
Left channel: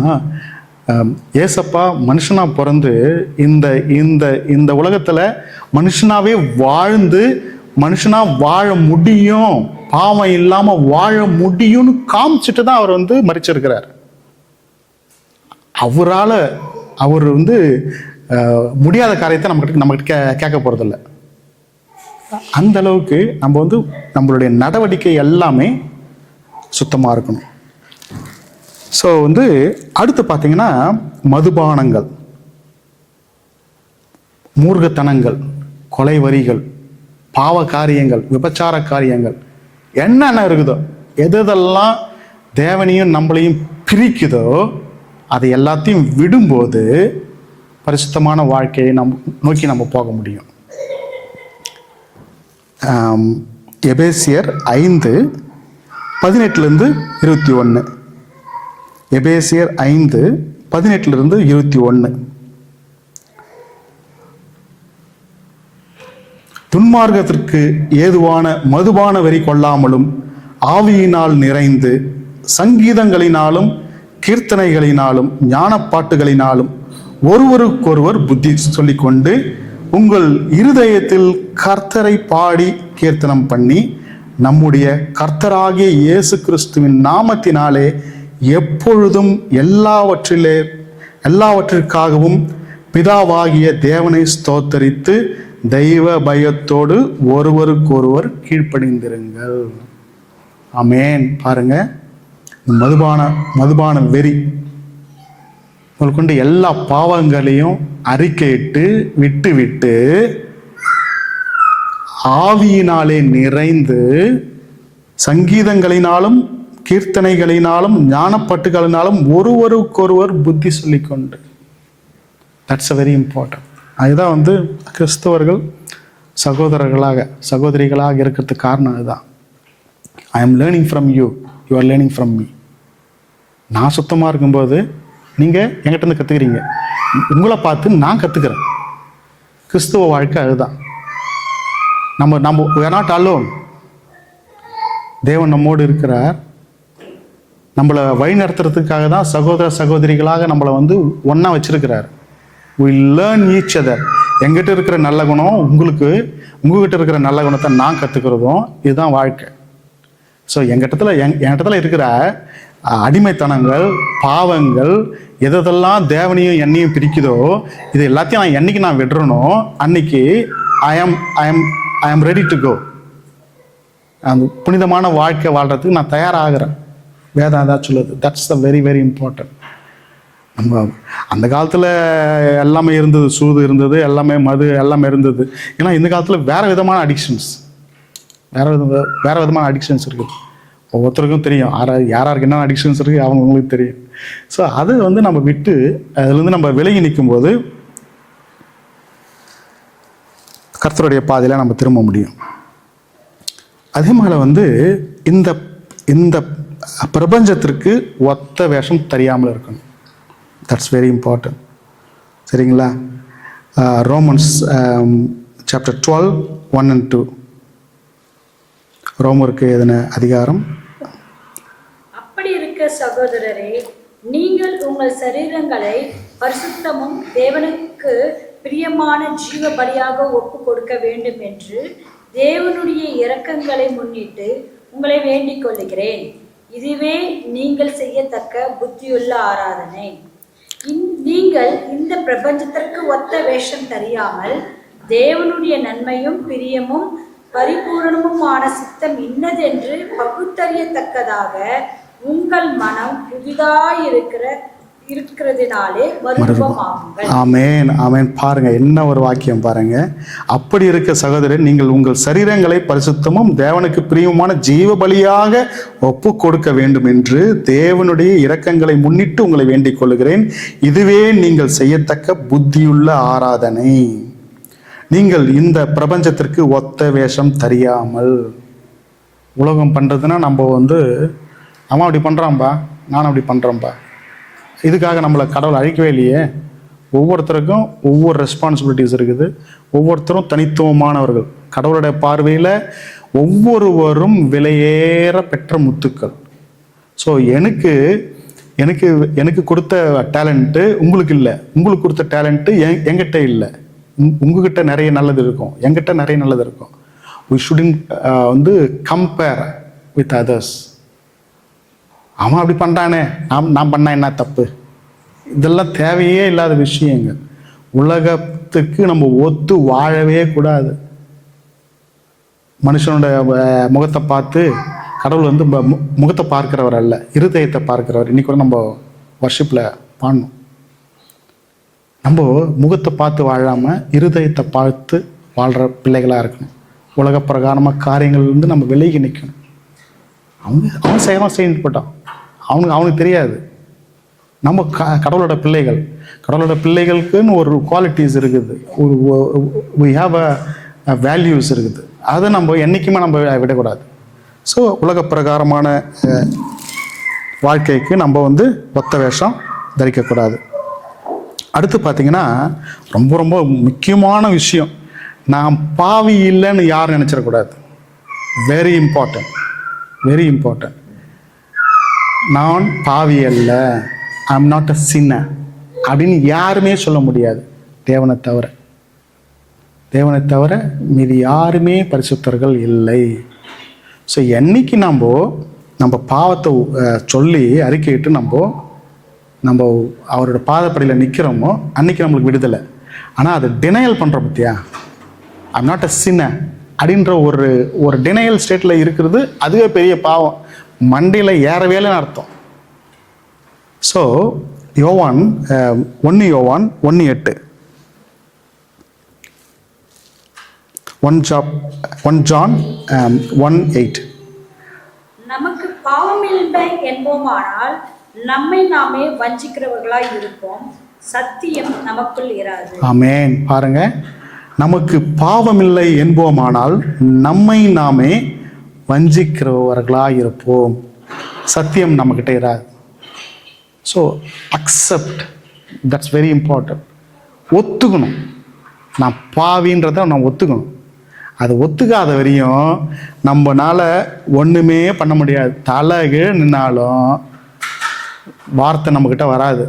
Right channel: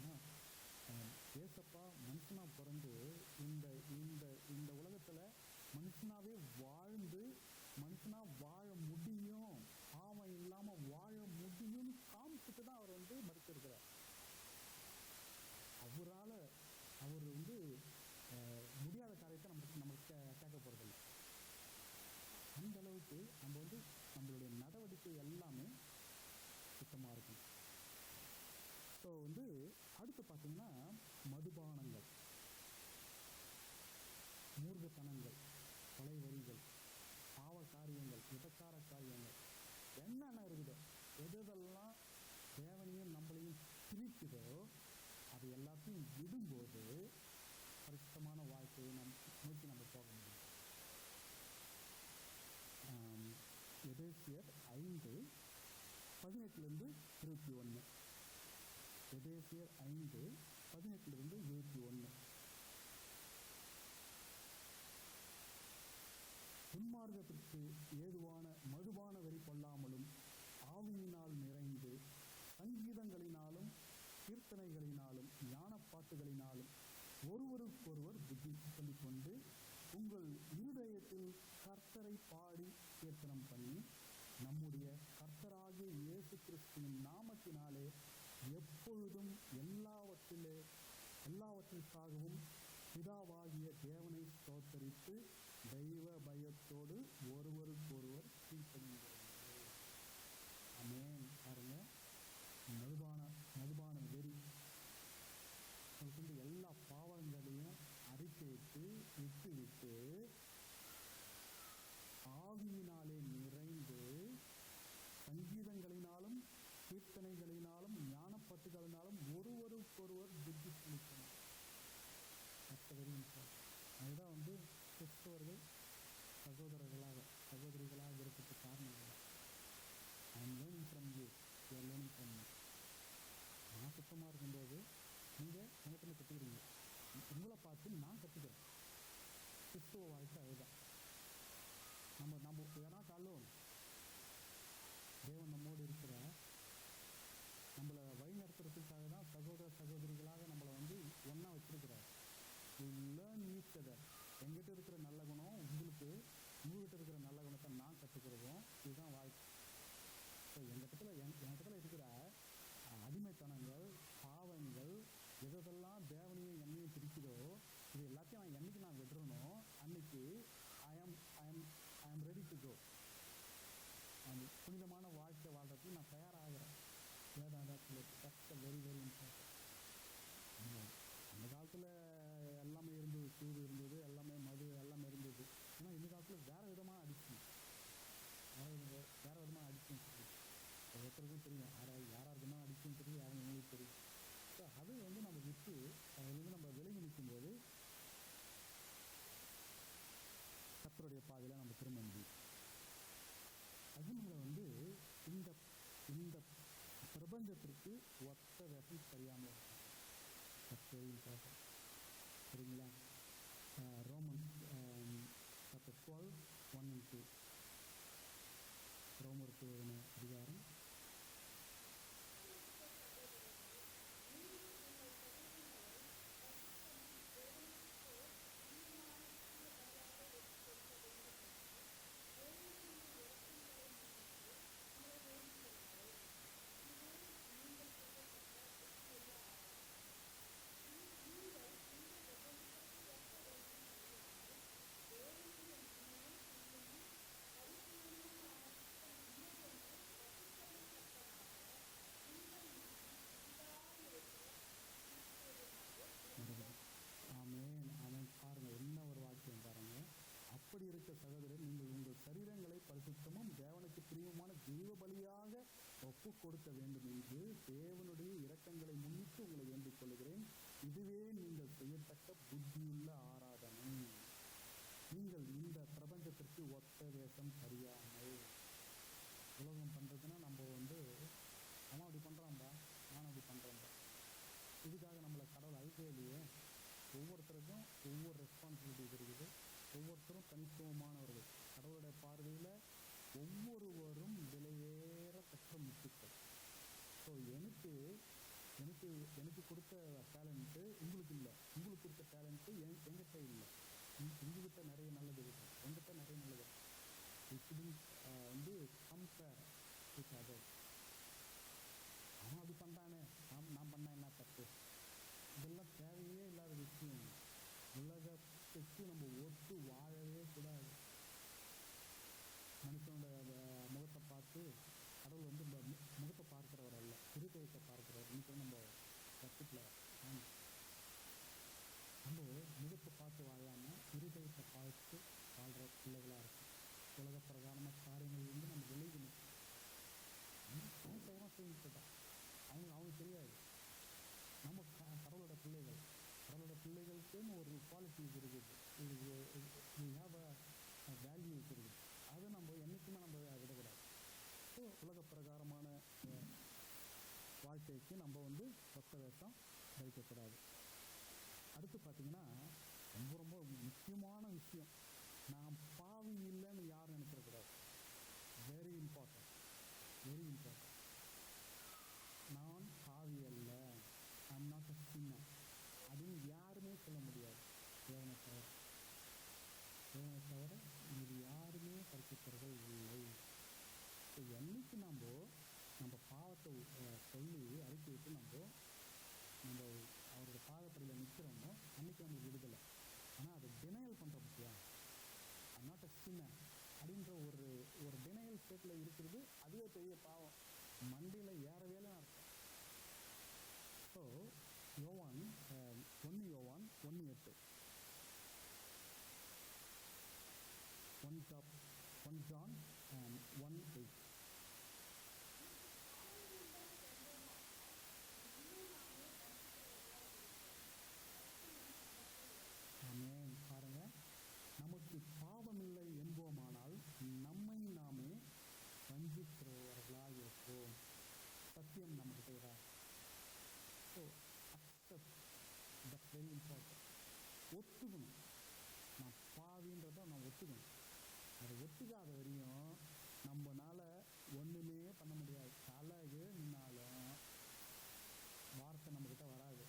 ஏசப்பா மனுஷனாக பிறந்து இந்த இந்த இந்த உலகத்தில் மனுஷனாவே வாழ்ந்து மனுஷனாக வாழ முடியும், பாவம் இல்லாமல் வாழ முடியும்னு காமிச்சிட்டு தான் அவர் மரிச்சிருக்கிறார். அவரால் அவர் முடியாத காரியத்தை நம்மகிட்ட கேட்க போகிறதில்ல. அந்த அளவுக்கு நம்ம நம்மளுடைய நடவடிக்கை எல்லாமே சுத்தமாக இருக்கணும். ஸோ அடுத்து பார்த்தீங்கன்னா மதுபானங்கள், மூர்க்கத்தனங்கள், கொலை வரிகள், பாவ காரியங்கள், விபச்சார காரியங்கள், என்னென்ன இருக்குதோ, எதெல்லாம் தேவனையும் நம்மளையும் பிரிக்குதோ அதை எல்லாத்தையும் விடும்போது பரிசுத்தமான வாழ்க்கையை நோக்கி நம்ம போக முடியும். எபேசியர் 5:18-21, எபேசியர் 5:18-21, துன்மார்க்கத்திற்கு ஏதுவான மதுபான வெறி கொள்ளாமலும் ஆவியினால் நிறைந்து சங்கீதங்களினாலும் கீர்த்தனைகளினாலும் ஞானப்பாட்டுகளினாலும் ஒருவருக்கொருவர் புத்தி சொல்லிக்கொண்டு உங்கள் இருதயத்தில் கர்த்தரை பாடி கீர்த்தனம் பண்ணி நம்முடைய கர்த்தராகிய இயேசு கிறிஸ்துவின் நாமத்தினாலே எப்பொழுதும் எல்லாவற்றிற்காகவும் பிதாவாகிய தேவனை ஸ்தோத்தரித்து தெய்வ பயத்தோடு ஒருவருக்கொருவர் கீழ்ப்படிந்திருங்கள். ஆமென். பாருங்க, மதுபான வெறி கொண்டு எல்லா பாவங்களையும் அறிக்கையிட்டு விட்டு ஆவியினாலே நிறைந்து சங்கீதங்களினாலும் கீர்த்தனைகளினாலும் ஞானப்பட்டுகளினாலும் ஒருவருக்கொருவர் புத்தி சொல்லிக்கொண்டு. That's a very important. அதுதான் கிறிஸ்தவர்கள் சகோதரிகளாக இருக்கிறதுக்கு காரணம் அதுதான். I am learning from you, you are learning from me. நான் சுத்தமாக இருக்கும்போது நீங்கள் என்கிட்ட இருந்து கற்றுக்கிறீங்க, உங்களை பார்த்து நான் கற்றுக்கிறேன். கிறிஸ்துவ வாழ்க்கை அதுதான். நம்ம we are not alone. தேவன் நம்மோடு இருக்கிறார். நம்மளை வழி நடத்துறதுக்காக தான் சகோதரிகளாக நம்மளை ஒன்றா வச்சிருக்கிறார். we learn each other. எங்கிட்ட இருக்கிற நல்ல குணம் உங்ககிட்ட இருக்கிற நல்ல குணத்தை நான் கற்றுக்கிறதும் இதுதான் வாழ்க்கை. ஸோ எங்கிட்டத்தில் இருக்கிற அடிமைத்தனங்கள், பாவங்கள், எதெல்லாம் தேவனையும் என்னையும் பிரிக்குதோ இது எல்லாத்தையும் என்னைக்கு நான் விடுறனோ அன்னைக்கு ஐ ஆம் ரெடி டு கோ. அந்த புனிதமான வாழ்க்கை வாழ்கிறதுக்கு நான் தயாராகிறேன். வேதம் அதான் சொல்லுது. That's the very very important. நம்ம அந்த காலத்தில் எல்லாமே இருந்தது, சூது இருந்தது, எல்லாமே மது எல்லாமே இருந்தது. ஏன்னா இந்த காலத்தில் வேறு விதமான அடிக்ஷன்ஸ், வேறு விதமான அடிக்ஷன்ஸ் இருக்குது. ஒவ்வொருத்தருக்கும் தெரியும் யாராருக்கு என்ன அடிக்ஷன்ஸ் இருக்குது அவங்களுக்கு தெரியும். ஸோ அதை நம்ம விட்டு அதுலேருந்து நம்ம விலகி நிற்கும்போது கர்த்தருடைய பாதையில் நம்ம திரும்ப முடியும். அதே மாதிரி இந்த இந்த பிரபஞ்சத்திற்கு ஒத்த வேஷம் தெரியாமல் இருக்கணும். That's very important. சரிங்களா? Romans chapter 12 1 and 2. ரோமருக்கு எதன அதிகாரம். அப்படி இருக்க சகோதரரே, நீங்கள் உங்கள் சரீரங்களை பரிசுத்தமும் தேவனுக்கு பிரியமான ஜீவ பலியாக ஒப்பு கொடுக்க வேண்டும் என்று தேவனுடைய இரக்கங்களை முன்னிட்டு உங்களை வேண்டிக் கொள்ளுகிறேன். இதுவே நீங்கள் செய்யத்தக்க புத்தியுள்ள ஆராதனை. நீங்கள் இந்த பிரபஞ்சத்திற்கு ஒத்த வேஷம் தெரியாமல் தேவனுடைய நன்மையும் பிரியமும் பரிபூரணமுமான சித்தம் இன்னதென்று பகுத்தறியத்தக்கதாக உங்கள் மனம் புதிதாயிருக்கிறதுனாலே மறுரூபமாகுங்கள். ஆமென், ஆமென். பாருங்க, என்ன ஒரு வாக்கியம் பாருங்க. அப்படி இருக்க சகோதரர், நீங்கள் உங்கள் சரீரங்களை பரிசுத்தமும் தேவனுக்கு பிரியமான ஜீவ பலியாக ஒப்பு கொடுக்க வேண்டும் என்று தேவனுடைய இரக்கங்களை முன்னிட்டு உங்களை வேண்டிக் கொள்ளுகிறேன். இதுவே நீங்கள் செய்யத்தக்க புத்தியுள்ள ஆராதனை. நீங்கள் இந்த பிரபஞ்சத்திற்கு ஒத்த வேஷம் தெரியாமல். உலகம் பண்ணுறதுன்னா நம்ம அவன் அப்படி பண்ணுறான்பா, நானும் அப்படி பண்ணுறேன்ப்பா. இதுக்காக நம்மளை கடவுள் அழிக்கவே இல்லையே. ஒவ்வொருத்தருக்கும் ஒவ்வொரு ரெஸ்பான்சிபிலிட்டிஸ் இருக்குது. ஒவ்வொருத்தரும் தனித்துவமானவர்கள். கடவுளுடைய பார்வையில் ஒவ்வொருவரும் விலையேற பெற்ற முத்துக்கள். ஸோ எனக்கு எனக்கு எனக்கு கொடுத்த டேலண்ட்டு உங்களுக்கு இல்லை, உங்களுக்கு கொடுத்த டேலண்ட்டு என்கிட்ட இல்லை. உங்ககிட்ட நிறைய நல்லது இருக்கும், என்கிட்ட நிறைய நல்லது இருக்கும். we shouldn't compare with others. அவன் அப்படி பண்ணுறானே, நான் பண்ணா என்ன தப்பு? இதெல்லாம் தேவையே இல்லாத விஷயங்கள். உலகத்துக்கு நம்ம ஒத்து வாழவே கூடாது. மனுஷனோட முகத்தை பார்த்து கடவுள் முகத்தை பார்க்கிறவர் அல்ல, இருதயத்தை பார்க்கிறவர். இன்னைக்கு கூட நம்ம வர்ஷிப்பில் பாடணும். நம்ம முகத்தை பார்த்து வாழாமல் இருதயத்தை பார்த்து வாழ்கிற பிள்ளைகளாக இருக்கணும். உலக பிரகாரமாக காரியங்கள் நம்ம விலகி நிற்கணும். அவன் செய்யணும் போட்டான், அவனுக்கு தெரியாது. நம்ம கடவுளோட பிள்ளைகள். கடவுளோட பிள்ளைகளுக்குன்னு ஒரு குவாலிட்டிஸ் இருக்குது, ஒரு we have a வேல்யூஸ் இருக்குது. அதை நம்ம என்றைக்குமே நம்ம விடக்கூடாது. ஸோ உலக பிரகாரமான வாழ்க்கைக்கு நம்ம ஒத்த வேஷம் தரிக்கக்கூடாது. அடுத்து பார்த்தீங்கன்னா ரொம்ப ரொம்ப முக்கியமான விஷயம், நான் பாவி இல்லைன்னு யாரும் நினச்சிடக்கூடாது. Very important, very important. நான் பாவி அல்ல, ஐ எம் நாட் அ சின்னர் அப்படின்னு யாருமே சொல்ல முடியாது, தேவனை தவிர. தேவனை தவிர மீது யாருமே பரிசுத்தர்கள் இல்லை. ஸோ என்னைக்கு நம்ம பாவத்தை சொல்லி அறிக்கையிட்டு நம்ம அவரோட பாதப்படியில் நிற்கிறோமோ அன்னைக்கு நம்மளுக்கு விடுதலை. ஆனால் அது டினையல் பண்ணுற பற்றியா, ஐ எம் நாட் அ சின்னர் அப்படின்ற ஒரு டினையல் ஸ்டேட்டில் இருக்கிறது, அதுவே பெரிய பாவம், மண்டையில் ஏறவேலைன்னு அர்த்தம். ஸோ யோவான் 1 யோவான் 1:8, 1 John 1:8. நமக்கு பாவமில்லை என்போமானால் நம்மை நாமே வஞ்சிக்கிறவர்களாய் இருப்போம், சத்தியம் நமக்குள் இராது. ஆமென். பாருங்க, நமக்கு பாவமில்லை என்போமானால் நம்மை நாமே வஞ்சிக்கிறவர்களாக இருப்போம், சத்தியம் நம்மக்கிட்ட இராது. So accept, that's very important. ஒத்துக்கணும், நான் பாவின்றதை நான் ஒத்துக்கணும். அது ஒத்துக்காத வரையும் நம்மனால ஒன்றுமே பண்ண முடியாது. தலைகீழ் நின்னாலும் வார்த்தை நம்மக்கிட்ட வராது,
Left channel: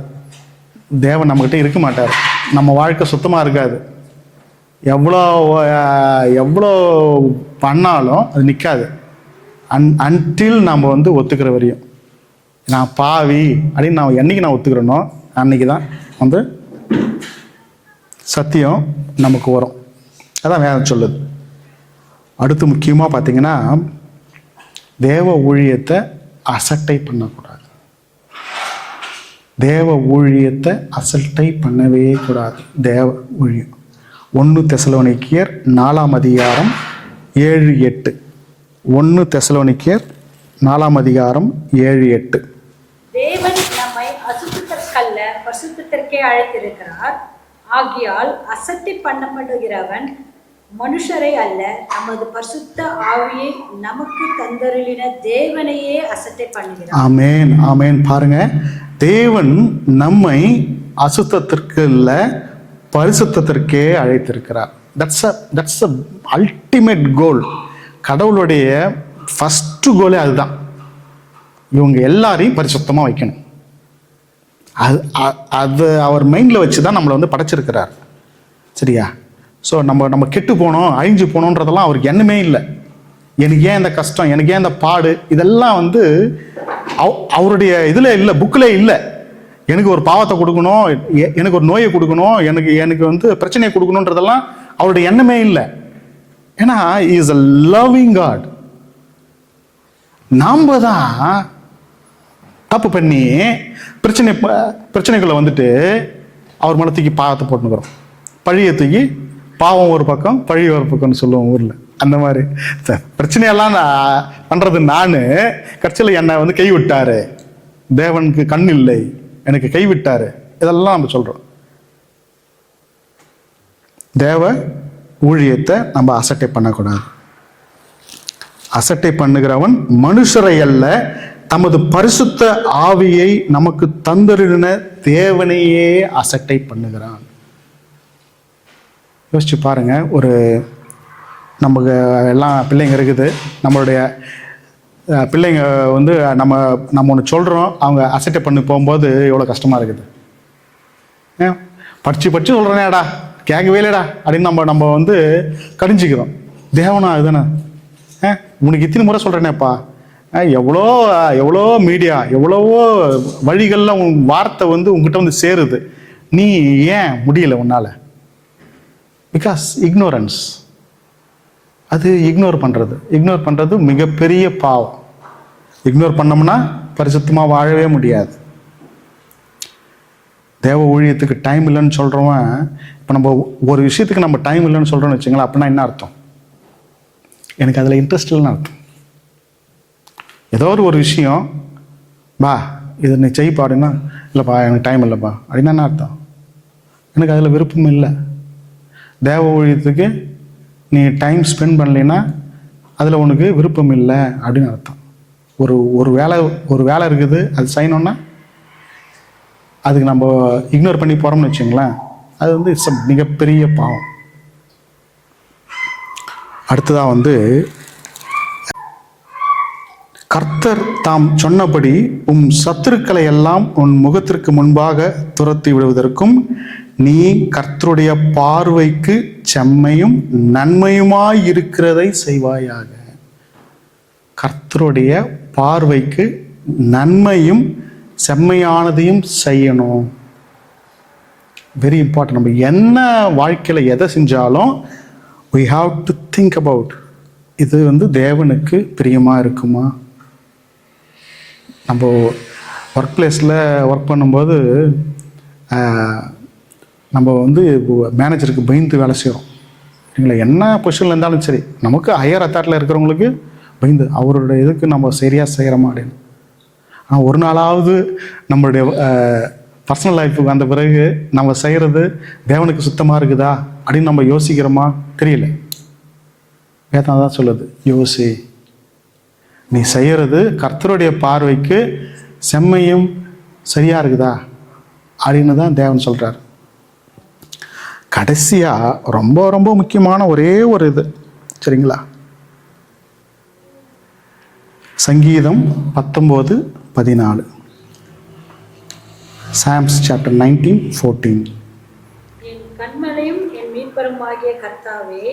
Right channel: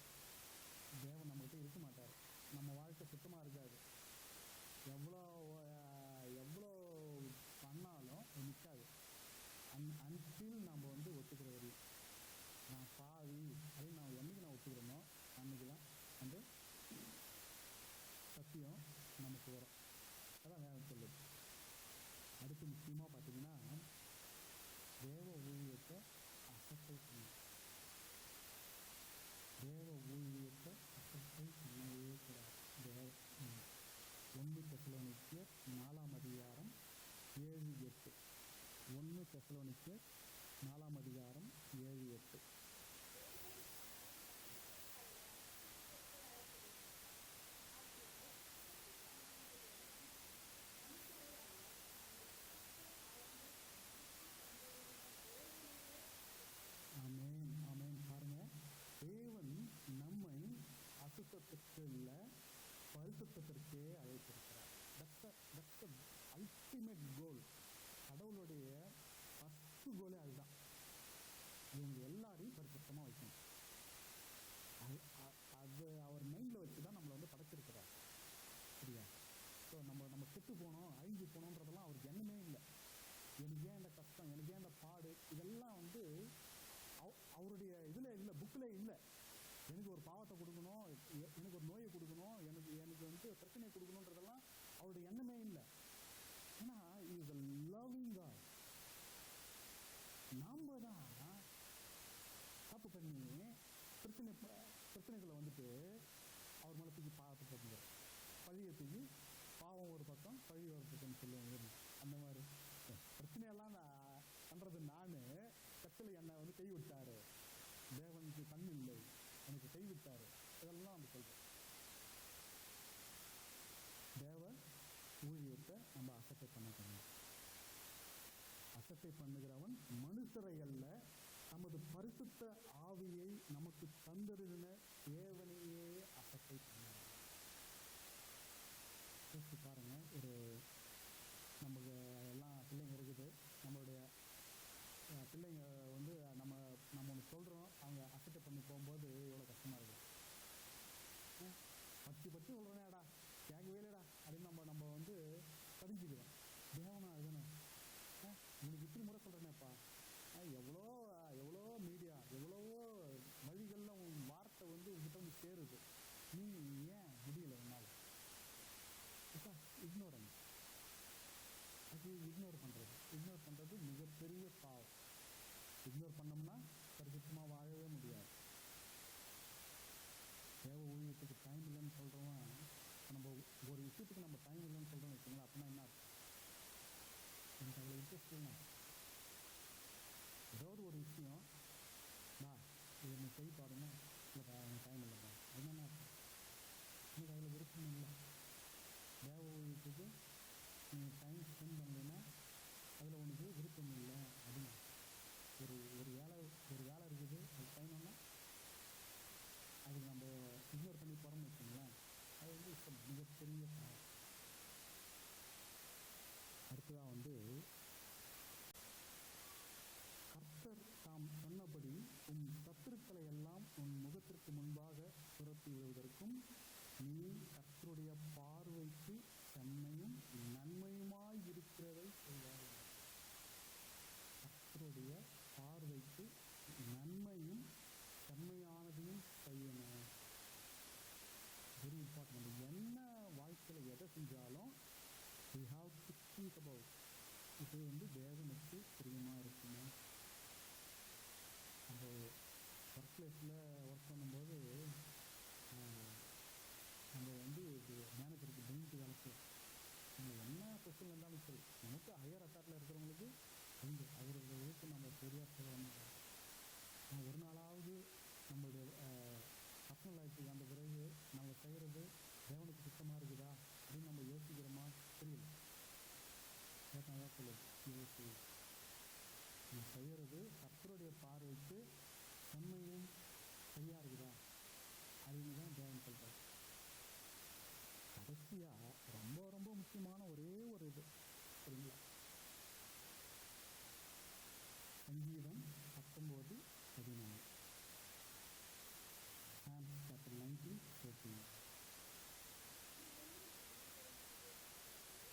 தேவன் நம்மக்கிட்ட இருக்க மாட்டார், நம்ம வாழ்க்கை சுத்தமாக இருக்காது. எவ்வளோ பண்ணாலும் அது நிற்காது. அன்டில் நம்ம வந்து ஒத்துக்கிற வரையும். நான் பாவி அப்படின்னு நான் என்னைக்கு நான் ஒத்துக்கிறேனோ அன்னைக்கு தான் வந்து சத்தியம் நமக்கு வரும். அதான் வேதம் சொல்லுது. அடுத்து முக்கியமாக பார்த்தீங்கன்னா, தேவ ஊழியத்தை அசட்டை பண்ணக்கூடாது. தேவ ஊழியத்தை அசட்டை பண்ணவே கூடாது. தேவ ஊழியம் 1 தெசலோனிக்கேயர் 4ஆம் அதிகாரம் 7-8. 1 தெசலோனிக்கேயர் 4ஆம் அதிகாரம் 7-8. தேவன் நம்மை அசுத்தத்திற்கல்ல பரிசுத்தத்திற்கே அழைத்திருக்கிறார். ஆகையால் அசட்டை பண்ணப்படுகிறவன் மனுஷரை அல்ல, நமது பரிசுத்த ஆவியை நமக்கு தந்தருளின தேவனையே அசட்டை பண்ணுகிறார். ஆமென், ஆமென். பாருங்க, தேவன் நம்மை அசுத்தத்திற்கு இல்ல பரிசுத்தத்திற்கே அழைத்திருக்கிறார். That's a ultimate goal. கடவுளுடைய ஃபர்ஸ்ட் கோலே அதுதான். இவங்க எல்லாரையும் பரிசுத்தமாக வைக்கணும். அது அவர் மைண்டில் வச்சு தான் நம்மளை வந்து படைச்சிருக்கிறார். சரியா? ஸோ நம்ம கெட்டு போனோம், அழிஞ்சு போனோன்றதெல்லாம் அவருக்கு எண்ணமே இல்லை. எனக்கு ஏன் இந்த கஷ்டம், எனக்கு ஏன் இந்த பாடு, இதெல்லாம் வந்து அவருடைய இதில் இல்லை, புக்கில் இல்லை. எனக்கு ஒரு பாவத்தை கொடுக்கணும், எனக்கு ஒரு நோயை கொடுக்கணும், எனக்கு வந்து பிரச்சனையை கொடுக்கணுன்றதெல்லாம் அவருடைய எண்ணமே இல்லை. ஏன்னா இஸ் அ லவ்விங் காட். நாம் தான் தப்பு பண்ணி பிரச்சனைக்குள்ள வந்துட்டு அவர் மேலே தூக்கி பாவத்தை போட்டுக்கிறோம். பழியை தூக்கி பாவம் ஒரு பக்கம் பழி ஒரு பக்கம்னு சொல்லுவோம் ஊரில். அந்த மாதிரி பிரச்சனையெல்லாம் நான் பண்ணுறது நான், கட்சியில் என்னை வந்து கைவிட்டாரு, தேவனுக்கு கண் இல்லை, எனக்கு கைவிட்டாரு, இதெல்லாம் நம்ம சொல்கிறோம். தேவ ஊழியத்தை நம்ம அசட்டை பண்ணக்கூடாது. அசட்டை பண்ணுகிறவன் மனுஷரை அல்ல, தமது பரிசுத்த ஆவியை நமக்கு தந்தருளின தேவனையே அசட்டை பண்ணுகிறான். யோசிச்சு பாருங்க, ஒரு நமக்கு எல்லாம் பிள்ளைங்க இருக்குது, நம்மளுடைய பிள்ளைங்க வந்து நம்ம ஒன்று சொல்கிறோம், அவங்க அசட்டை பண்ணி போகும்போது எவ்வளோ கஷ்டமாக இருக்குது. படித்து சொல்கிறேனேடா கேட்கவே இல்லைடா அப்படின்னு நம்ம வந்து கடிஞ்சிக்கிறோம். தேவனா இதுதானே, உனக்கு இத்தனை முறை சொல்கிறேனேப்பா, எவ்வளோ மீடியா, எவ்வளவோ வழிகளில் உன் வார்த்தை வந்து உங்ககிட்ட வந்து சேருது, நீ ஏன் முடியல உன்னால்? Because ignorance. அது இக்னோர் பண்ணுறது மிகப்பெரிய பாவம். இக்னோர் பண்ணோம்னா பரிசுத்தமாக வாழவே முடியாது. தேவ ஊழியத்துக்கு டைம் இல்லைன்னு சொல்கிறவன், இப்போ நம்ம ஒரு விஷயத்துக்கு நம்ம டைம் இல்லைன்னு சொல்கிறோன்னு வச்சுங்களேன், அப்படின்னா என்ன அர்த்தம்? எனக்கு அதில் இன்ட்ரெஸ்ட் இல்லைன்னு அர்த்தம். ஏதோ ஒரு விஷயம் பா இது நீ செய்ப்பா அப்படின்னா, இல்லைப்பா எனக்கு டைம் இல்லைப்பா அப்படின்னா என்ன அர்த்தம்? எனக்கு அதில் விருப்பம் இல்லை. தேவ ஊழியத்துக்கு நீ டைம் ஸ்பெண்ட் பண்ணலைன்னா அதில் உனக்கு விருப்பம் இல்லை அப்படின்னு அர்த்தம். ஒரு வேலை இருக்குது, அது செய்யணுன்னா அதுக்கு நம்ம இக்னோர் பண்ணி போகிறோம்னு வச்சுங்களேன், அது வந்து இட்ஸ் மிகப்பெரிய பாவம். அடுத்ததாக வந்து, கர்த்தர் தாம் சொன்னபடி உம் சத்துருக்களை எல்லாம் உன் முகத்திற்கு முன்பாக துரத்தி விடுவதற்கும் நீ கர்த்தருடைய பார்வைக்கு செம்மையும் நன்மையுமாய் இருக்கிறதை செய்வாயாக. கர்த்தருடைய பார்வைக்கு நன்மையும் செம்மையானதையும் செய்யணும். Very important. நம்ம என்ன வாழ்க்கையில் எதை செஞ்சாலும் we have to think about, இது வந்து தேவனுக்கு பிரியமாக இருக்குமா? நம்ம ஒர்க் பிளேஸில் ஒர்க் பண்ணும்போது நம்ம வந்து மேனேஜருக்கு பயந்து வேலை செய்கிறோம். சரிங்களா? என்ன பொசிஷனில் இருந்தாலும் சரி, நமக்கு ஹையர் அத்தாரிட்டியில் இருக்கிறவங்களுக்கு பயந்து அவரோட இதுக்கு நம்ம சரியாக செய்கிறோமா அப்படின்னு. ஆனால் ஒரு நாளாவது நம்மளுடைய பர்சனல் லைஃபுக்கு வந்த பிறகு நம்ம செய்கிறது தேவனுக்கு சுத்தமாக இருக்குதா அப்படின்னு நம்ம யோசிக்கிறோமா? தெரியல. வேதம் தான் சொல்லுது, யோசி, நீ செய்கிறது கர்த்தருடைய பார்வைக்கு செம்மையும் சரியாக இருக்குதா அப்படின்னு தான் தேவன் சொல்கிறார். கடைசியாக ரொம்ப ரொம்ப முக்கியமான ஒரே ஒரு இது, சரிங்களா? சங்கீதம் 19:14. Psalms chapter 19:14. என் கண்மலையும் என் மீட்பருமாகிய கர்த்தாவே,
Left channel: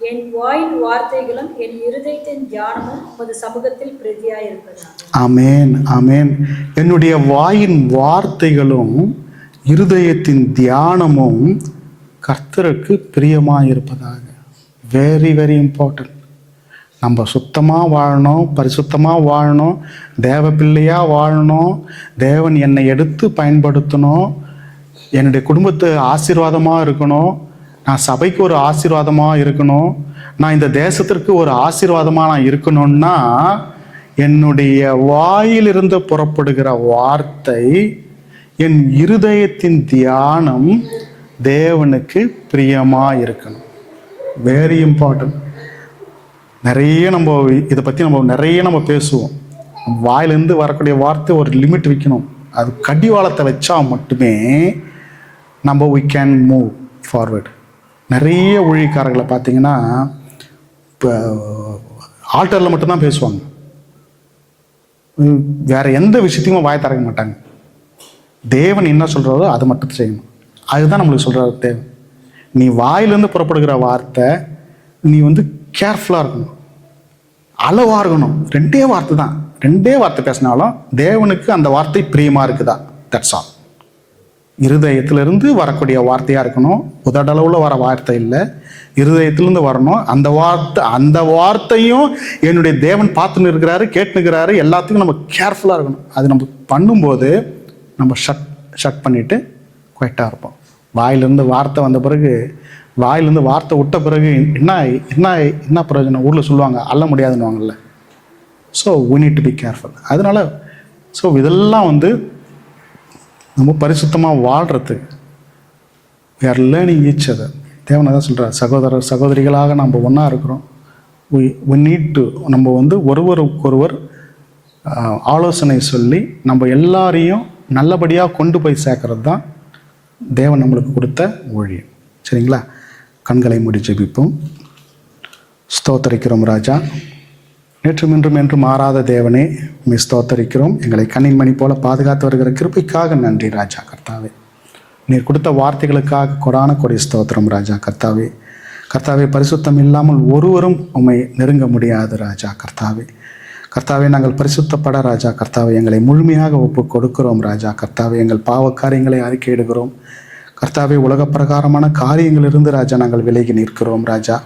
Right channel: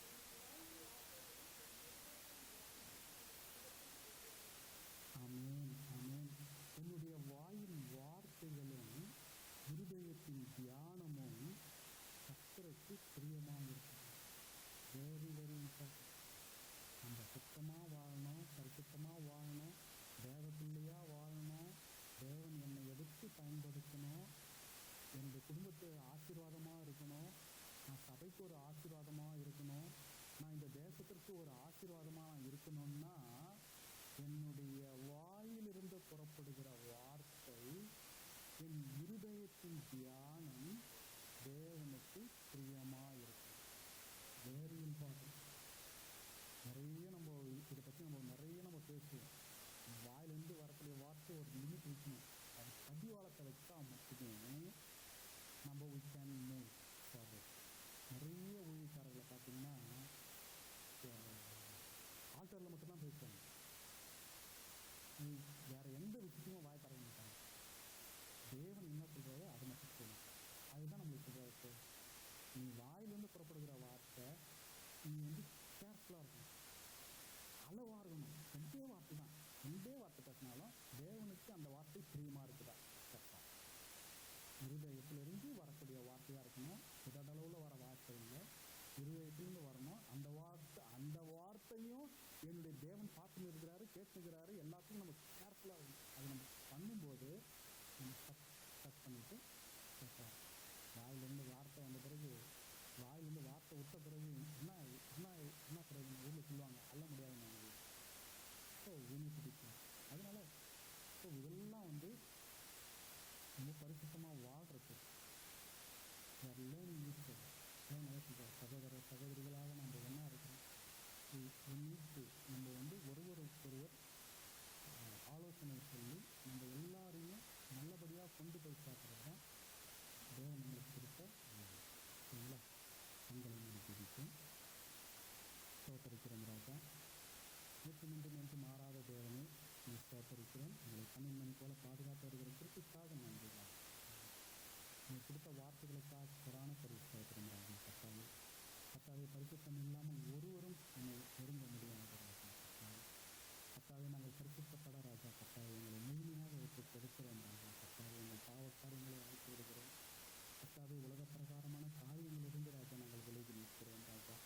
என் வாயின் வார்த்தைகளும் என் இருதயத்தின் தியானமும் உமது சமூகத்தில் பிரதியாயிருப்பதாக. ஆமேன், ஆமேன். என்னுடைய வாயின் வார்த்தைகளும் இருதயத்தின் தியானமும் கர்த்தருக்கு பிரியமாயிருப்பதாக. Very very important. நம்ம சுத்தமாக வாழணும், பரிசுத்தமாக வாழணும், தேவ பிள்ளையாக வாழணும், தேவன் என்னை எடுத்து பயன்படுத்தணும், என்னுடைய குடும்பத்து ஆசீர்வாதமாக இருக்கணும், நான் சபைக்கு ஒரு ஆசீர்வாதமாக இருக்கணும், நான் இந்த தேசத்திற்கு ஒரு ஆசீர்வாதமாக நான் இருக்கணும்னா என்னுடைய வாயிலிருந்து புறப்படுகிற வார்த்தை, என் இருதயத்தின் தியானம் தேவனுக்கு பிரியமாக இருக்கணும். Very important. நிறைய நம்ம இதை பற்றி நிறைய பேசுவோம். வாயிலிருந்து வரக்கூடிய வார்த்தை ஒரு லிமிட் வைக்கணும். அது கடிவாளத்தை வச்சா மட்டுமே நம்ம we can move forward. நிறைய ஊழியக்காரர்களை பார்த்தீங்கன்னா இப்போ ஆல்டரில் மட்டும்தான் பேசுவாங்க, வேற எந்த விஷயத்தையும் வாய் திறக்க மாட்டாங்க. தேவன் என்ன சொல்கிறாரோ அதை மட்டும் செய்யணும். அதுதான் நம்மளுக்கு சொல்கிறாரு தேவன். நீ வாயிலிருந்து புறப்படுகிற வார்த்தை நீ கேர்ஃபுல்லாக இருக்கணும், அளவாக இருக்கணும். ரெண்டே வார்த்தை பேசினாலும் தேவனுக்கு அந்த வார்த்தை பிரியமாக இருக்குதா, தட்ஸ் ஆல். இருதயத்திலிருந்து வரக்கூடிய வார்த்தையாக இருக்கணும். உதடளவில் வர வார்த்தை இல்லை, இருதயத்திலிருந்து வரணும். அந்த வார்த்தையும் என்னுடைய தேவன் பார்த்துன்னு இருக்கிறாரு, கேட்டுனுக்கிறாரு. எல்லாத்துக்கும் நம்ம கேர்ஃபுல்லாக இருக்கணும். அது நம்ம பண்ணும்போது நம்ம ஷட் பண்ணிவிட்டு குவைட்டாக இருப்போம். வாயிலிருந்து வார்த்தை வந்த பிறகு, வாயிலிருந்து வார்த்தை விட்ட பிறகு என்ன பிரயோஜனம்? ஊரில் சொல்லுவாங்க, அள்ள முடியாதுன்னுவாங்கல்ல. So we need to be careful. அதனால இதெல்லாம் நம்ம பரிசுத்தமாக வாழ்கிறதுக்கு we are learning each other. தேவனை தான் சொல்கிறார், சகோதரர் சகோதரிகளாக நம்ம ஒன்றா இருக்கிறோம். we need to நம்ம ஒருவருக்கொருவர் ஆலோசனை சொல்லி நம்ம எல்லாரையும் நல்லபடியாக கொண்டு போய் சேர்க்கறது தான் தேவன் நம்மளுக்கு கொடுத்த ஊழியம். சரிங்களா? கண்களை மூடி ஜெபிப்போம். ஸ்தோத்தரிக்கிறோம் ராஜா, நேற்றும் இன்றும் என்று மாறாத தேவனே, உம்மை ஸ்தோத்தரிக்கிறோம். எங்களை கண்ணின் மணி போல பாதுகாத்து வருகிற கிருபைக்காக நன்றி ராஜா கர்த்தாவே. நீர் கொடுத்த வார்த்தைகளுக்காக கொடான கொடி ஸ்தோத்திரம் ராஜா கர்த்தாவே. கர்த்தாவே, பரிசுத்தம் இல்லாமல் ஒருவரும் உம்மை நெருங்க முடியாது ராஜா கர்த்தாவே. கர்த்தாவே, நாங்கள் பரிசுத்தப்பட ராஜா கர்த்தாவே எங்களை முழுமையாக ஒப்பு கொடுக்கிறோம் ராஜா கர்த்தாவே. எங்கள் பாவ காரியங்களை அறிக்கையிடுகிறோம் கர்த்தாவே. உலக பிரகாரமான காரியங்களிலிருந்து ராஜா நாங்கள் விலகி நிற்கிறோம் ராஜா.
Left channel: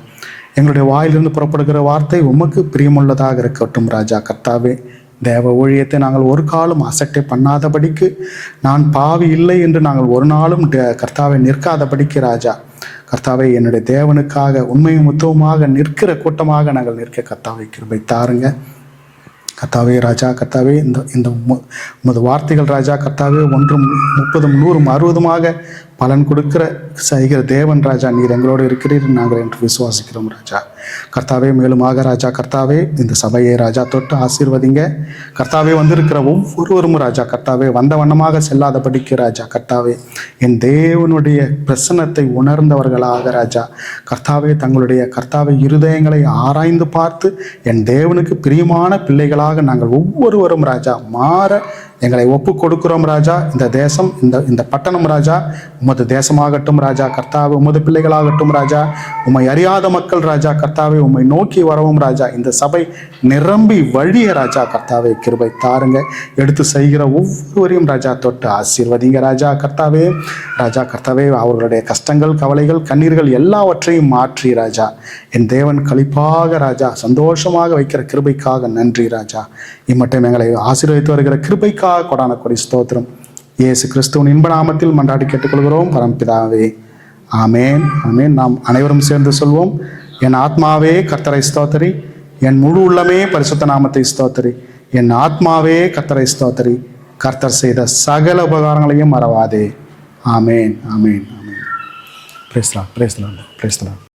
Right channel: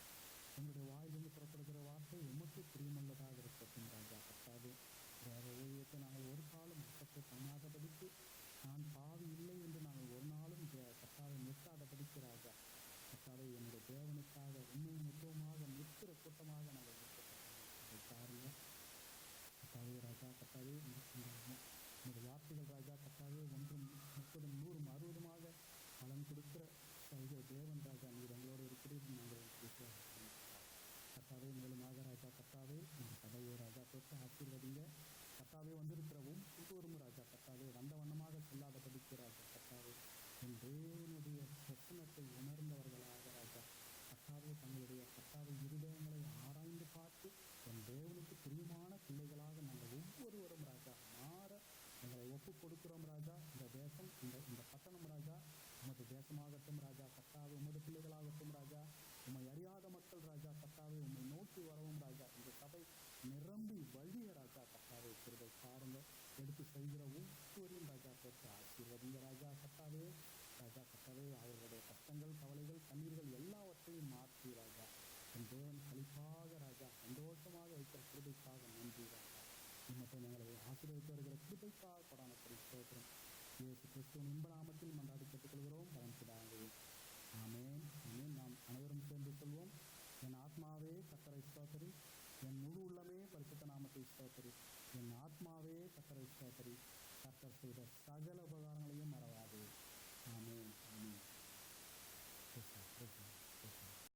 எங்களுடைய வாயிலிருந்து புறப்படுகிற வார்த்தை உமக்கு பிரியமுள்ளதாக இருக்கட்டும் ராஜா கர்த்தாவே. தேவ ஊழியத்தை நாங்கள் ஒரு காலம் அசட்டை பண்ணாதபடிக்கு, நான் பாவி இல்லை என்று நாங்கள் ஒரு நாளும் கர்த்தாவை நிற்காதபடிக்கு ராஜா கர்த்தாவே, என்னுடைய தேவனுக்காக உண்மையும் உத்தவமாக நிற்கிற கூட்டமாக நாங்கள் நிற்க கர்த்தாவை கிருபை தாருங்க கர்த்தாவே. ராஜா கர்த்தாவே, இந்த உமது வார்த்தைகள் ராஜா கர்த்தாவே 1 30 100 60 பலன் கொடுக்கிற செய்கிற தேவன் ராஜா. நீர் எங்களோடு இருக்கிறீர் நாங்கள் என்று விசுவாசிக்கிறோம் ராஜா கர்த்தாவே. மேலுமாக ராஜா கர்த்தாவே, இந்த சபையை ராஜா தொட்டு ஆசீர்வதிங்க கர்த்தாவே. வந்திருக்கிற ஒவ்வொருவரும் ராஜா கர்த்தாவே வந்த வண்ணமாக செல்லாதபடிக்கு ராஜா கர்த்தாவே, என் தேவனுடைய பிரசன்னத்தை உணர்ந்தவர்களாக ராஜா கர்த்தாவே, தங்களுடைய கர்த்தாவே இருதயங்களை ஆராய்ந்து பார்த்து என் தேவனுக்கு பிரியமான பிள்ளைகளாக நாங்கள் ஒவ்வொருவரும் ராஜா மாற எங்களை ஒப்பு கொடுக்கிறோம் ராஜா. இந்த தேசம், இந்த பட்டணம் ராஜா உமது தேசமாகட்டும் ராஜா கர்த்தாவே. உமது பிள்ளைகளாகட்டும் ராஜா. உம்மை அறியாத மக்கள் ராஜா கர்த்தாவே உம்மை நோக்கி வரவும் ராஜா. இந்த சபை நிரம்பி வழிய ராஜா கர்த்தாவே கிருபை தாருங்க. எடுத்து செய்கிற ஒவ்வொருவரையும் ராஜா தொட்டு ஆசீர்வதிங்க ராஜா கர்த்தாவே. ராஜா கர்த்தாவே, அவர்களுடைய கஷ்டங்கள், கவலைகள், கண்ணீர்கள் எல்லாவற்றையும் மாற்றி ராஜா என் தேவன் களிப்பாக ராஜா சந்தோஷமாக வைக்கிற கிருபைக்காக நன்றி ராஜா. இம்மட்டும் எங்களை ஆசீர்வதித்து வருகிற கிருபைக்காக கொடான கொடி ஸ்தோத்திரம். இயேசு கிறிஸ்துவின் இன்ப நாமத்தில் மன்றாடி கேட்டுக்கொள்கிறோம் பரம்பிதாவே, ஆமேன் ஆமேன். நாம் அனைவரும் சேர்ந்து சொல்வோம். என் ஆத்மாவே கர்த்தரை ஸ்தோத்தரி, என் முழு உள்ளமே பரிசுத்த நாமத்தை ஸ்தோத்தரி. என் ஆத்மாவே கர்த்தரை ஸ்தோத்தரி, கர்த்தர் செய்த சகல உபகாரங்களையும் மறவாதே. ஆமேன் ஆமேன் ஆமேன். Praise the Lord, praise the Lord, praise the Lord.